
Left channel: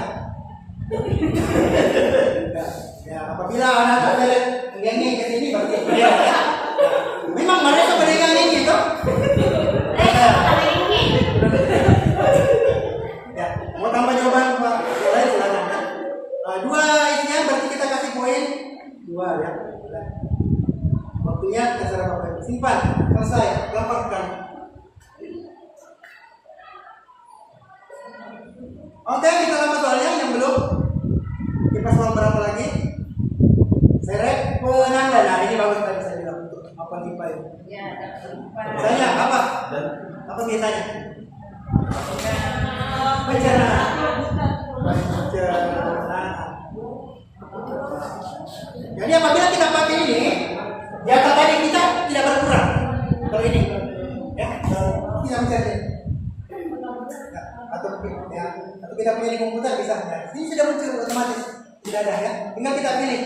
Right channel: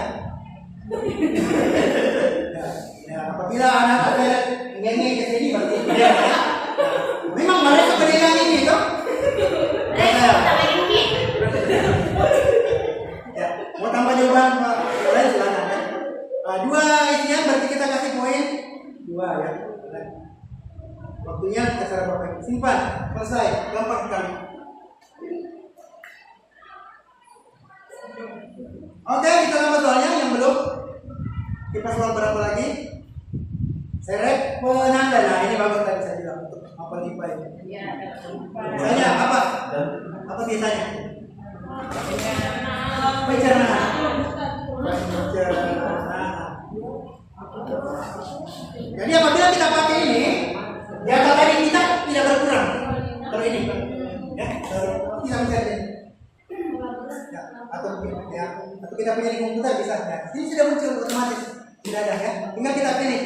Ya, apabila anak seret ngenge ke sini berarti ya. Memang mereka pedagang ini toh. Ya, mau tambah jawaban Pak boleh silakan ya. Dua isian berarti kita kasih poin 2 ya. Waktunya terserah Bapak Ibu. Simpan, selesai, gampang sekali. Oke, kita tambah soalnya yang belum. Kita soal berapa lagi? Seret penanda. Nah, ini bagus tadi saya bilang untuk apa tipe ini. Misalnya apa? Apa biasanya? Pencernaan. Jadi apabila kita pakai ini, data tadi kita tidak berkurang. Kalau ini, ya, kita mencari. Ya, atau kita punya di komputer bisa. Ya. Ini sudah muncul otomatis, tidak ada ya. Tinggal kita pilih.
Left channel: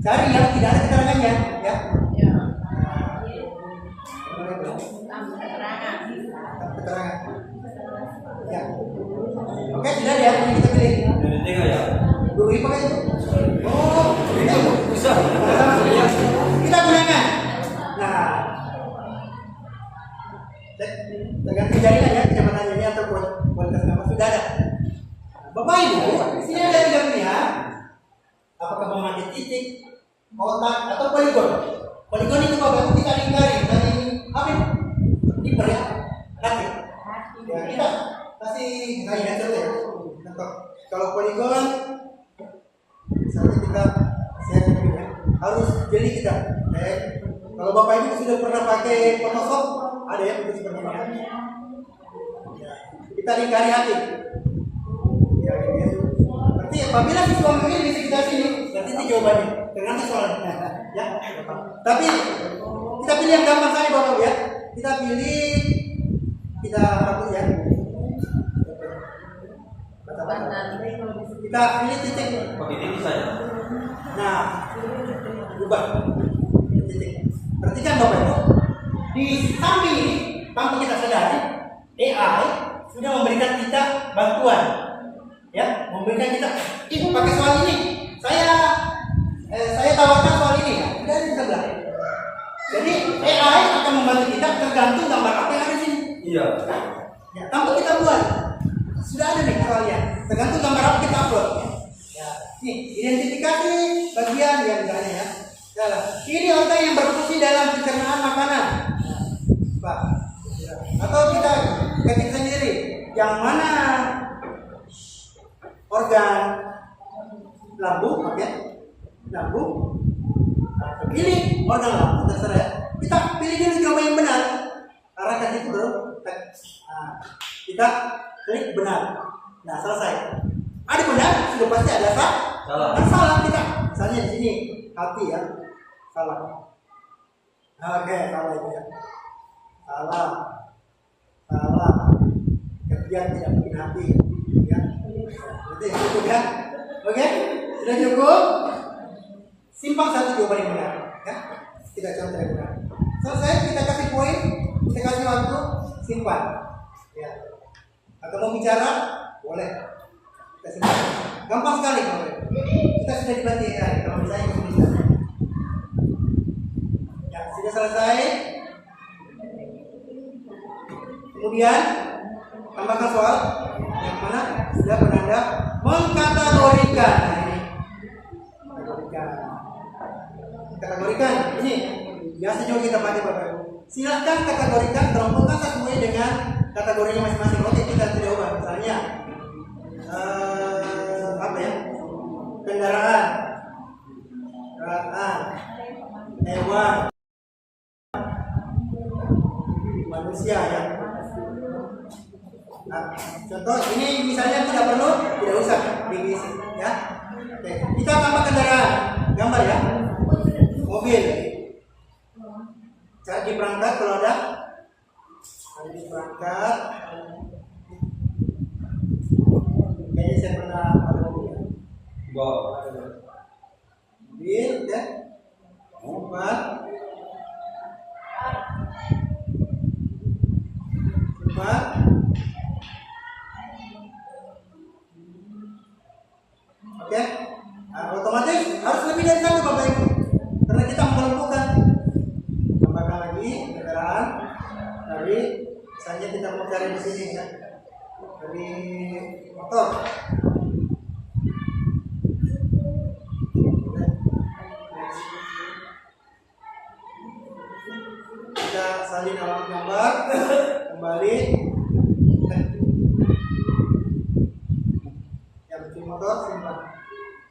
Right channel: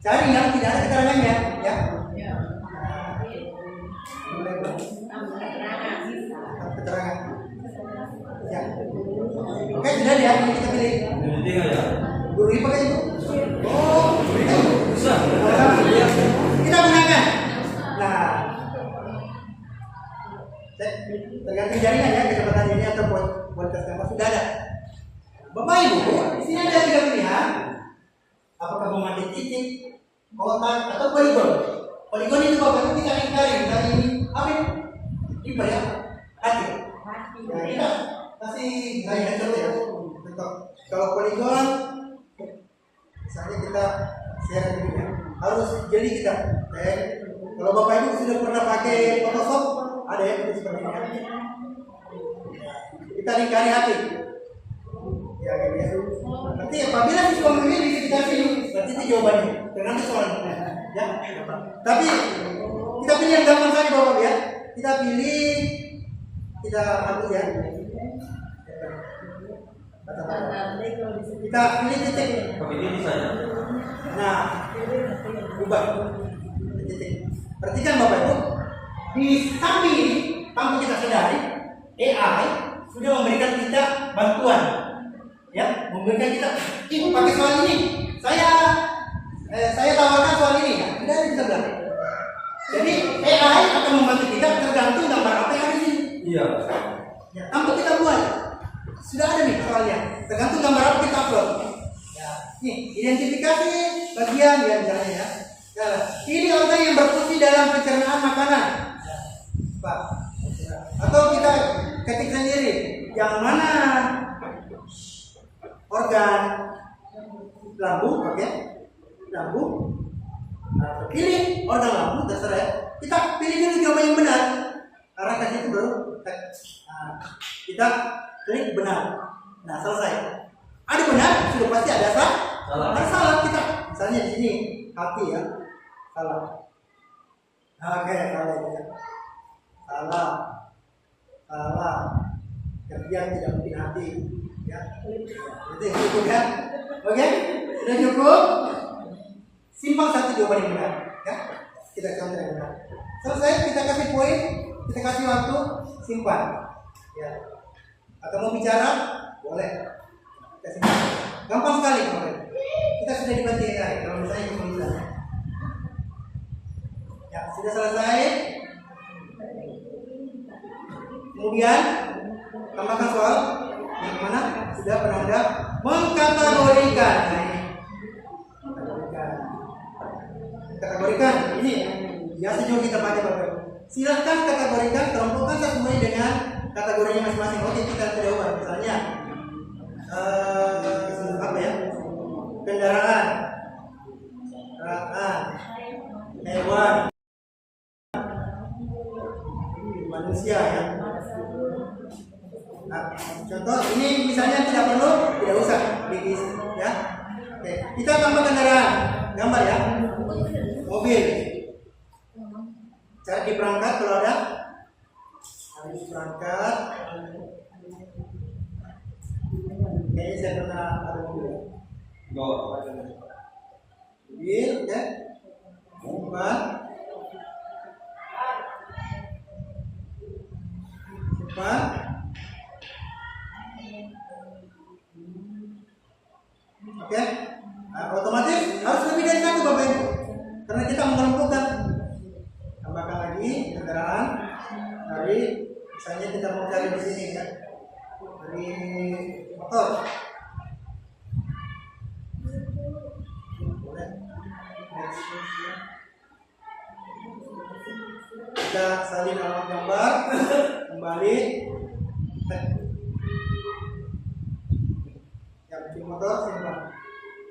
Cari yang tidak ada keterangannya, ya. Keterangan. Ya. Oke, sudah ya, ini kita pilih. Guru IPA kan itu? Oh, kita itu. Sama-sama. Kita gunakan. Nah, tergantung jaringan ya, kecepatan ini atau kualitas gambar sudah ada. Bapak Ibu, di sini ada 3 pilihan. Apakah memakai titik, kotak, atau poligon? Poligon itu Bapak Ibu kita lingkari. Misalnya ini apa ini? Ini ya? Hati. Ya, kita kasih misalnya contoh ya. Contoh. Kalau poligon, misalnya kita share ini ya. Harus jeli kita. Kalau Bapak Ibu sudah pernah pakai Photoshop, ada ya itu seperti ini ya. Kita lingkari hati. Ya, gitu ya. Berarti apabila siswa memilih di sekitar sini, berarti itu jawabannya. Tergantung soalnya. Ya, tapi kita pilih yang gampang saja Bapak ya. Kita pilih, kita hapus ya. Kita pilih titik. Nah, ubah titik. Perhatikan Bapak Ibu, di samping ini, tanpa kita sadari, AI sudah memberikan kita bantuan, ya, memberikan kita, pakai soal ini, saya tawarkan soal ini, ya, tidak ada di sebelah. Jadi AI akan membantu kita tergantung gambar apa yang ada di sini. Iya. Ya, tanpa kita buat, sudah ada nih soalnya, tergantung gambar apa kita upload. Ya, nih identifikasi bagian ya misalnya ya. Ini organ yang berfungsi dalam pencernaan makanan. Pak. Atau kita ketik sendiri yang mana organ lambung, oke? Lambung. Nah, pilih organ lambung terserah ya. Kita pilih dulu jawaban yang benar. Karena kan itu baru kita klik benar. Nah, selesai. Ada benar, sudah pasti ada salah kita. Misalnya di sini hati ya. Salah. Oke, salah itu ya. Salah. Kerja tidak bikin hati. Ya. Itu cukup ya. Oke, sudah cukup. Simpang satu jawaban yang benar. Ya. Kita contoh yang benar. Selesai, kita kasih poin, kita kasih waktu, simpan. Ya. Atau mau bicara, boleh. Kita simpan. Gampang sekali kalau kita kita sudah dibantu ya, kalau misalnya kesulitan. Ya, sudah selesai. Kemudian tambahkan soal yang mana sudah penanda mengkategorikan. Nah ini kategorikan ini biasa juga kita pakai Bapak Ibu. Silahkan kategorikan, kelompokkan sesuai dengan kategorinya masing-masing. Oke, kita tidak ubah. Misalnya apa ya? Kendaraan, hewan, manusia ya. Nah, contoh ini misalnya tidak usah diisi ya. Oke, kita tambah kendaraan, gambar ya. Mobil. Cara diperangkat kalau ada diperangkat. Kayaknya saya pernah ada mobil. Mobil, oke. Simpan. Oke. Nah, otomatis harus lebih dari satu Bapak Ibu. Karena kita mengelompokkan. Tambahkan lagi kendaraan dari misalnya kita mau cari di sini ya. Dari motor. Kita salin alamat gambar, kembali. Ya, bikin motor simpan.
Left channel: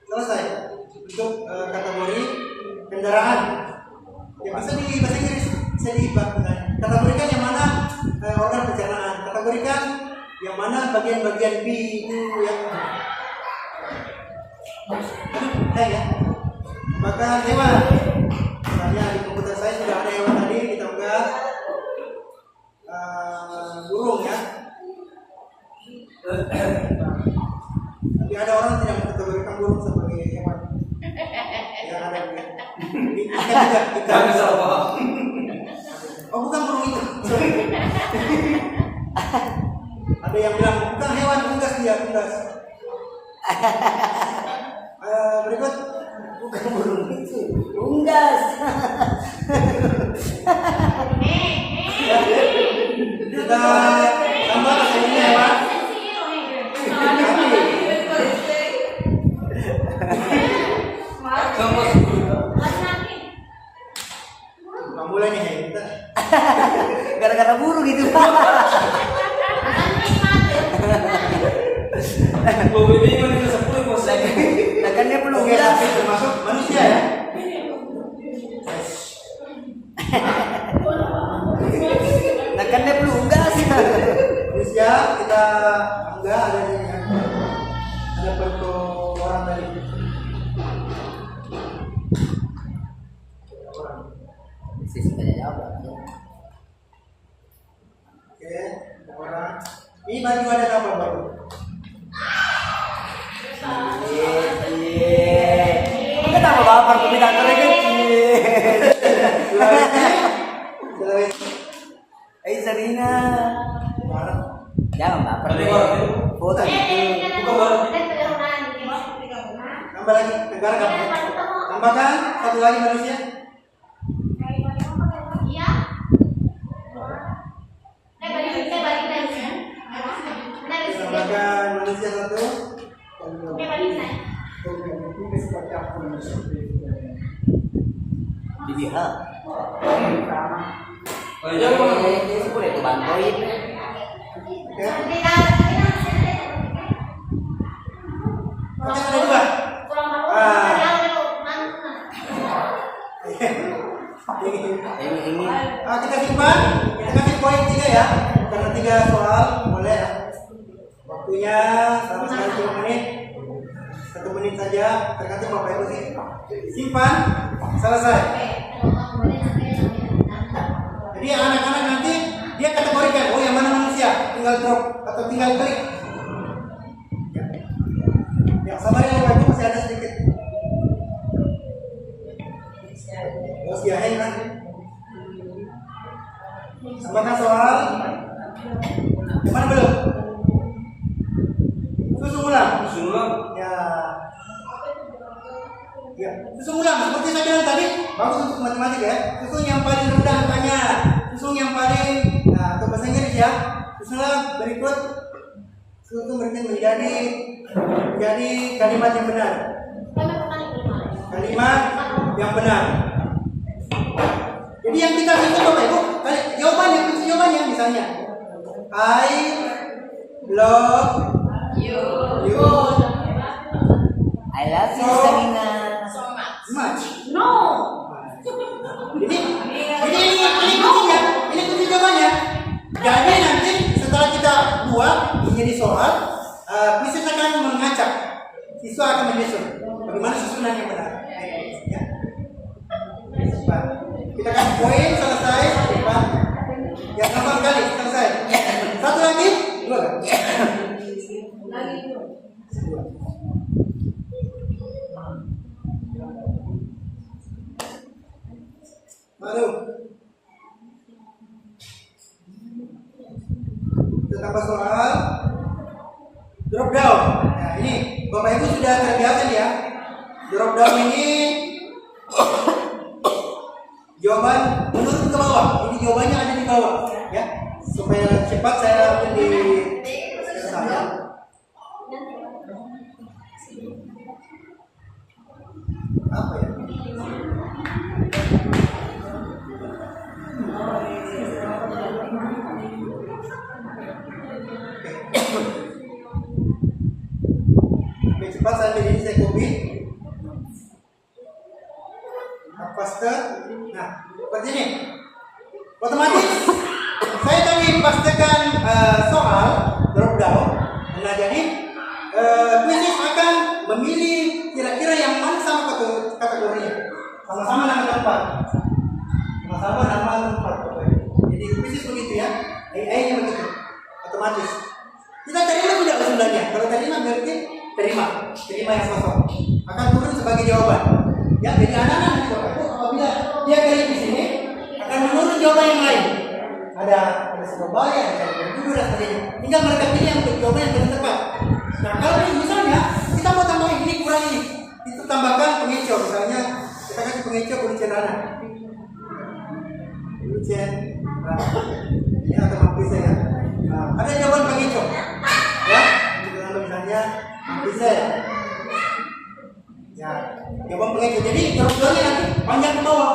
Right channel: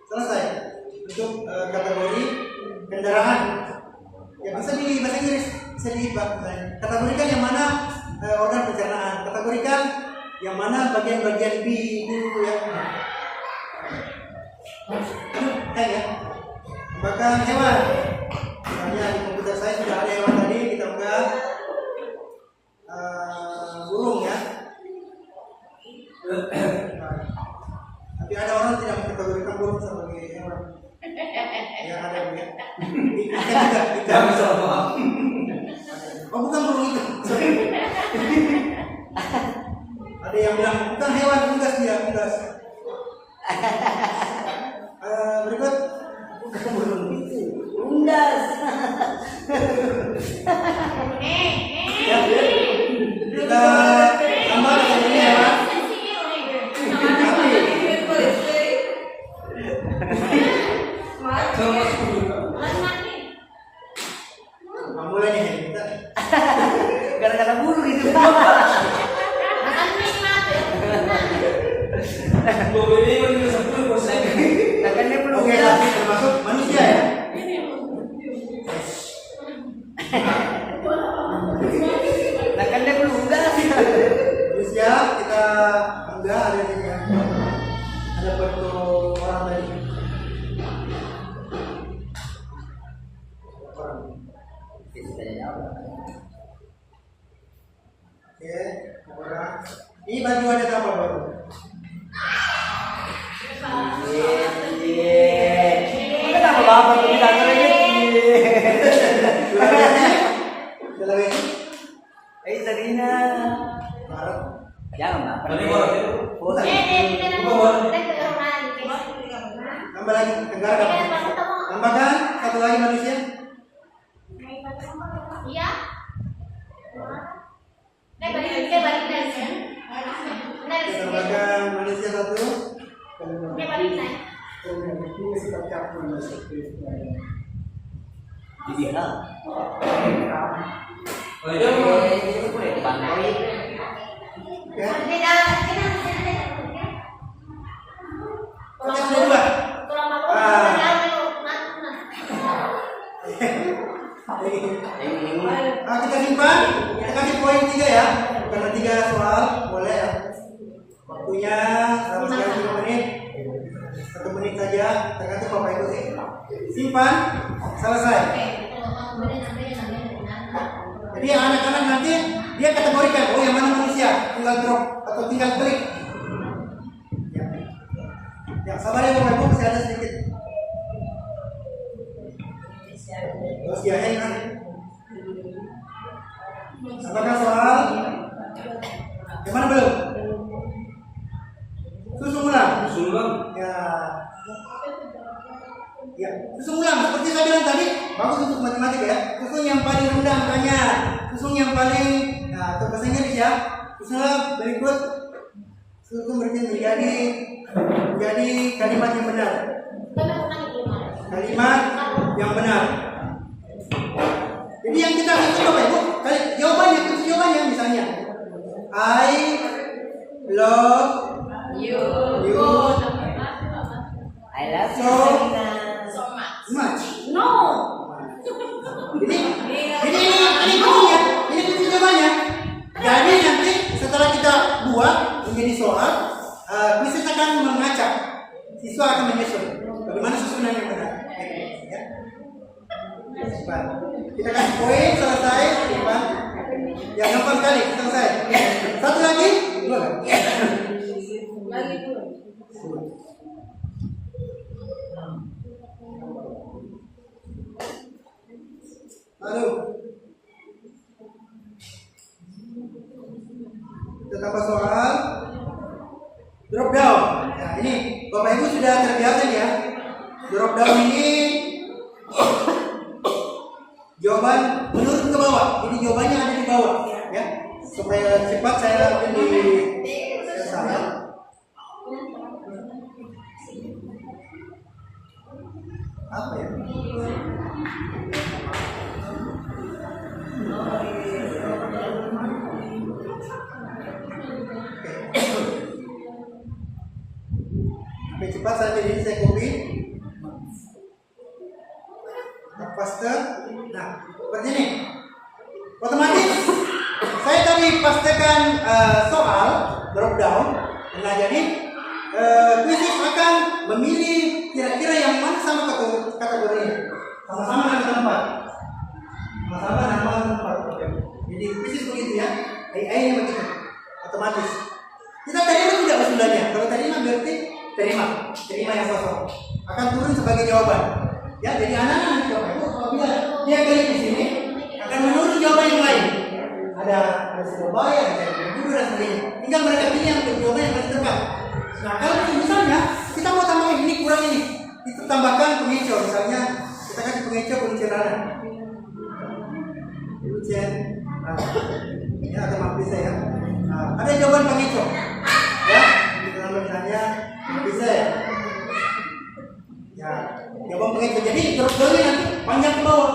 Selesai untuk kategori kendaraan. Ya bisa di bahasa Inggris, bisa diibak misalnya. Kategorikan yang mana organ pencernaan, kategorikan yang mana bagian-bagian B itu ya. Ya. Bahkan hewan. Misalnya di komputer saya sudah ada hewan tadi, kita unggah burung ya. Tapi ada orang tidak mengkategorikan burung sebagai hewan. Ya ada ya. Ikan juga, ikan. Oh bukan burung itu. Sorry. Ada yang bilang bukan hewan, unggas dia, unggas. Berikut bukan burung itu, unggas. Ya. Kita tambah kategorinya hewan. Sapi. Mulai nih kita gara-gara burung gitu. Oke, sapi termasuk manusia ya. Nakannya belum gas. Manusia kita enggak ada ini ya. Ada foto orang tadi. Oke, orang. Ini baju ada apa baru? Kenapa bapak peminat lagi? Sulawesi. Sarina. Barat. Jangan bapak. Foto. Tambah lagi Tenggara kapan? Tambahkan satu lagi manusia. Tambahkan manusia satu. Jadi hal. Boleh dibantuin. Oke. Oke, sudah dua. Kita simpan. Kita kasih poin 3 ya. Karena 3 soal boleh ya. Waktunya selama sekali 3 menit. 1 menit saja, tergantung Bapak Ibu sih. Simpan, selesai. Jadi yang anak-anak nanti dia kategorikan, oh yang mana manusia, tinggal drop atau tinggal klik. Ya, sabar ya Bapak Ibu, masih ada sedikit. Terus ya, kan? Tambahkan soal. Yang mana belum? Susun ulang. Ya. Susun ulang seperti saya bilang tadi, bagus untuk matematika ya. Susun yang paling rendah angkanya, susun yang paling, nah atau bahasa Inggris ya. Susunlah berikut, susun berikut menjadi kalimat yang benar. Kalimat yang benar. Jadi yang kita susun Bapak Ibu, jawabannya, kunci jawabannya misalnya, I love you I love you so Seminar. much. No. Jadi ini kuncinya, ini kunci jawabannya. Jadi nanti setelah kita buat menjadi soal, kuis akan mengacak, siswa akan menyusun bagaimana susunan yang benar. Ya. Cepat. Kita kasih poin selesai, depan. Ya gampang sekali selesai. Satu lagi, dua kan? Lagi dua. Dua. Baru kita tambah soal drop down. Ya ini Bapak Ibu sudah terbiasa ya. Drop down ini jawaban menurun ke bawah. Jadi jawabannya ada di bawah ya. Supaya cepat saya ambil di saya. Apa ya? Oke, cepat saya ambil ini, saya copy. Paste. Nah, seperti ini. Otomatis saya tadi pastekan soal drop down. Nah, jadi kuis akan memilih kira-kira yang mana sama kategorinya. Sama-sama nama tempat. Sama-sama nama tempat. Jadi kuis begitu ya. AI-nya begitu. Otomatis. Kita terima tidak usulannya. Kalau terima berarti terima yang kosong. Akan turun sebagai jawaban. Ya, jadi anak-anak nanti Bapak Ibu apabila dia klik di sini akan menurun jawaban yang lain. Ada Surabaya, ada Bengkulu dan sebagainya. Tinggal mereka pilih yang jawaban yang paling tepat. Nah, kalau misalnya kita mau tambahin ini kurang ini, itu tambahkan pengecoh. Misalnya kita kasih pengecoh kuncian anak. Kuncian. Nah, ini akan mampir saya. Nah, ada jawaban pengecoh. Ya, kita tambah misalnya mampir saya. Ya, jawaban pengecoh. Jadi terus nanti panjang ke bawah.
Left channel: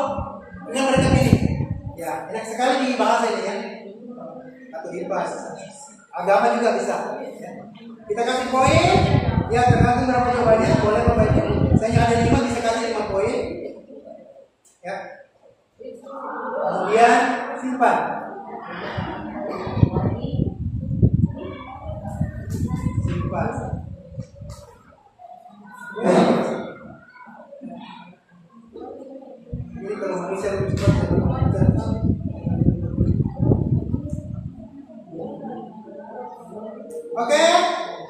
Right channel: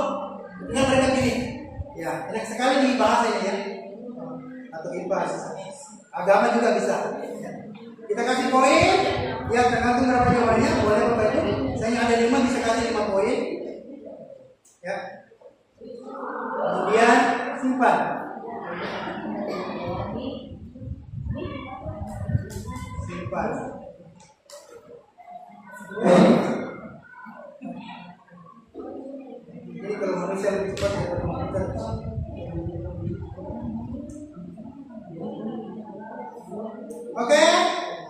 Tinggal mereka pilih. Ya, enak sekali di bahasa ini ya. Atau IPA, agama juga bisa. Ya. Kita kasih poin. Ya, tergantung berapa jawabannya. Boleh Bapak Ibu. Misalnya ada 5 bisa kasih 5 poin. Ya. Kemudian simpan. Simpan. Jadi kalau manusia lebih cepat daripada komputer. Oke,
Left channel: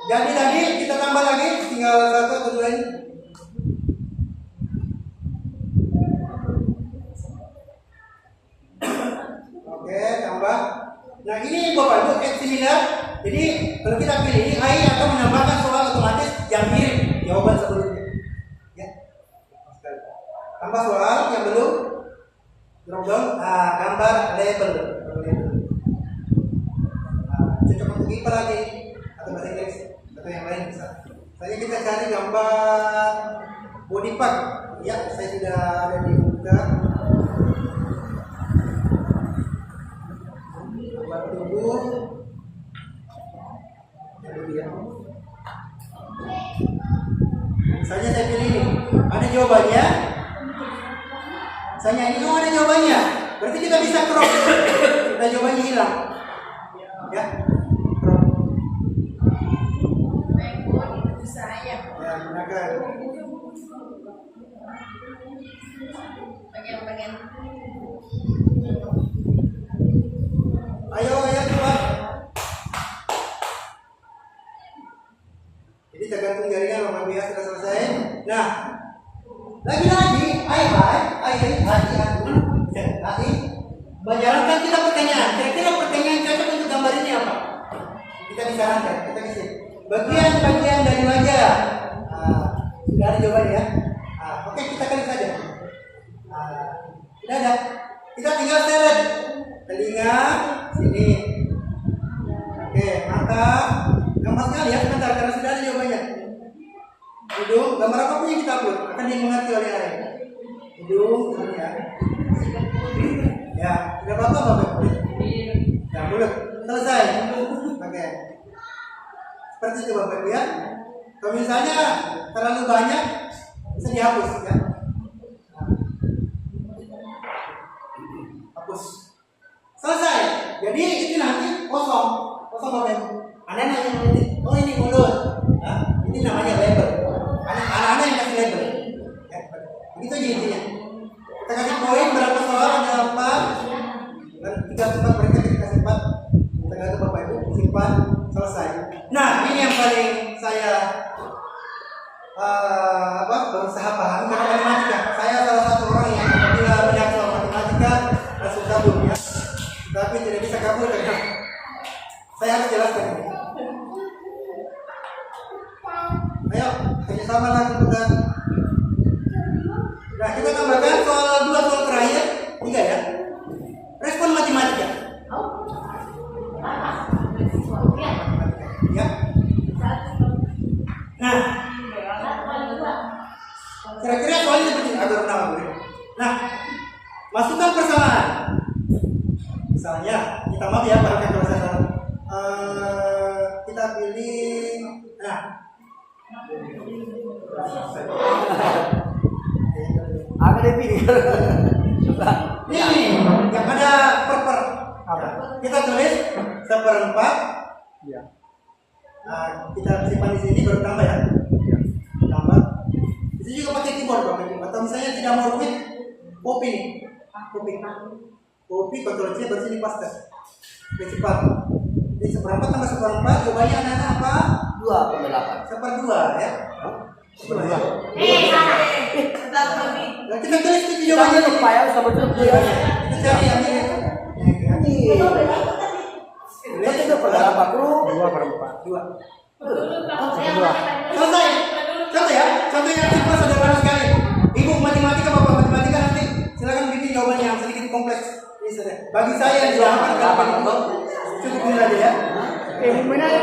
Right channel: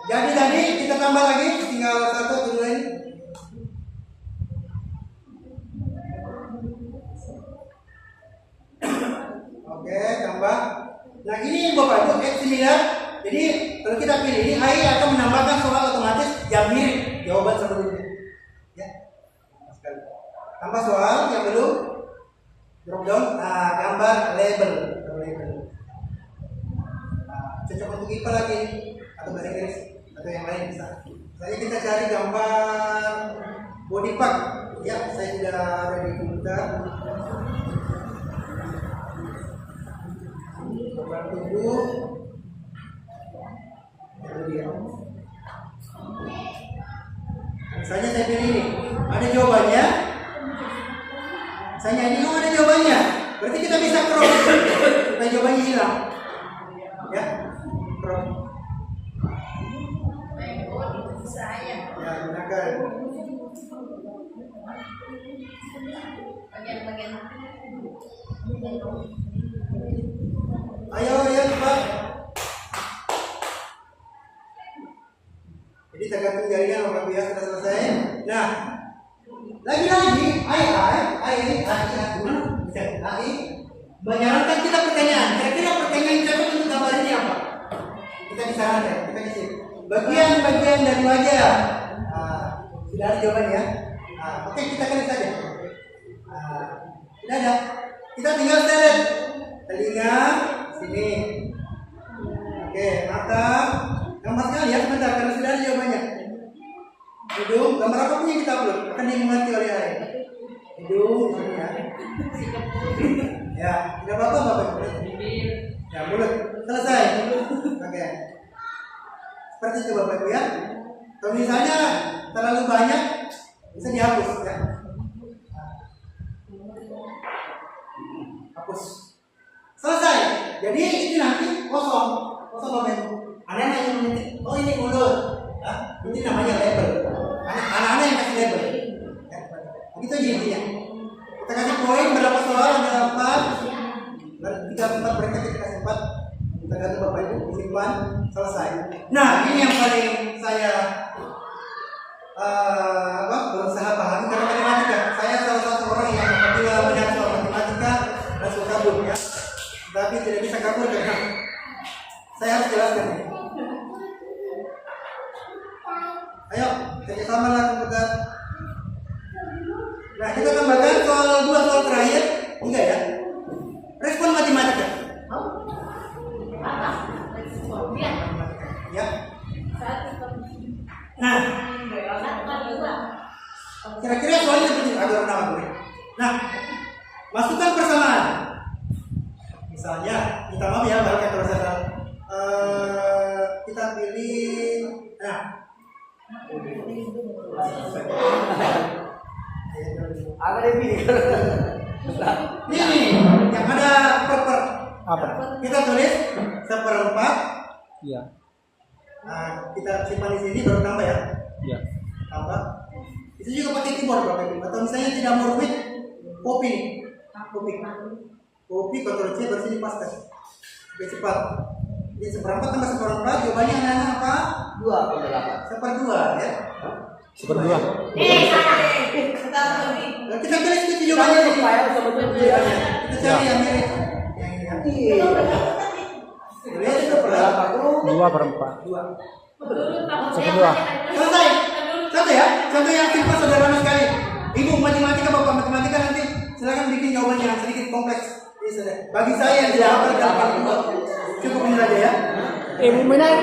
jadi tadi kita tambah lagi, tinggal 1 atau 2 ini. Oke, tambah. Nah ini Bapak Ibu add similar. Jadi kalau kita pilih ini AI akan menambahkan soal otomatis yang mirip jawaban sebelumnya. Ya, tambah soal yang belum drop down, gambar label. Cocok untuk IPA lagi atau bahasa Inggris atau yang lain bisa. Misalnya kita cari gambar body part. Ya, saya sudah ada di komputer. Gambar tubuh. Ya. Misalnya saya pilih ini, ada jawabannya. Misalnya ini ada jawabannya. Berarti kita bisa crop supaya jawabannya hilang. Ya. Ya, gunakan. Ayo cepat. Jadi tergantung jaringan Bapak Ibu ya, sudah selesai. Nah, lagi-lagi AI menyarankan kita pertanyaan. Kira-kira pertanyaan yang cocok untuk gambar ini apa? Kita disarankan, kita kasih bagian-bagian dari wajah. Sudah ada jawaban ya. Oke, kita klik saja. Tidak ada. Kita tinggal seret telinga sini. Oke, mata. Gambarnya lihat sebentar karena sudah ada jawabannya. Hidung, gambar apapun yang kita upload akan dimengerti oleh AI. Hidung, ini ya. Ya, tidak apa-apa Bapak. Ya, mulut. Selesai. Oke. Seperti itu Bapak Ibu ya. Kalau misalnya terlalu banyak bisa dihapus ya. Hapus. Selesai. Jadi itu nanti kosong Bapak Ibu. Anak-anak yang menitip, oh ini mulut. Ya, ini namanya label. Anak-anak yang kasih label. Ya, begitu aja intinya. Kita kasih poin berapa soal, ada 4 dan 3 tempat mereka kita kasih 4. Kita ganti Bapak Ibu, simpan, selesai. Nah, ini yang paling saya berusaha pahami karena matematika. Saya salah satu orang yang apabila melihat soal matematika langsung kabur ya. Tapi tidak bisa kabur karena saya harus jelaskan ini. Ayo, kerjasama lah komputer. Nah, kita tambahkan soal 2 soal terakhir, 3 ya. Respon matematika. Matematika. Ya. Nah, kira-kira soalnya seperti agak rendah boleh. Nah, masukkan persamaan. Misalnya, kita maaf ya, baru kalau saya salah. Kita pilih. Nah, ini yang ada per. Kita tulis 1/4. Iya. Kita simpan di sini baru tambah ya. Iya. Tambah. Itu juga pakai keyboard Bapak Ibu. Atau misalnya tidak mau rumit, copy nih. Copy Ctrl C baru sini paste. Lebih cepat. Jadi 1/4 tambah 1/4 jawabannya anak-anak apa? 2,8. 1/2 ya. 1/2. Nah, kita tulis itu jawabannya nih. Jawabannya. Kita cari yang mirip. Yang ini. Tulis 2/4. 2. Selesai. Contoh ya. Contoh yang simpel sederhana sekali. Ibu matematika, Bapak matematika nanti silakan bikin jawabannya yang sedikit kompleks. Ini sudah. Bagi saya yang tidak hafal kali itu cukup ini saja ya. Selesai.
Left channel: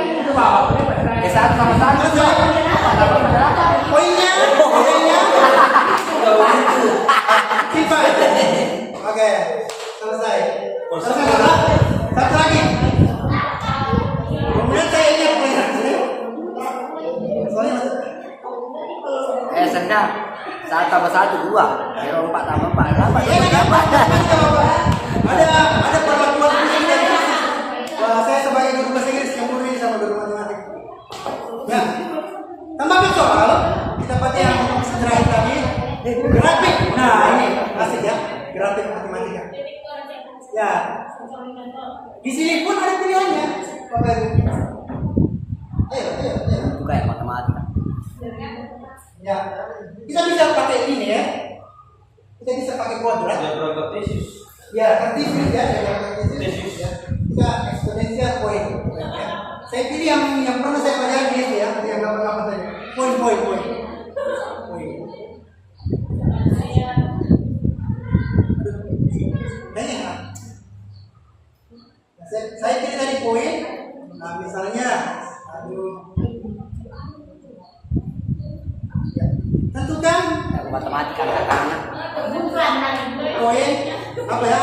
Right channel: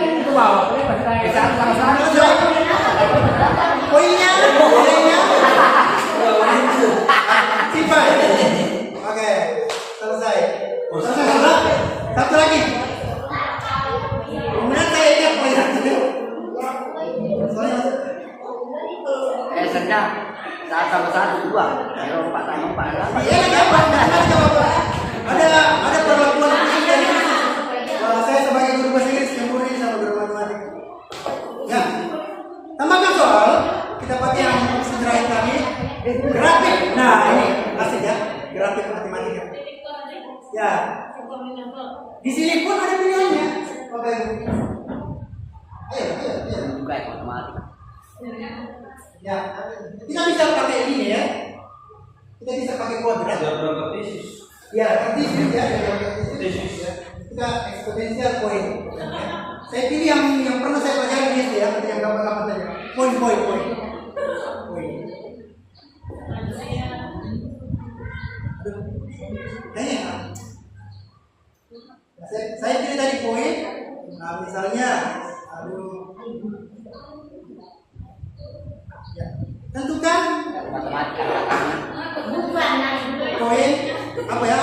Poinnya. Simpan. Oke. Selesai. Satu lagi. Kemudian saya ingat pelajaran saya. Soalnya Biasanya saat tambah 1 2, kalau 4 tambah 4. iya lagi apa? Matematika Bapak. Ada perlakuan khusus dari krisis. Wah, saya sebagai guru bahasa Inggris campur ini sama guru matematika. Ya. Tambahkan soal. Kita pakai yang opsi terakhir tadi. Grafik. Nah, ini asik ya. Grafik matematika. Ya. Di sini pun ada pilihannya. Bapak Ibu. Ayo. Itu kayak matematika. Ya. Kita bisa pakai ini ya. Kita bisa pakai kuadrat. Ya, kartesius ya, kita eksponensial poin. Ya. Saya pilih yang pernah saya pelajari di SD ya, atau yang gampang-gampang saja. Poin. Saya pilih tadi poin. Nah, misalnya, ya. Tentukan Matematika tangan. poin apa ya?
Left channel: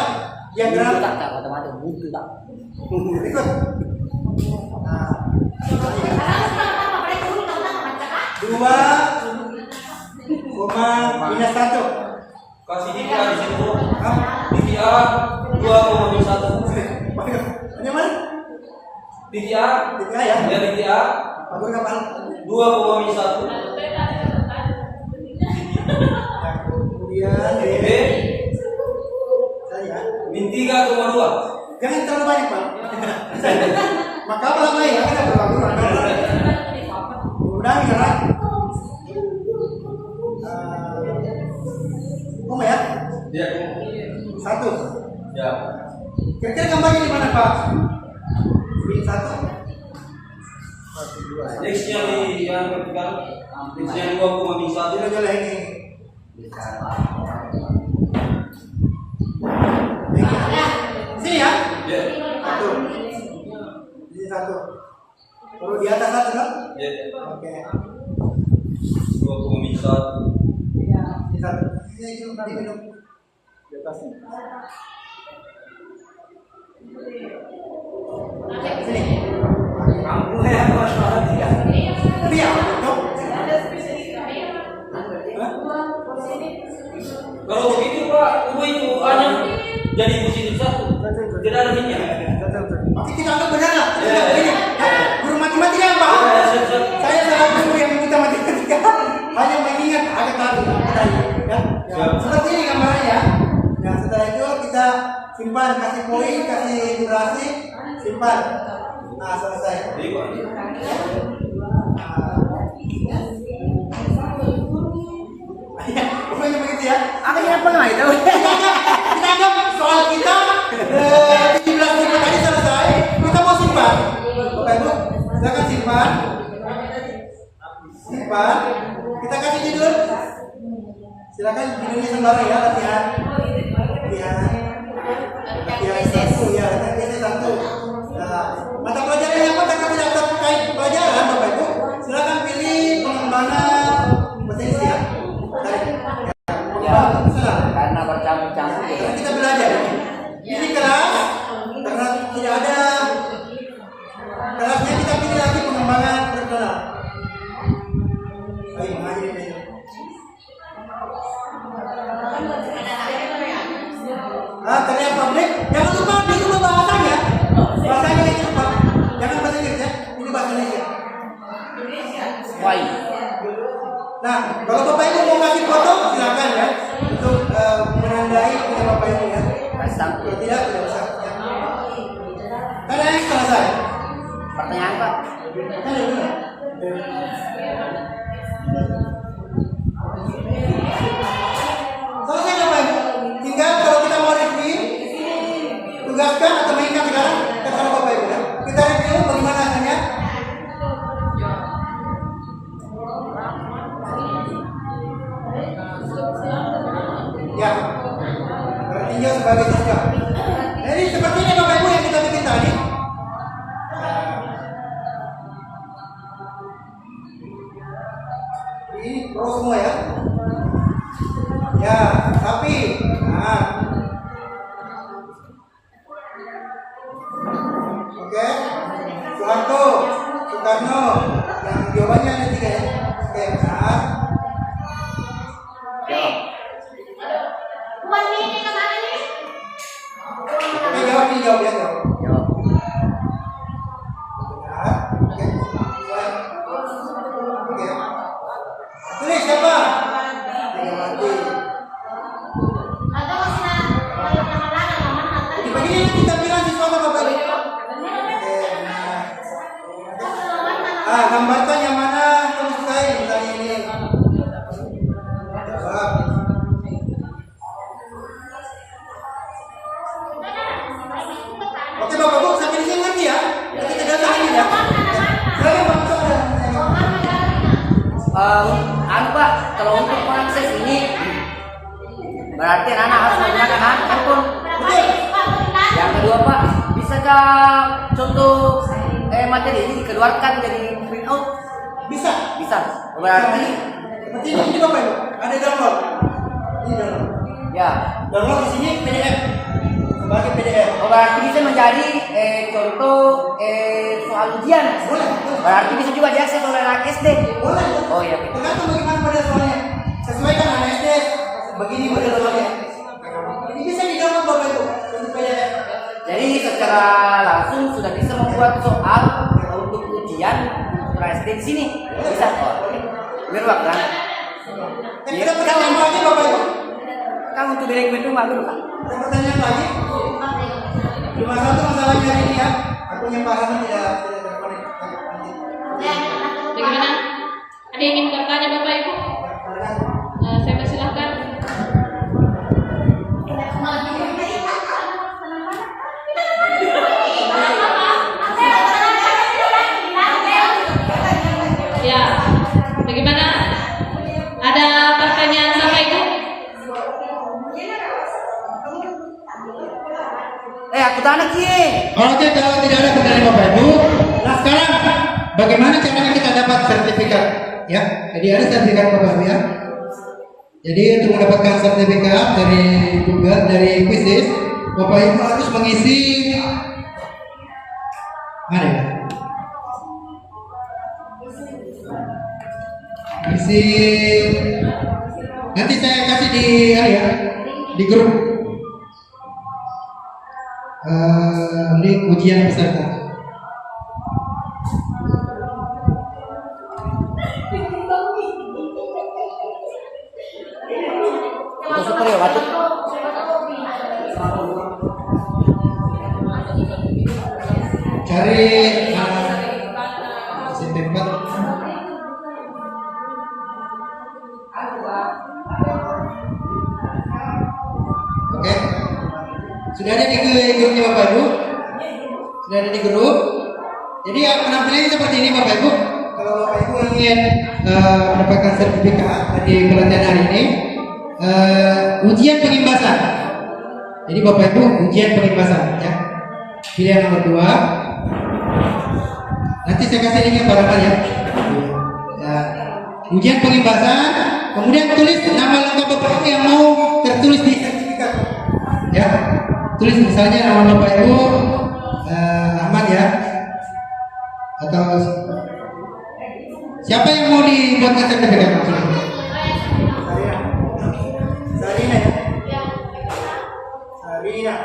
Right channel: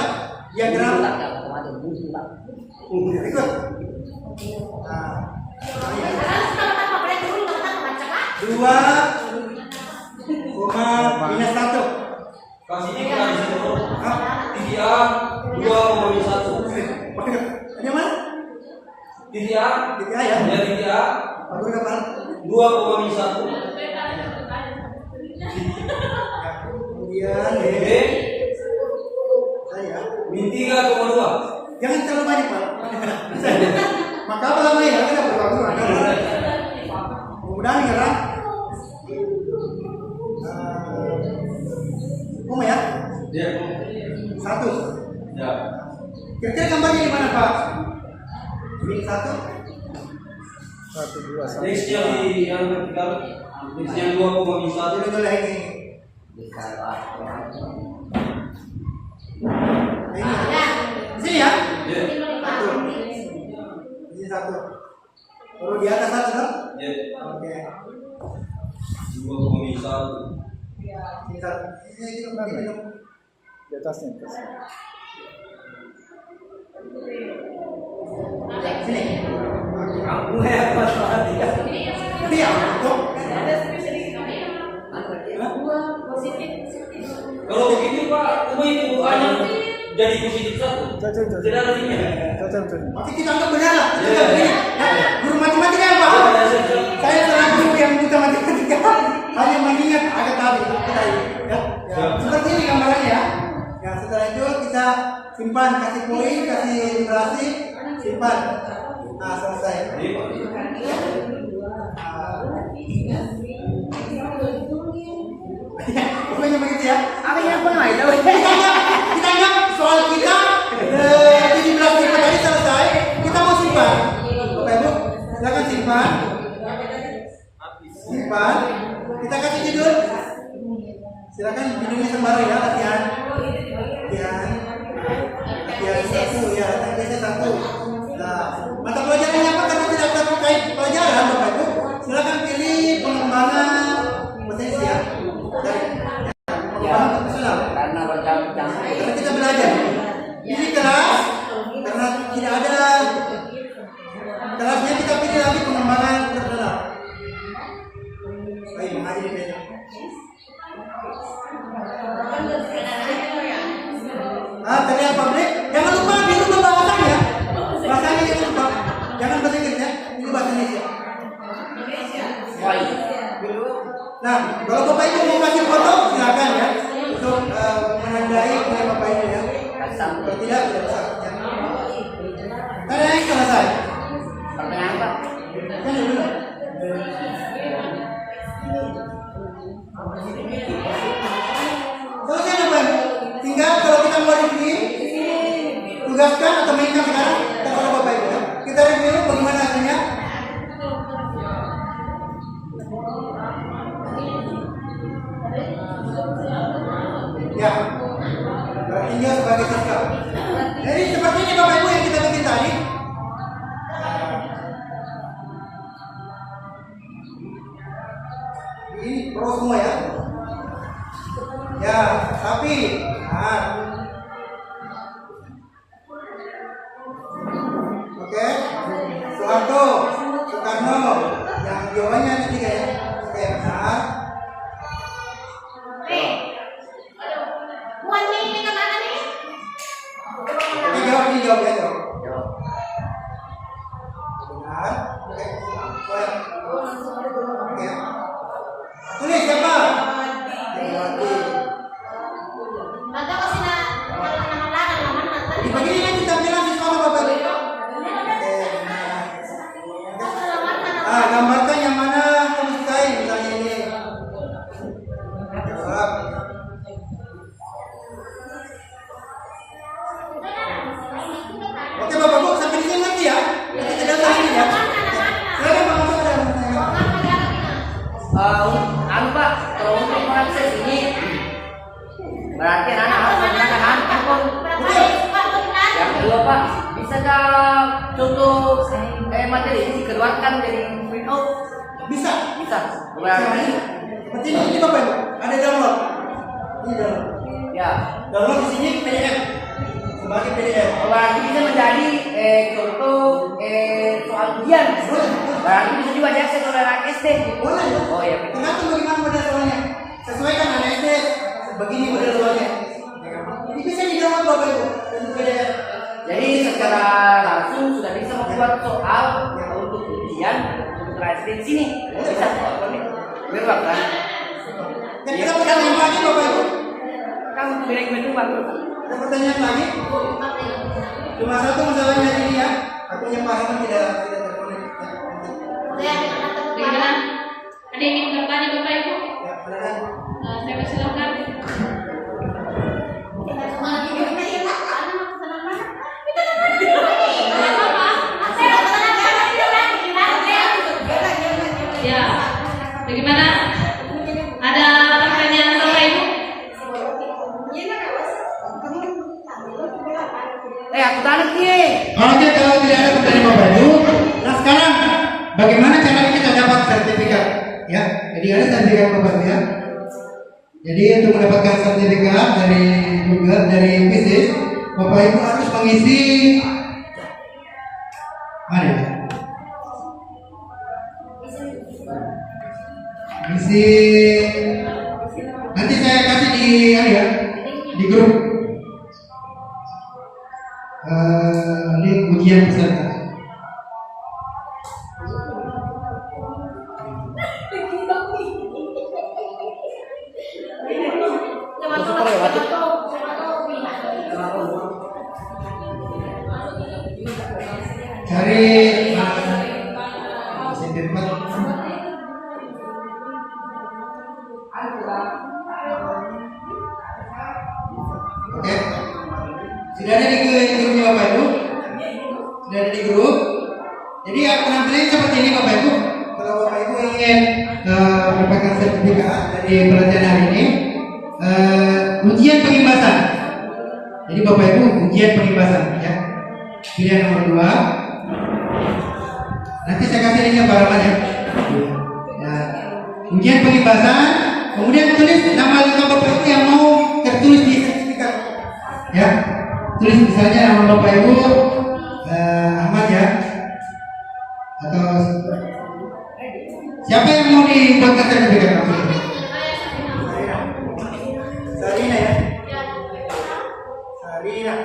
Diagram. Matematika buku tak. Berikut. Nah, misalnya 2,-1. Kasih dia di situ. Hah? DDR 2,1. Ini mana? DDR DDA ya? ya DDR Pak Guru kapal. 2,1. Ya, kemudian D. B Saya. min 3,2. Jangan terlalu banyak Pak. Maka apa lama ya? Kan ada berlaku ada. Mudah-mudahan ngerang. Koma ya? Dia 1. ya. Kira-kira gambarnya di mana Pak? Min 1. X-nya di yang vertikal. X-nya 2,1. Joleh ini. Bisa apa? Di sini ya? Ya. Satu. Di sini satu. Baru di atas satu dong? Ya. Oke. 2,1. Ini satu. Ini minum, nanti minum. Di atasnya. Ya, sini. Kamu ya masalah dia. Ini ya, untuk. Kalau begitu Pak, itu ada jadi positif 1. Tidak ada linknya. Oke, kita anggap benar lah. Kita anggap begini. Ya, guru matematika yang paham. Saya salah guru yang buta matematika. Hanya mengingat agak tadi apa tadi. Ya, ya. Seperti ini gambarannya ya. Ya, setelah itu kita simpan, kasih poin, kasih durasi, simpan. Nah, selesai. Ya, pokoknya begitu ya. Kita anggap soal kita 17 tipe tadi selesai. Kita mau simpan. Bapak Ibu, silakan simpan. Simpan. Kita kasih judul. Silakan judulnya sembara ya, latihan. Latihan 1 ya, latihan biasa 1. Nah, mata pelajarannya apa? Karena tidak terkait pelajaran, Bapak Ibu. Silakan pilih pengembangan bahasa Inggris ya. Dari pengembangan profesional. Karena macam-macam. Karena kita belajar. Ini kelas karena tidak ada kelasnya, kita pilih lagi pengembangan profesional. Baik, mengajar di meja. Teriak publik. Jangan lupa dirubah bahasanya. Bahasanya yang lupa. Jangan bahasa Inggris ya. Ini bahasa Indonesia. Nah, kalau Bapak Ibu mau kasih foto, silakan ya untuk menandai punya Bapak Ibu ya. Kalau tidak usah. Ya. Ada yang selesai. Pertanyaan Pak. Kan dulu. Selesai Bapak Ibu. Tinggal kalau kita mau review, tugaskan atau mainkan sekarang terserah Bapak Ibu ya. Kita review bagaimana hasilnya. Ya, bertinjau sebagai siswa. Jadi seperti ini Bapak Ibu yang kita bikin tadi. Ini pro semua ya. Ya, sapi. Nah. Oke. Soeharto, Soekarno. Yang jawabannya ada 3 ya. Oke, benar. Oke, jawab ya, jawab. Benar. Oke. Oke. Tulis siapa? Megawati. Jadi begini yang kita bilang siswa Bapak Ibu. Oke, benar. Gambarkan yang mana kamu sukai, misalnya ini. Jawab. Oke Bapak Ibu, sampai di sini ngerti ya? Nanti tidak usah lagi ya. Silakan Pak Musa ada. Anu Pak, kalau untuk proses ini berarti anak harus menggunakan handphone. Betul. Yang kedua Pak, bisa nggak contoh materi ini dikeluarkan dari print out? Bisa. Bisa. Berarti seperti ini Bapak Ibu, ada download. Ini download. Ya. Download di sini PDF. Sebagai PDF. Berarti bisa menjadi contoh soal ujian. Boleh. Berarti bisa juga diakses oleh anak SD. Boleh. Oh iya. Tergantung bagaimana model soalnya. Sesuaikan anak SD. Begini model soalnya. Jadi bisa di-download Bapak Ibu untuk PDF. Jadi secara langsung sudah bisa membuat soal untuk ujian kelas di sini. Bisa. Berulang kan? Ada pertanyaan lagi Bapak Ibu? Kan untuk milik rumah dulu Pak. Ada pertanyaan lagi? Cuma satu masalahnya hari ini ya. Akunnya Pak Rahman tidak terkonek. Bagaimana? Ada yang ingin bertanya Bapak Ibu? Ya, silakan. Saya persilahkan. Ya, bagaimana? Ada pertanyaan Bapak Ibu? sana sih. Oke, kalau tidak ada pertanyaan Bapak Ibu, nah sekarang bagaimana caranya kita dapat sertifikat? Ya, jadi ada sertifikat Bapak Ibu ya. Jadi untuk mendapatkan sertifikat dari Google, dari Quizizz, Bapak Ibu harus mengisi mana ya? Isi nanti saya kasih di ya, di grup link ujian peserta. Cari SMP 4. Oke. Sudah ada di grupnya Bapak Ibu? Sudah ada di grup. Jadi penampilannya seperti ini Bapak Ibu. Kalau Bapak Ibu ingin mendapatkan sertifikat dari pelatihan hari ini, ujian pengimbasan. Jadi Bapak Ibu ujian pengimbasan ya. Pilihan nomor 2. Nanti saya kasih linknya barangkali ya. Ujian pengimbasan, kemudian tulis nama lengkap Bapak Ibu yang mau tertulis di sertifikat. Ya, tulis misalnya nama Bapak Ibu Ahmad ya, atau siapa yang mau dibuatkan sertifikat? Sarina ya. Sarina.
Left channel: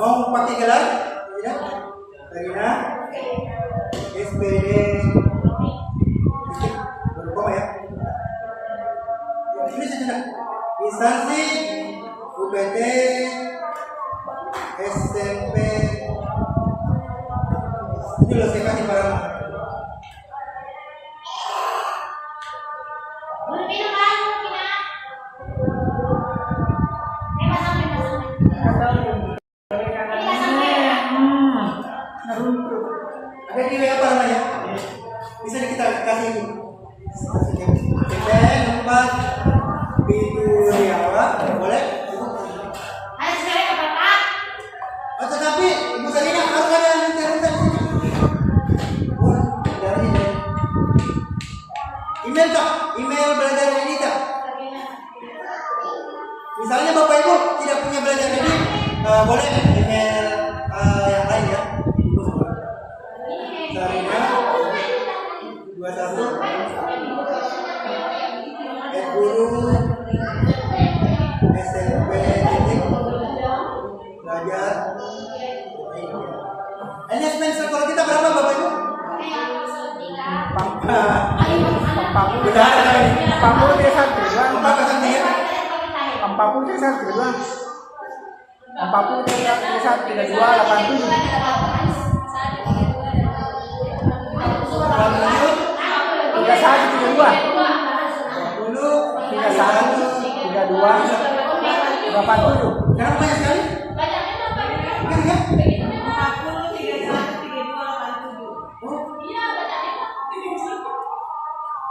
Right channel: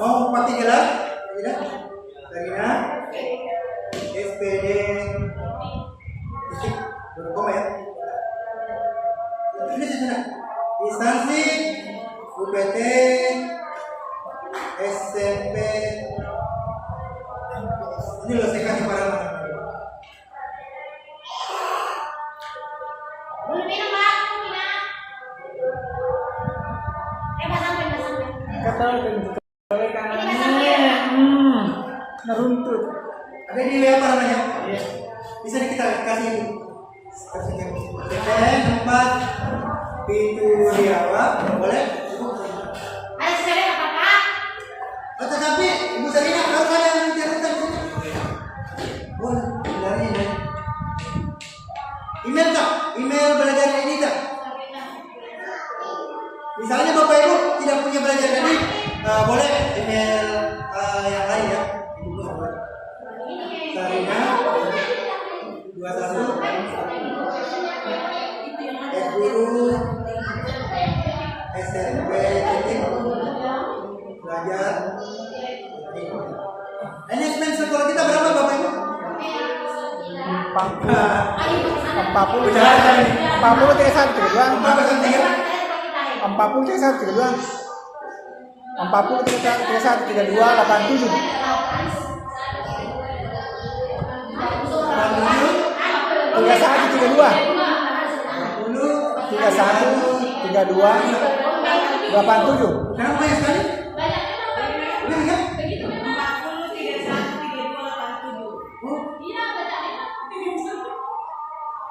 Mau pakai gelar? Tidak. Sarina. SPD. Baru koma ya. Ini saja. Instansi UPT SMP. Ini loh saya kasih para ada di apa namanya? Bisa kita kasih ini. TPN 4 pintu Riawa, boleh? Oh, tetapi Ibu Sarina harus ada yang menceritakan di sini. Boleh, dari ini. Email tak? Email belajar ini tak? Misalnya Bapak Ibu tidak punya belajar ini, boleh email yang lain ya. Sarina 21 guru SMP belajar. Enhancement sekolah kita berapa Bapak Ibu? 40 Benar kali ini. 40 3 Berapa persen ya? 40 3 32 87. 87. Kenapa banyak sekali? Ini kan?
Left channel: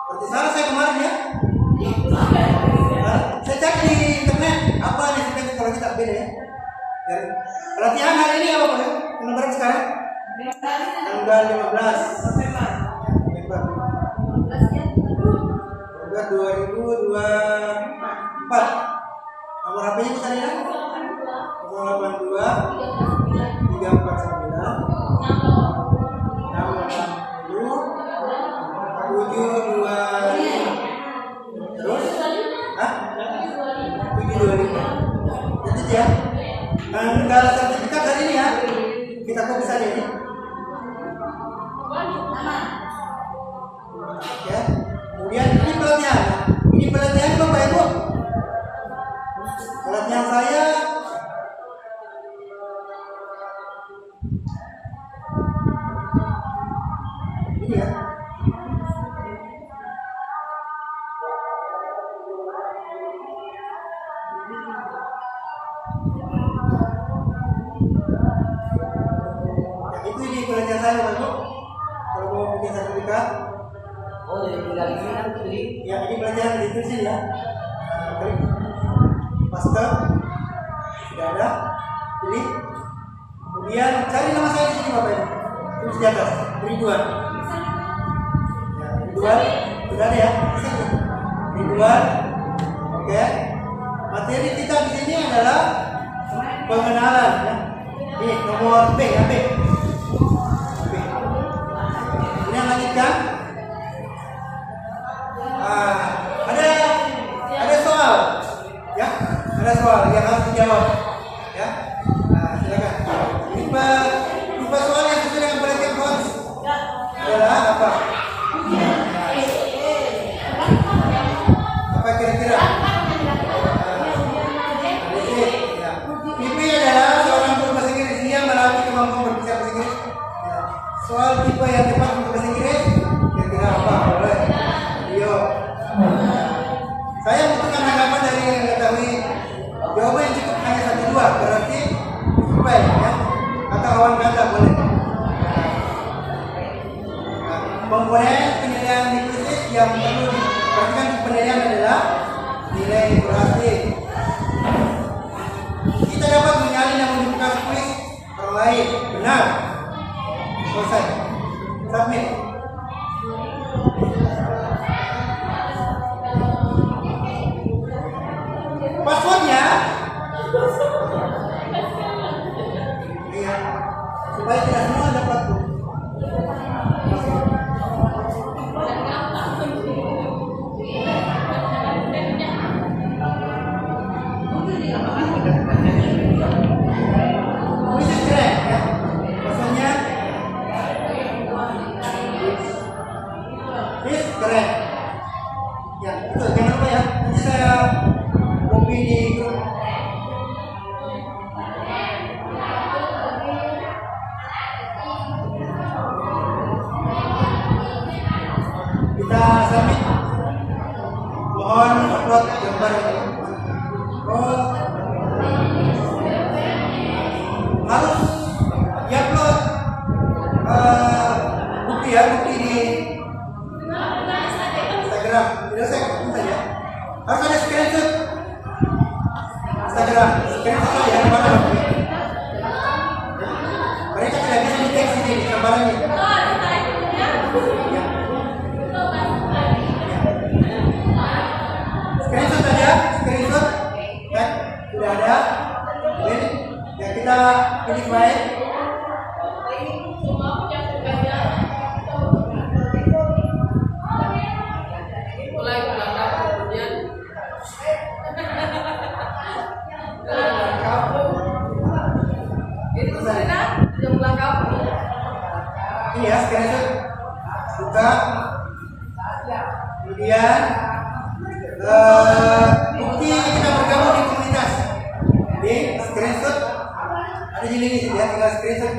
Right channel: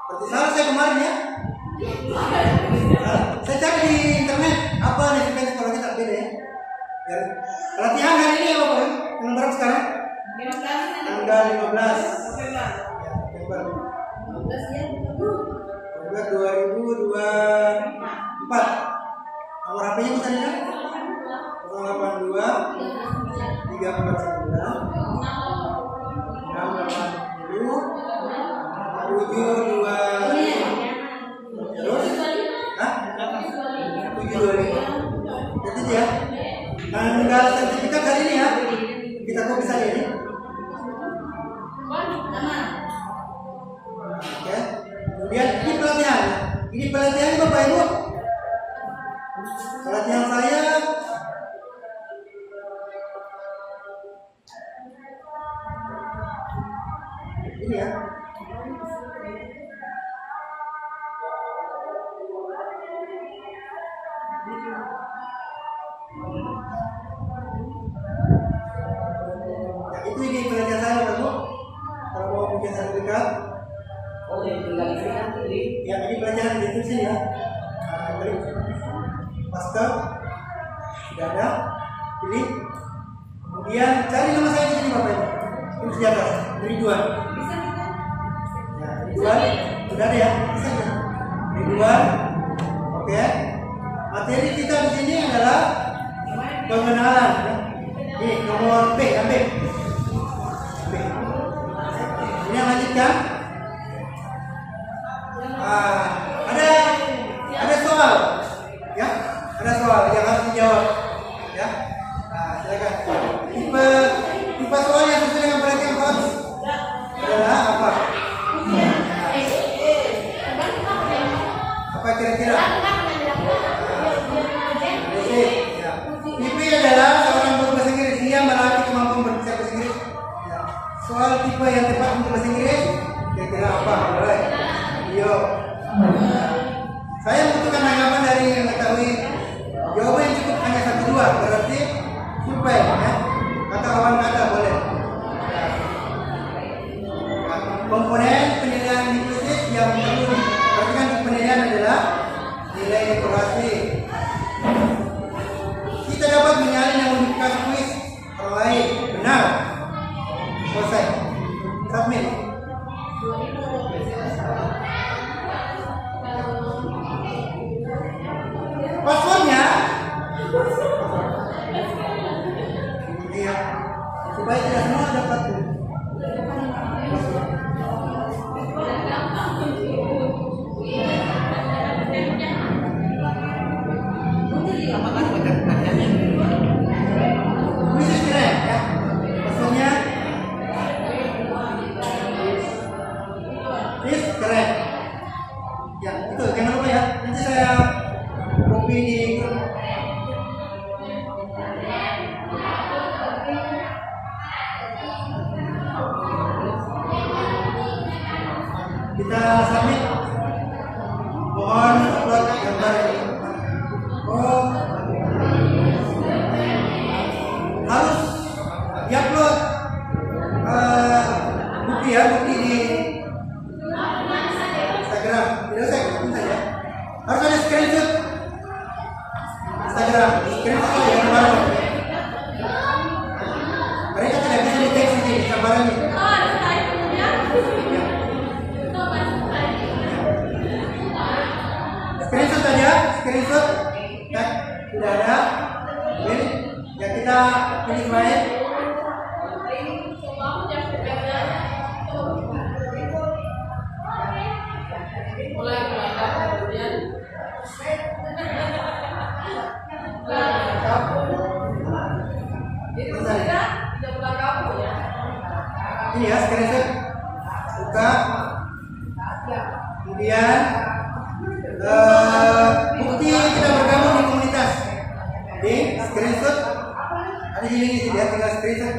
Berarti salah saya kemarin ya? Saya cek di internet apa nih sebenarnya kalau kita beda ya? Latihan hari ini apa Pak? Tanggal berapa sekarang? Tanggal 15 November 2024. Nomor HP-nya Bu Sarina 082 349 680 725. Terus? Hah? 725. Jadi ya. Tanggal sertifikat hari ini ya. Kita copy saja ini. Oke. Kemudian ini pelatihan. Ini pelatihan Bapak Ibu. Pelatihan saya ini ya. Ya, itu ini pelatihan saya Bapak Ibu. Kalau mau bikin sertifikat, Oh, jadi tinggal isi nanti di. ya ini pelajaran di sini ya. Klik paste, sudah ada, pilih Kemudian cari nama saya di sini Bapak Ibu. Tulis di atas, Ridwan. Ya, Ridwan, sudah ada ya? Ridwan. Oke. Materi kita di sini adalah pengenalan ya. Ini nomor B ya, B. B. Ini yang lanjutkan. Ada soal ya, ada soal yang harus dijawab ya. Nah, silakan. Tipe soal yang sesuai dengan perhatian coach adalah apa? Apa kira-kira? Ya. Tipe adalah seorang guru bahasa Inggris yang melatih kemampuan berbicara bahasa Inggris. Ya. Soal tipe yang tepat untuk bahasa Inggris kira-kira apa? Boleh. Yo. Saya membutuhkan tanggapan dari yang mengetahui jawaban yang cukup hanya 1-2, berarti survei ya. Kata awan kata boleh. Nah, komponen penilaian di kuis yang perlu diperhatikan untuk penilaian adalah nilai kurasi. Kita dapat menyalin yang modifikasi kuis orang lain. Benar. Selesai. Submit. Passwordnya iya, supaya tidak semua dapat tuh password. Kuis keren ya, passwordnya is keren ya, itu jangan lupa ya, nanti saya copy di grup. Kita submit. Mohon upload gambar ini. Oh, harus diupload bukti ya, bukti di Instagram. Tidak usah ini saja. Harus ada screenshot Instagram, screenshot saja yang baru. Mereka tidak bisa deteksi ini gambarannya. Ya. Screenshot saja, screenshot, tag sudah ada. Ini ya, kita pilih file. Ini ya screenshot, buka, kemudian bukti kita bergabung di komunitas. Di screenshot ada di link sini ya, tinggal screenshot.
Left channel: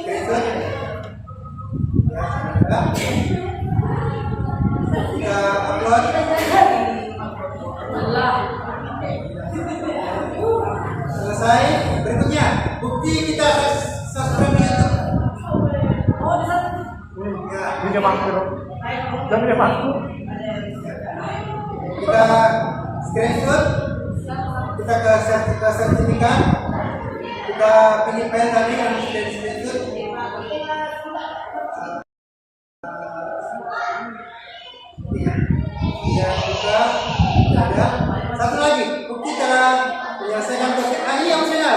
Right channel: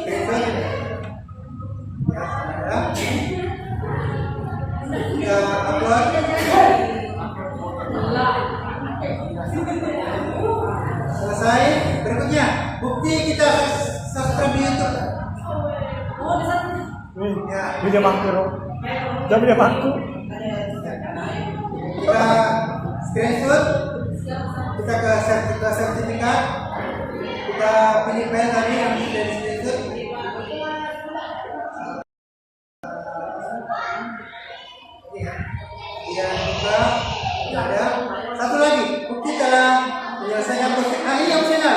Screenshot ya, ada. Kita upload. Selesai. Berikutnya bukti kita subscribe di YouTube. Ya, Dia bangku. Jadi dia bangku. kita screenshot, kita ke sertifikat, kita pilih file tadi yang sudah di screenshot. Ya, buka, tidak ada. Satu lagi, bukti telah menyelesaikan tugas. Ini yang opsional.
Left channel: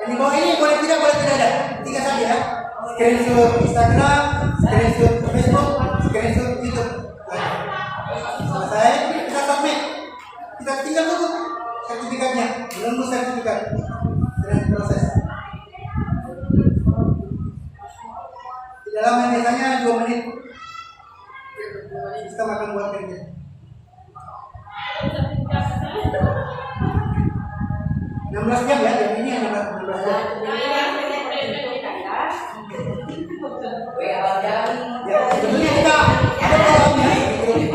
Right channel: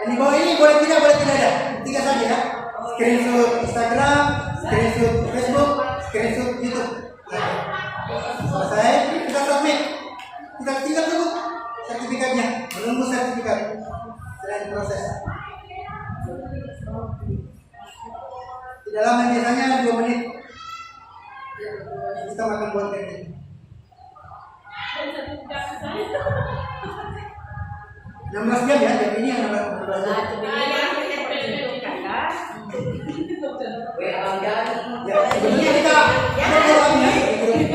Dan di bawah ini boleh tidak ada. 3 saja ya. Screenshot Instagram, screenshot Facebook, screenshot YouTube. Selesai, kita submit. Kita tinggal tunggu sertifikatnya, menunggu sertifikat dan proses. Di dalamnya biasanya 2 menit. Kita akan buatkan ini. 16 jam ya, jam ini yang 16 jam. Ya, sebetulnya kita ada follow-up-nya di grup.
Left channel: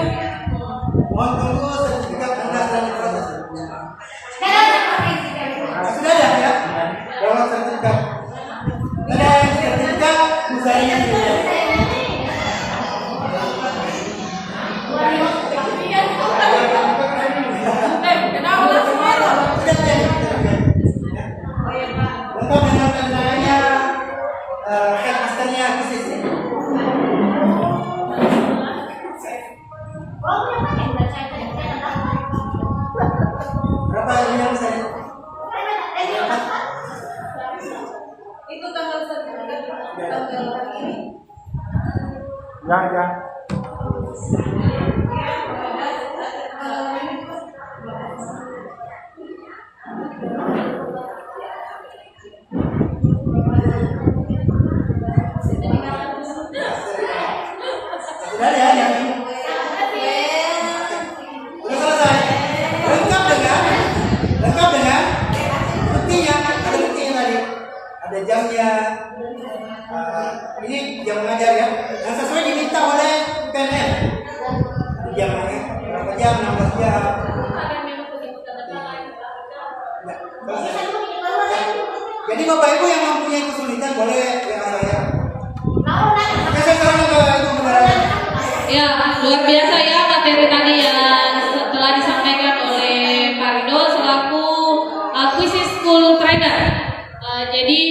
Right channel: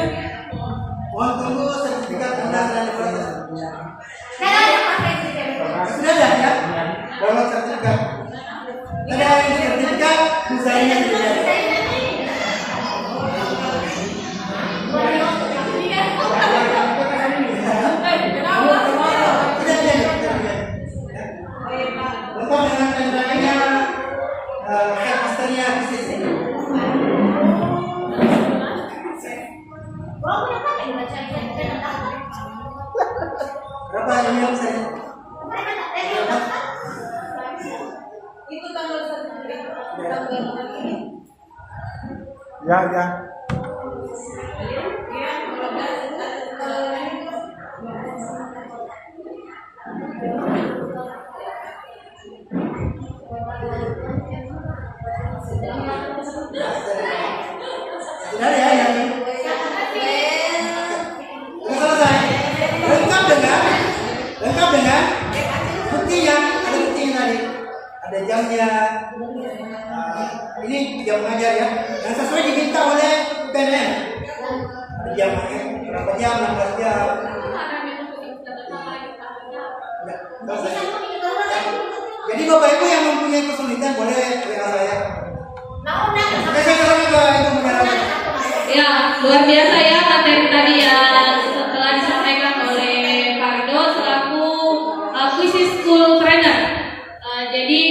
Mohon tunggu sertifikat Anda setelah diproses. Sudah ada ya? Download sertifikat. Ada yang sertifikat, usahanya sudah ada. Sudah ada. lengkap dengan tandanya headmasternya khusus ini. Berapa ini yang besar? Itu tanggal 1, tanggal hari ini. Ya. Sudah ya. Sudah selesai. Lengkap dengan buktinya. Ada buktinya tadi. Ada jamnya. Ini jam mengajar ya. Yang sesuai diminta oleh PNM. Ada jamnya. Berapa jam? 16 jam. Ya, selesai. Ya. Jadi Bapak Ibu yang mempunyai kesulitan boleh WA saya. Oke, saya serahkan ke Ibu Moderator. Ya, luar biasa ya materi tadi yang telah disampaikan oleh Pak Rido selaku Quisis School Trainer. Jadi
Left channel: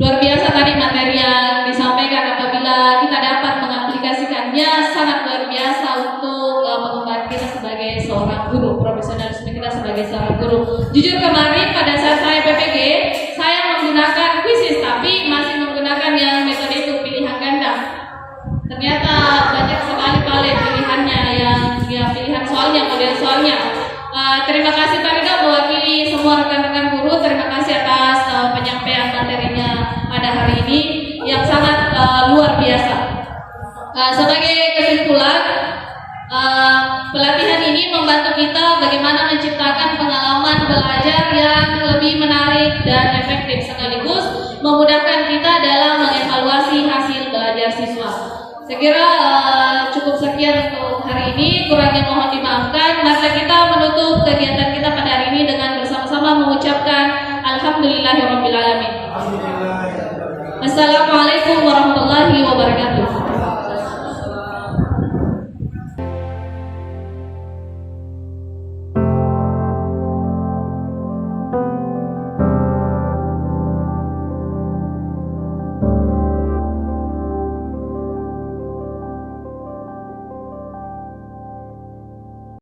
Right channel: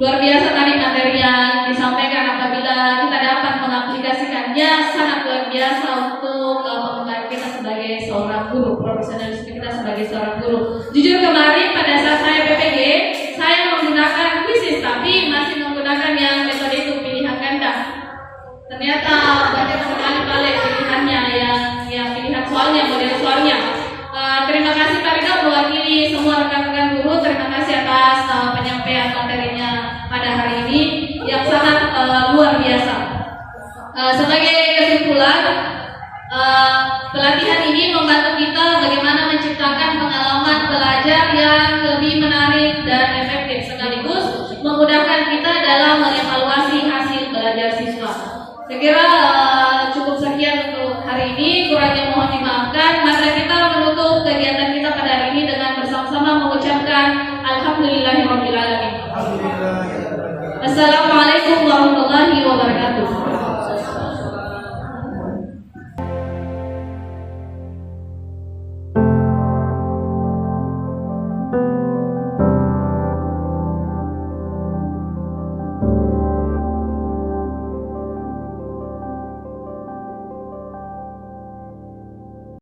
luar biasa tadi materi yang disampaikan. Apabila kita dapat mengaplikasikannya, sangat luar biasa untuk pengembangan kita sebagai seorang guru, profesionalisme kita sebagai seorang guru. Jujur kemarin pada saat saya PPG, saya menggunakan Quisis, tapi masih menggunakan yang metode itu pilihan ganda. Ternyata banyak sekali palet pilihannya yang pilihan soalnya, model soalnya. Terima kasih Pak Rido mewakili semua rekan-rekan guru. Terima kasih atas penyampaian materinya pada hari ini yang sangat luar biasa. Sebagai kesimpulan, pelatihan ini membantu kita bagaimana menciptakan pengalaman belajar yang lebih menarik dan efektif, sekaligus memudahkan kita dalam mengevaluasi hasil belajar siswa. Saya kira cukup sekian untuk hari ini, kurangnya mohon dimaafkan. Maka kita menutup kegiatan kita pada hari ini dengan bersama-sama mengucapkan Alhamdulillahirrabbilalamin. Assalamualaikum warahmatullahi wabarakatuh.